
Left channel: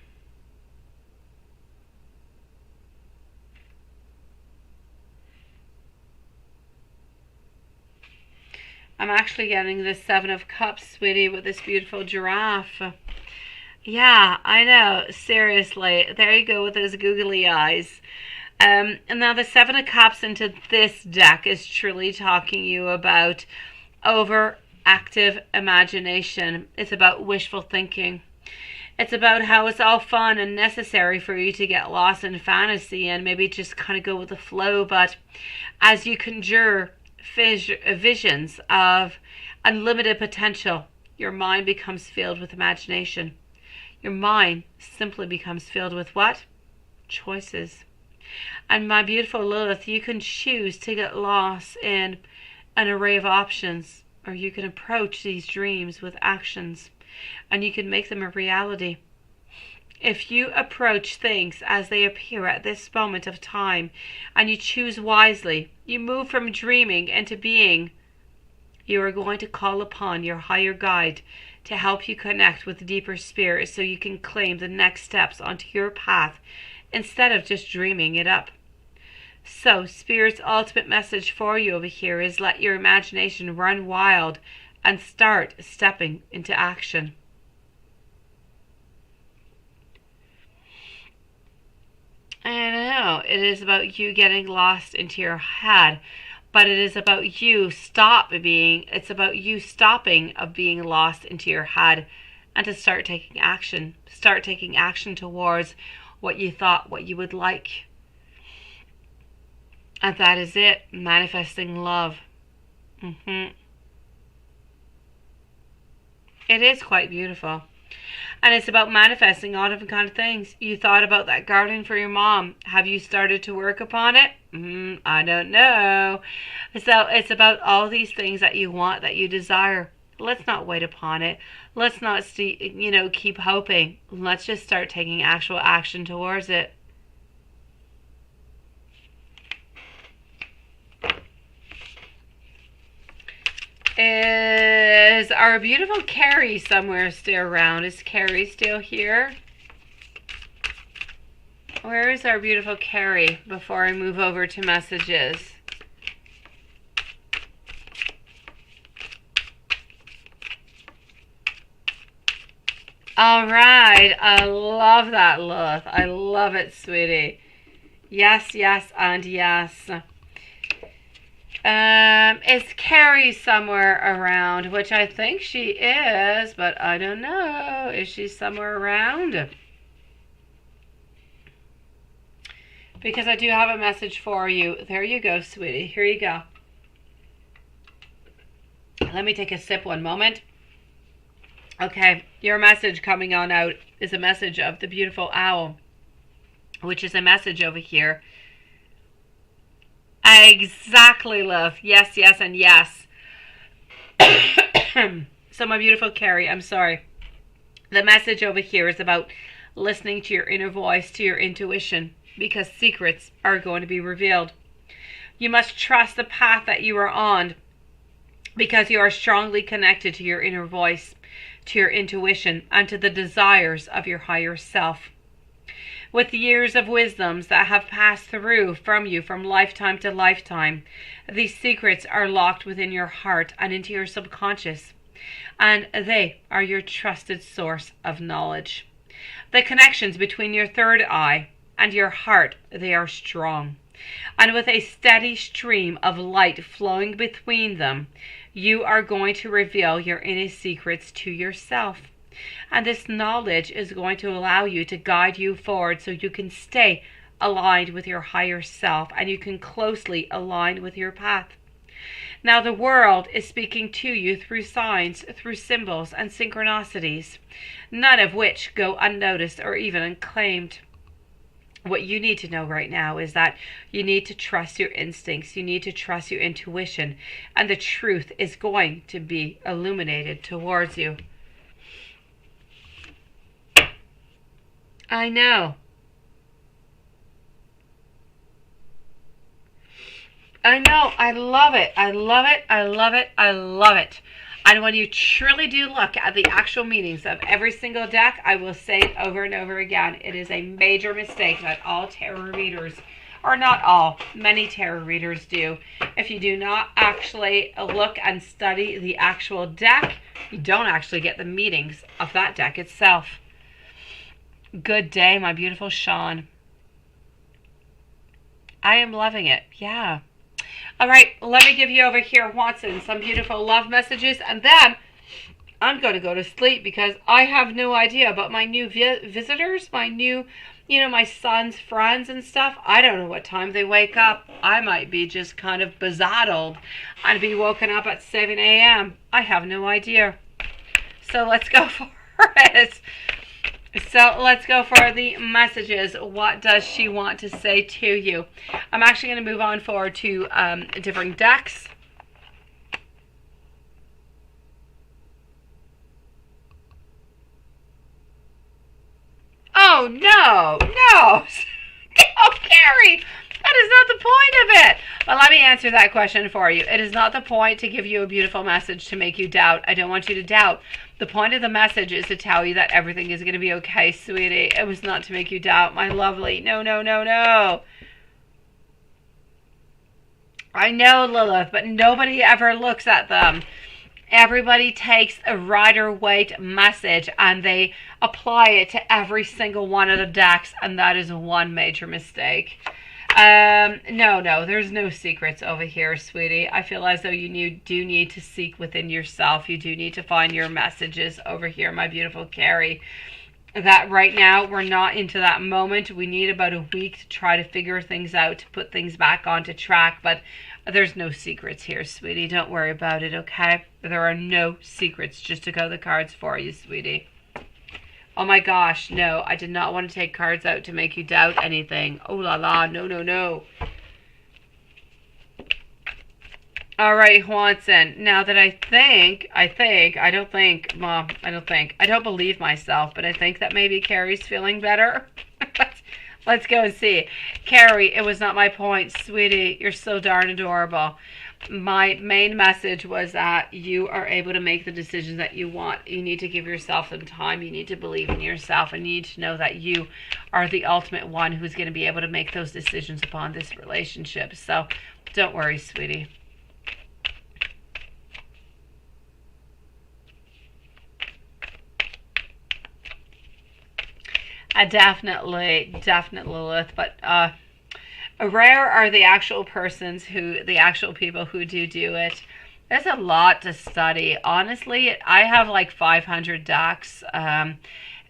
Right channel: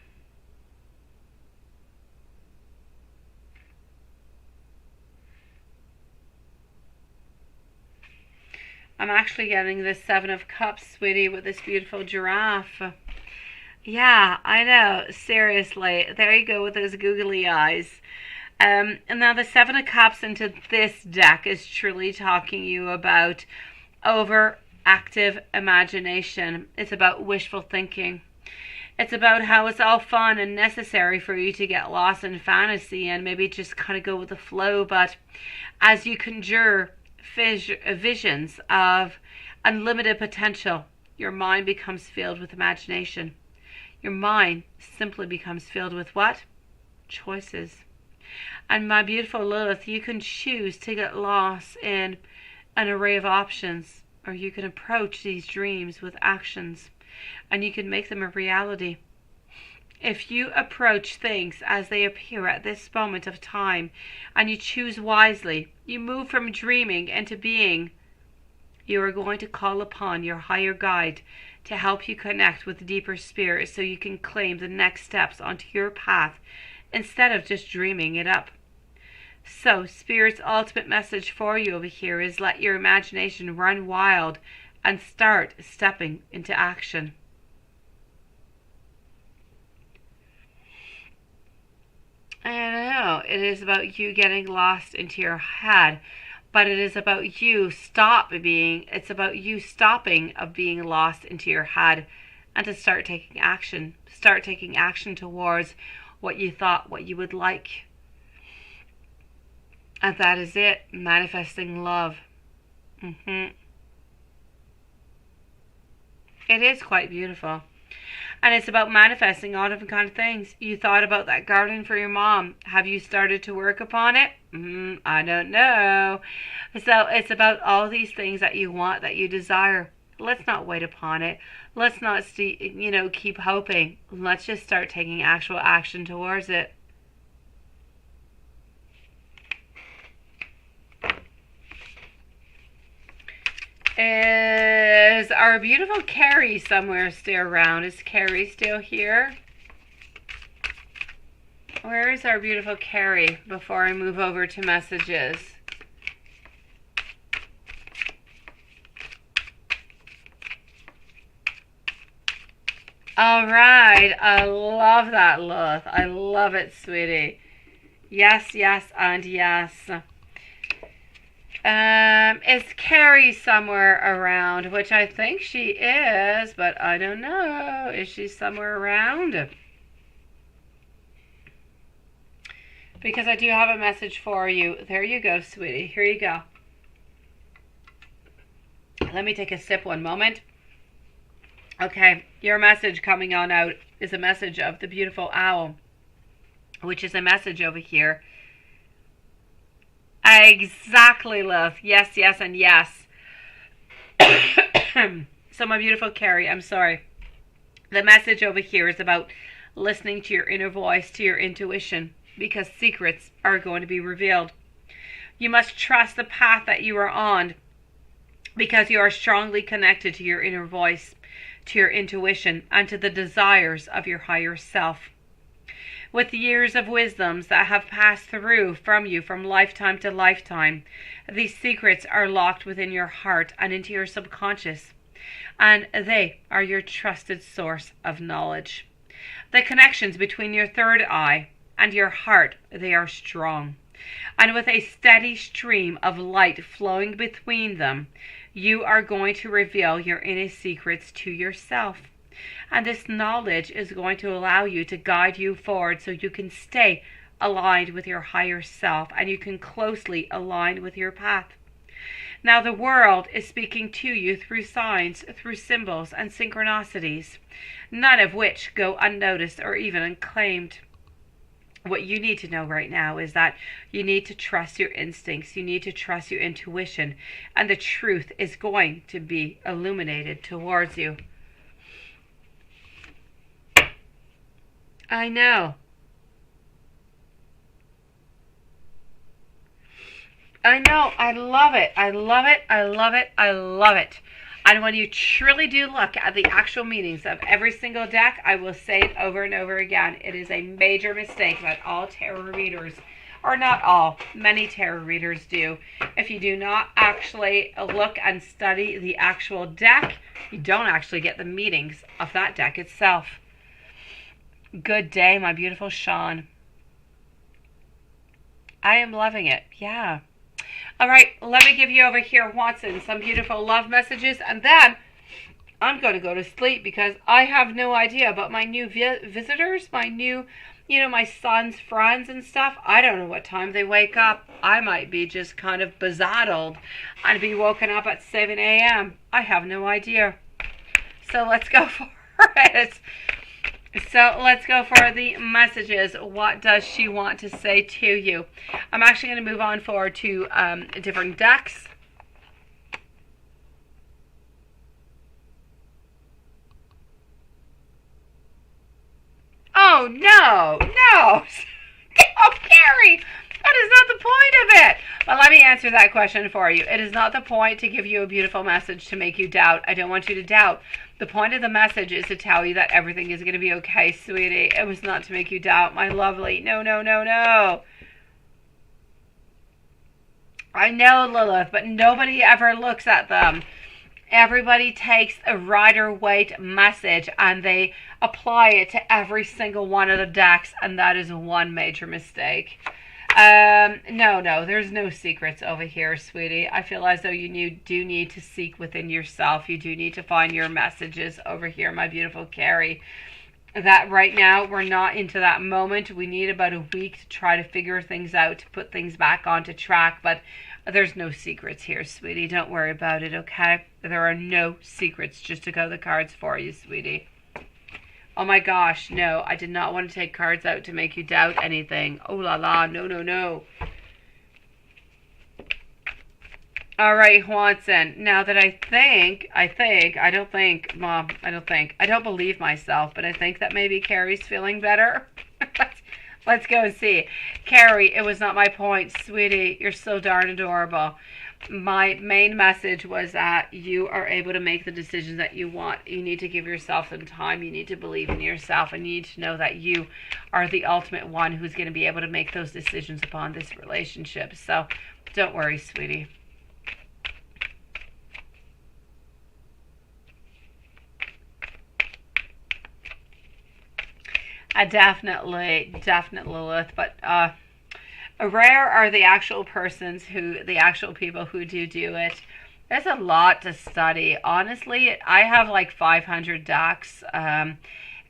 I'm actually getting the Seven of Cups, sweetie, with this beautiful giraffe. Yeah, I know. Seriously. There you go with those googly eyes. And now the Seven of Cups into this deck is truly talking you about overactive imagination. It's about wishful thinking. It's about how it's all fun and necessary for you to get lost in fantasy and maybe just kind of go with the flow. But as you conjure visions of unlimited potential, your mind becomes filled with imagination. Your mind simply becomes filled with what? Choices. And my beautiful Lilith, you can choose to get lost in an array of options, or you can approach these dreams with actions, and you can make them a reality. If you approach things as they appear at this moment of time, and you choose wisely, you move from dreaming into being. You are going to call upon your higher guide to help you connect with deeper spirit so you can claim the next steps onto your path instead of just dreaming it up. So, Spirit's ultimate message for you over here is let your imagination run wild and start stepping into action. And I know it is about you getting lost into your head, but it is about you it's about you stopping of being lost into your head and to start taking action. Start taking action towards what you thought, what you would like. And that is it, manifesting love. It is quite beautiful. And it's about manifesting all different kind of things. You thought about that garden for your mom. Have you started to work upon it? I don't know. So it's about all these things that you want, that you desire. Let's not wait upon it. Let's not keep hoping. Let's just start taking actual action towards it. Is our beautiful Carrie somewhere still around? Is Carrie still here? Where is our beautiful Carrie before I move over to messages? All right. I love that, Lilith. I love it, sweetie. Yes, yes, and yes. Is Carrie somewhere around? Which I think she is, but I don't know. Is she somewhere around? Because I do have a message for you. There you go, sweetie. Here you go. Let me take a sip one moment. Okay, your message coming on out is a message of the beautiful owl, which is a message over here. Exactly, love. Yes, yes, and yes. So my beautiful Carrie, I'm sorry. The message over here is about listening to your inner voice, to your intuition, because secrets are going to be revealed. You must trust the path that you are on, because you are strongly connected to your inner voice, to your intuition, and to the desires of your higher self. With the years of wisdoms that have passed through from you from lifetime to lifetime, these secrets are locked within your heart and into your subconscious, and they are your trusted source of knowledge. The connections between your third eye and your heart, they are strong, and with a steady stream of light flowing between them, you are going to reveal your inner secrets to yourself. And this knowledge is going to allow you to guide you forward so you can stay aligned with your higher self and you can closely align with your path. Now the world is speaking to you through signs, through symbols and synchronicities, none of which go unnoticed or even unclaimed. What you need to know right now is that you need to trust your instincts, you need to trust your intuition, and the truth is going to be illuminated towards you. I know. I know. I love it. I love it. I love it. I love it. And when you truly do look at the actual meanings of every single deck, I will say it over and over again. It is a major mistake that all tarot readers, or not all, many tarot readers do. If you do not actually look and study the actual deck, you don't actually get the meanings of that deck itself. Good day, my beautiful Sean. I am loving it. Yeah. All right, let me give you over here, Watson, some beautiful love messages, and then I'm going to go to sleep because I have no idea about my new visitors, my new, my son's friends and stuff. I don't know what time they wake up. I might be just kind of bezaddled and be woken up at 7 a.m. I have no idea. So let's go for it. So let's go for the messages. What does she want to say to you? I'm actually going to move on forward to different decks. Oh, no. No. Oh, Carrie. That is not the point of it. But let me answer that question for you. It is not the point to give you a beautiful message to make you doubt. I don't want you to doubt. The point of the message is to tell you that everything is going to be okay, sweetie. It was not to make you doubt, my lovely. No, no, no, no. I know, Lilith, but nobody ever looks at them. Everybody takes a Rider-Waite message and they apply it to every single one of the decks, and that is one major mistake. No, there's no secrets over here, sweetie. I feel as though you do need to seek within yourself. You do need to find your messages over here, my beautiful Carrie. That right now, we're not into that moment. We need about a week to try to figure things out, to put things back onto track, but there's no secrets here, sweetie. Don't worry about it, okay? There are no secrets, just to go the cards for you, sweetie. Oh my gosh, no, I did not want to take cards out to make you doubt anything. Oh la la, no, no, no. All right, Juanson. Now that I don't believe myself, but I think that maybe Carrie's feeling better. Let's go and see. Carrie, it was not my point, sweetie. You're so darn adorable. My main message was that you are able to make the decisions that you want. You need to give yourself some time. You need to believe in yourself, and you need to know that you are the ultimate one who's going to be able to make those decisions upon this relationship. So don't worry, sweetie. Definitely, Lilith, but rare are the actual people who do it. There's a lot to study. Honestly, I have like 500 decks.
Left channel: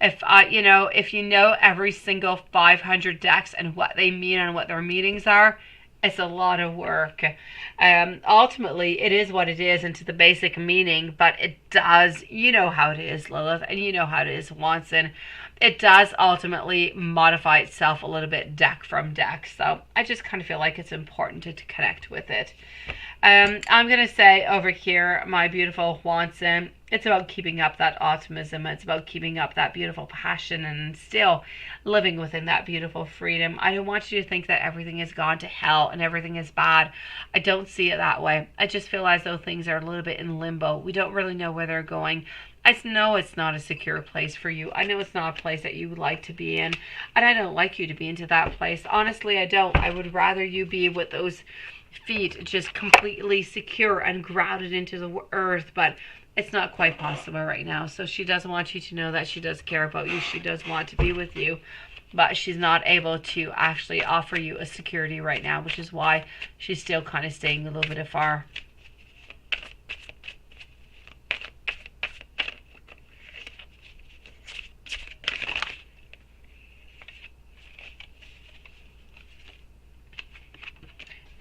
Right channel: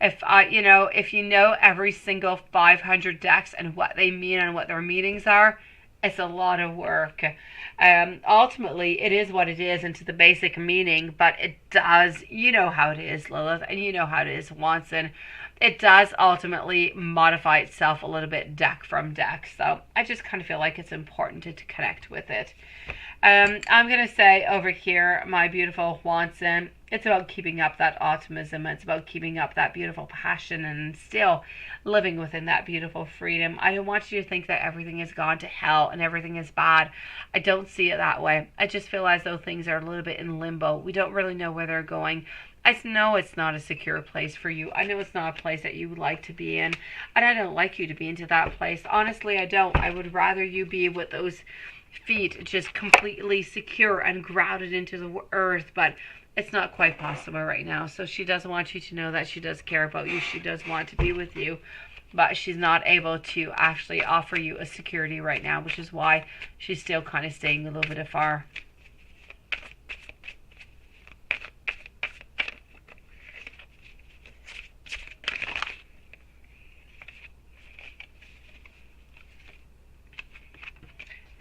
If you know every single 500 decks and what they mean and what their meanings are, it's a lot of work. Ultimately, it is what it is into the basic meaning, but it does, you know how it is, Lilith, and you know how it is, Watson. It does ultimately modify itself a little bit deck from deck. So I just kind of feel like it's important to connect with it. I'm going to say over here, my beautiful Watson, it's about keeping up that optimism. It's about keeping up that beautiful passion and still living within that beautiful freedom. I don't want you to think that everything has gone to hell and everything is bad. I don't see it that way. I just feel as though things are a little bit in limbo. We don't really know where they're going. I know it's not a secure place for you. I know it's not a place that you would like to be in. And I don't like you to be into that place. Honestly, I don't. I would rather you be with those feet just completely secure and grounded into the earth. But it's not quite possible right now. So she does want you to know that she does care about you. She does want to be with you. But she's not able to actually offer you a security right now, which is why she's still kind of staying a little bit afar.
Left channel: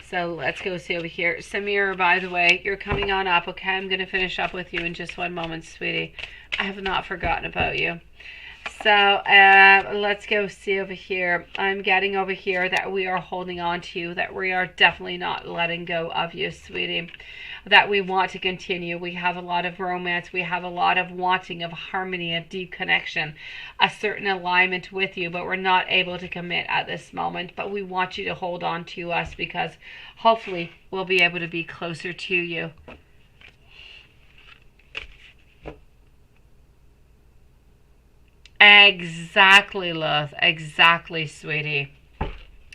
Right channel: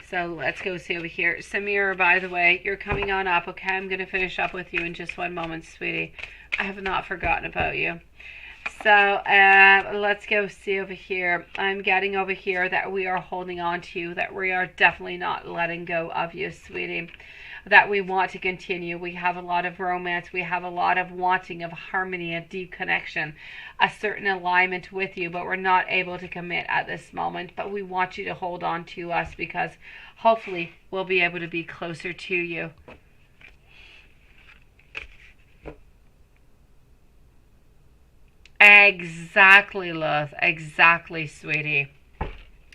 So let's go see over here. Samira, by the way, you're coming on up, okay? I'm going to finish up with you in just one moment, sweetie. I have not forgotten about you. So let's go see over here. I'm getting over here that we are holding on to you, that we are definitely not letting go of you, sweetie. That we want to continue. We have a lot of romance. We have a lot of wanting of harmony, a deep connection, a certain alignment with you, but we're not able to commit at this moment. But we want you to hold on to us because hopefully we'll be able to be closer to you. Exactly, love. Exactly, sweetie.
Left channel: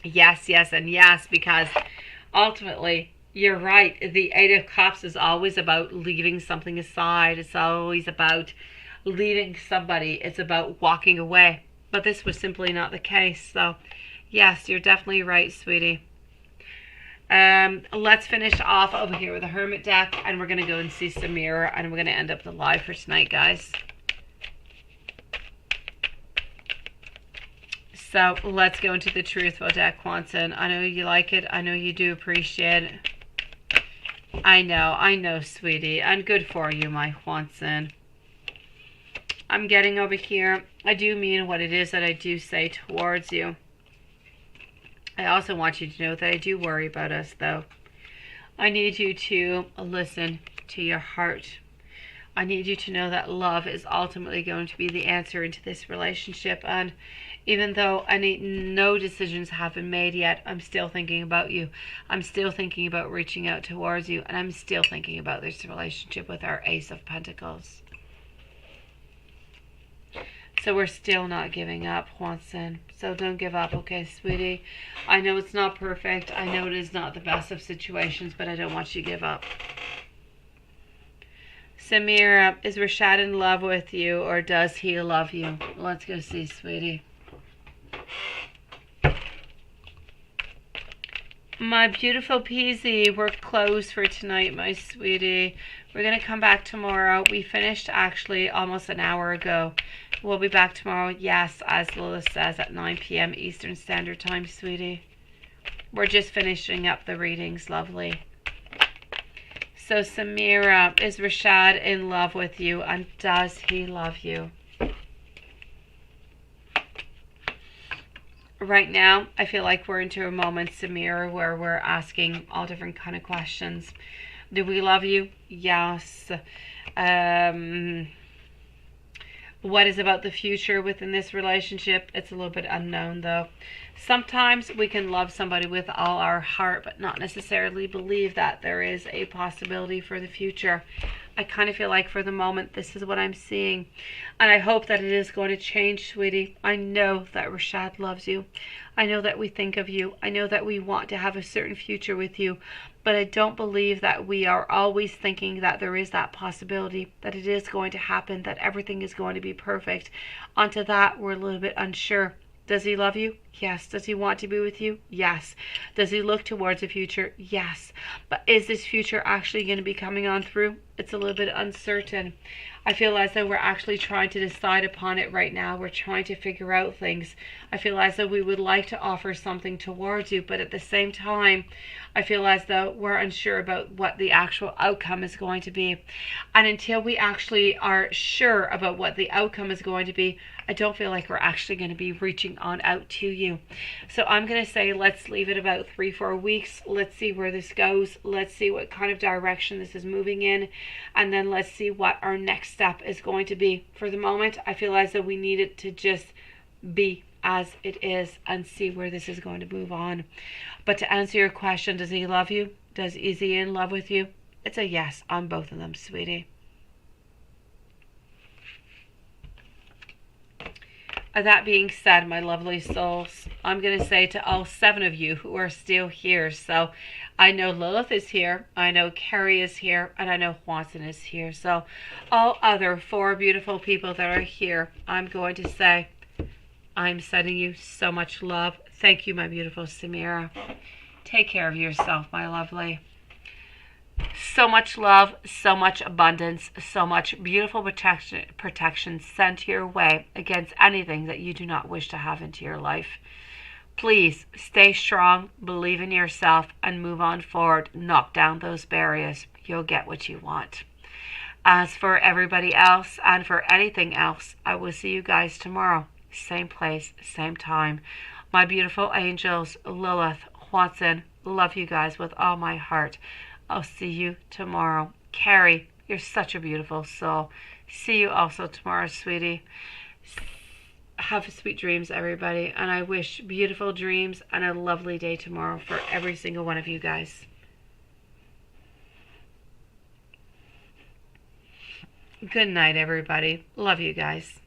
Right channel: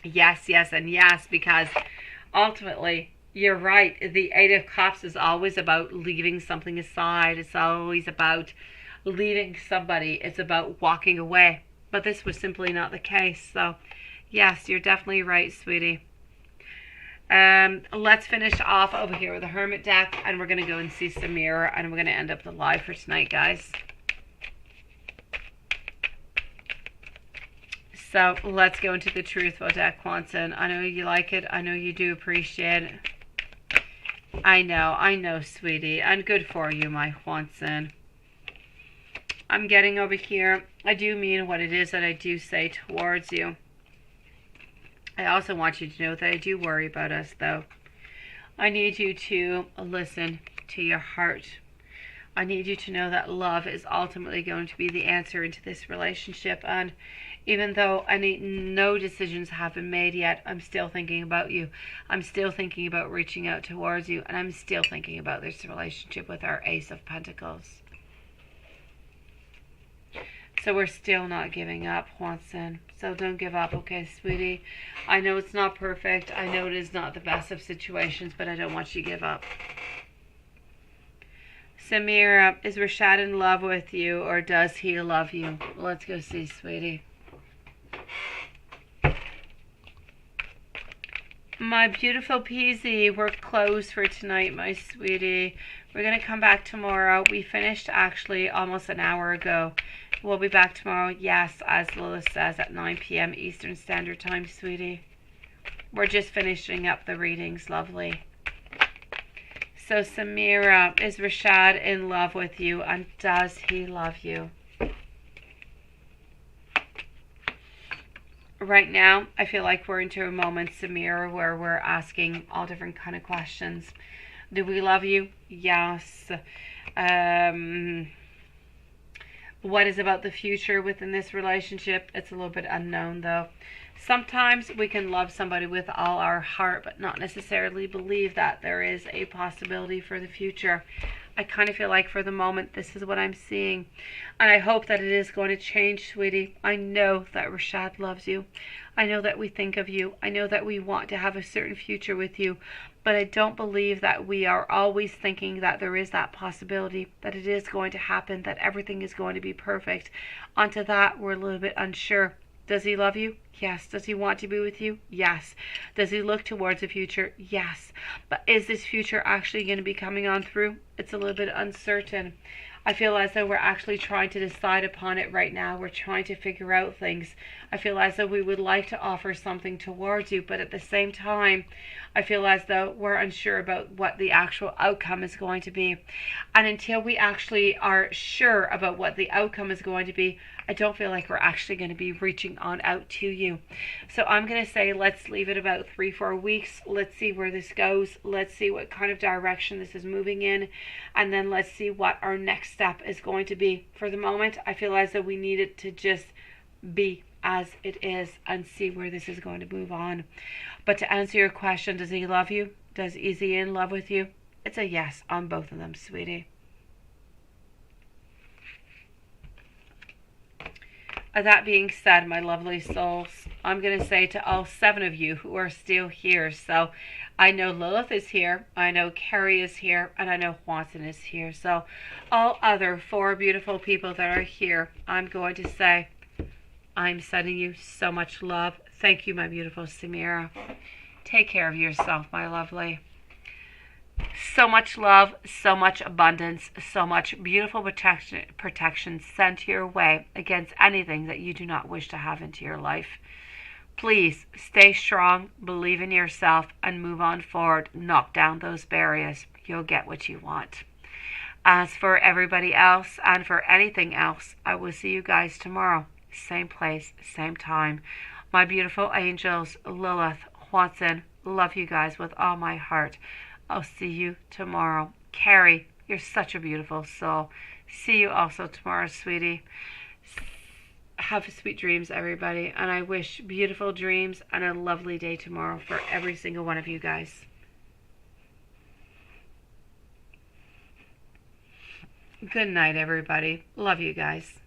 Yes, yes, and yes, because ultimately, you're right. The Eight of Cups is always about leaving something aside. It's always about leaving somebody. It's about walking away. But this was simply not the case. So, yes, you're definitely right, sweetie. Let's finish off over here with the Hermit deck. And we're going to go and see Samira. And we're going to end up the live for tonight, guys. So, let's go into the Truthful deck, Quanson. I know you like it. I know you do appreciate it. I know, sweetie. And good for you, my Juanson. I'm getting over here. I do mean what it is that I do say towards you. I also want you to know that I do worry about us, though. I need you to listen to your heart. I need you to know that love is ultimately going to be the answer into this relationship. And even though no decisions have been made yet, I'm still thinking about you. I'm still thinking about reaching out towards you. And I'm still thinking about this relationship with our Ace of Pentacles. So we're still not giving up, Juanson. So don't give up, okay, sweetie? I know it's not perfect. I know it is not the best of situations, but I don't want you to give up. Samira, is Rashad in love with you, or does he love you? Let's go see, sweetie. My beautiful Peasy, we're closed for tonight, my sweetie. We're going to come back tomorrow. We finished actually almost an hour ago. We'll be back tomorrow, yes, as Lilith says, at 9 p.m. Eastern Standard Time, sweetie. We're just finishing up the readings, lovely. So, Samira, is Rashad in love with you, and does he love you? Right now, I feel like we're into a moment, Samira, where we're asking all different kind of questions. Do we love you? Yes. Um, what is about the future within this relationship? It's a little bit unknown, though. Sometimes we can love somebody with all our heart, but not necessarily believe that there is a possibility for the future. I kind of feel like for the moment, this is what I'm seeing. And I hope that it is going to change, sweetie. I know that Rashad loves you. I know that we think of you. I know that we want to have a certain future with you. But I don't believe that we are always thinking that there is that possibility, that it is going to happen, that everything is going to be perfect. Onto that, we're a little bit unsure. Does he love you? Yes. Does he want to be with you? Yes. Does he look towards the future? Yes. But is this future actually going to be coming on through? It's a little bit uncertain. I feel as though we're actually trying to decide upon it right now. We're trying to figure out things. I feel as though we would like to offer something towards you, but at the same time, I feel as though we're unsure about what the actual outcome is going to be. And until we actually are sure about what the outcome is going to be, I don't feel like we're actually going to be reaching on out to you. So I'm going to say let's leave it about 3-4 weeks. Let's see where this goes. Let's see what kind of direction this is moving in. And then let's see what our next step is going to be. For the moment, I feel as though we need it to just be as it is and see where this is going to move on. But to answer your question, does he love you? Is he in love with you? It's a yes on both of them, sweetie. That being said, my lovely souls, I'm going to say to all 7 of you who are still here. So I know Lilith is here, I know Carrie is here, and I know Watson is here. So all other 4 beautiful people that are here, I'm going to say I'm sending you so much love. Thank you, my beautiful Samira. Take care of yourself, my lovely. So much love, so much abundance, so much beautiful protection sent your way against anything that you do not wish to have into your life. Please stay strong, believe in yourself, and move on forward. Knock down those barriers. You'll get what you want. As for everybody else and for anything else, I will see you guys tomorrow. Same place, same time. My beautiful angels, Lilith, Watson, love you guys with all my heart. I'll see you tomorrow. Carrie, you're such a beautiful soul. See you also tomorrow, sweetie. Have sweet dreams, everybody. And I wish beautiful dreams and a lovely day tomorrow for every single one of you guys. Good night, everybody. Love you guys.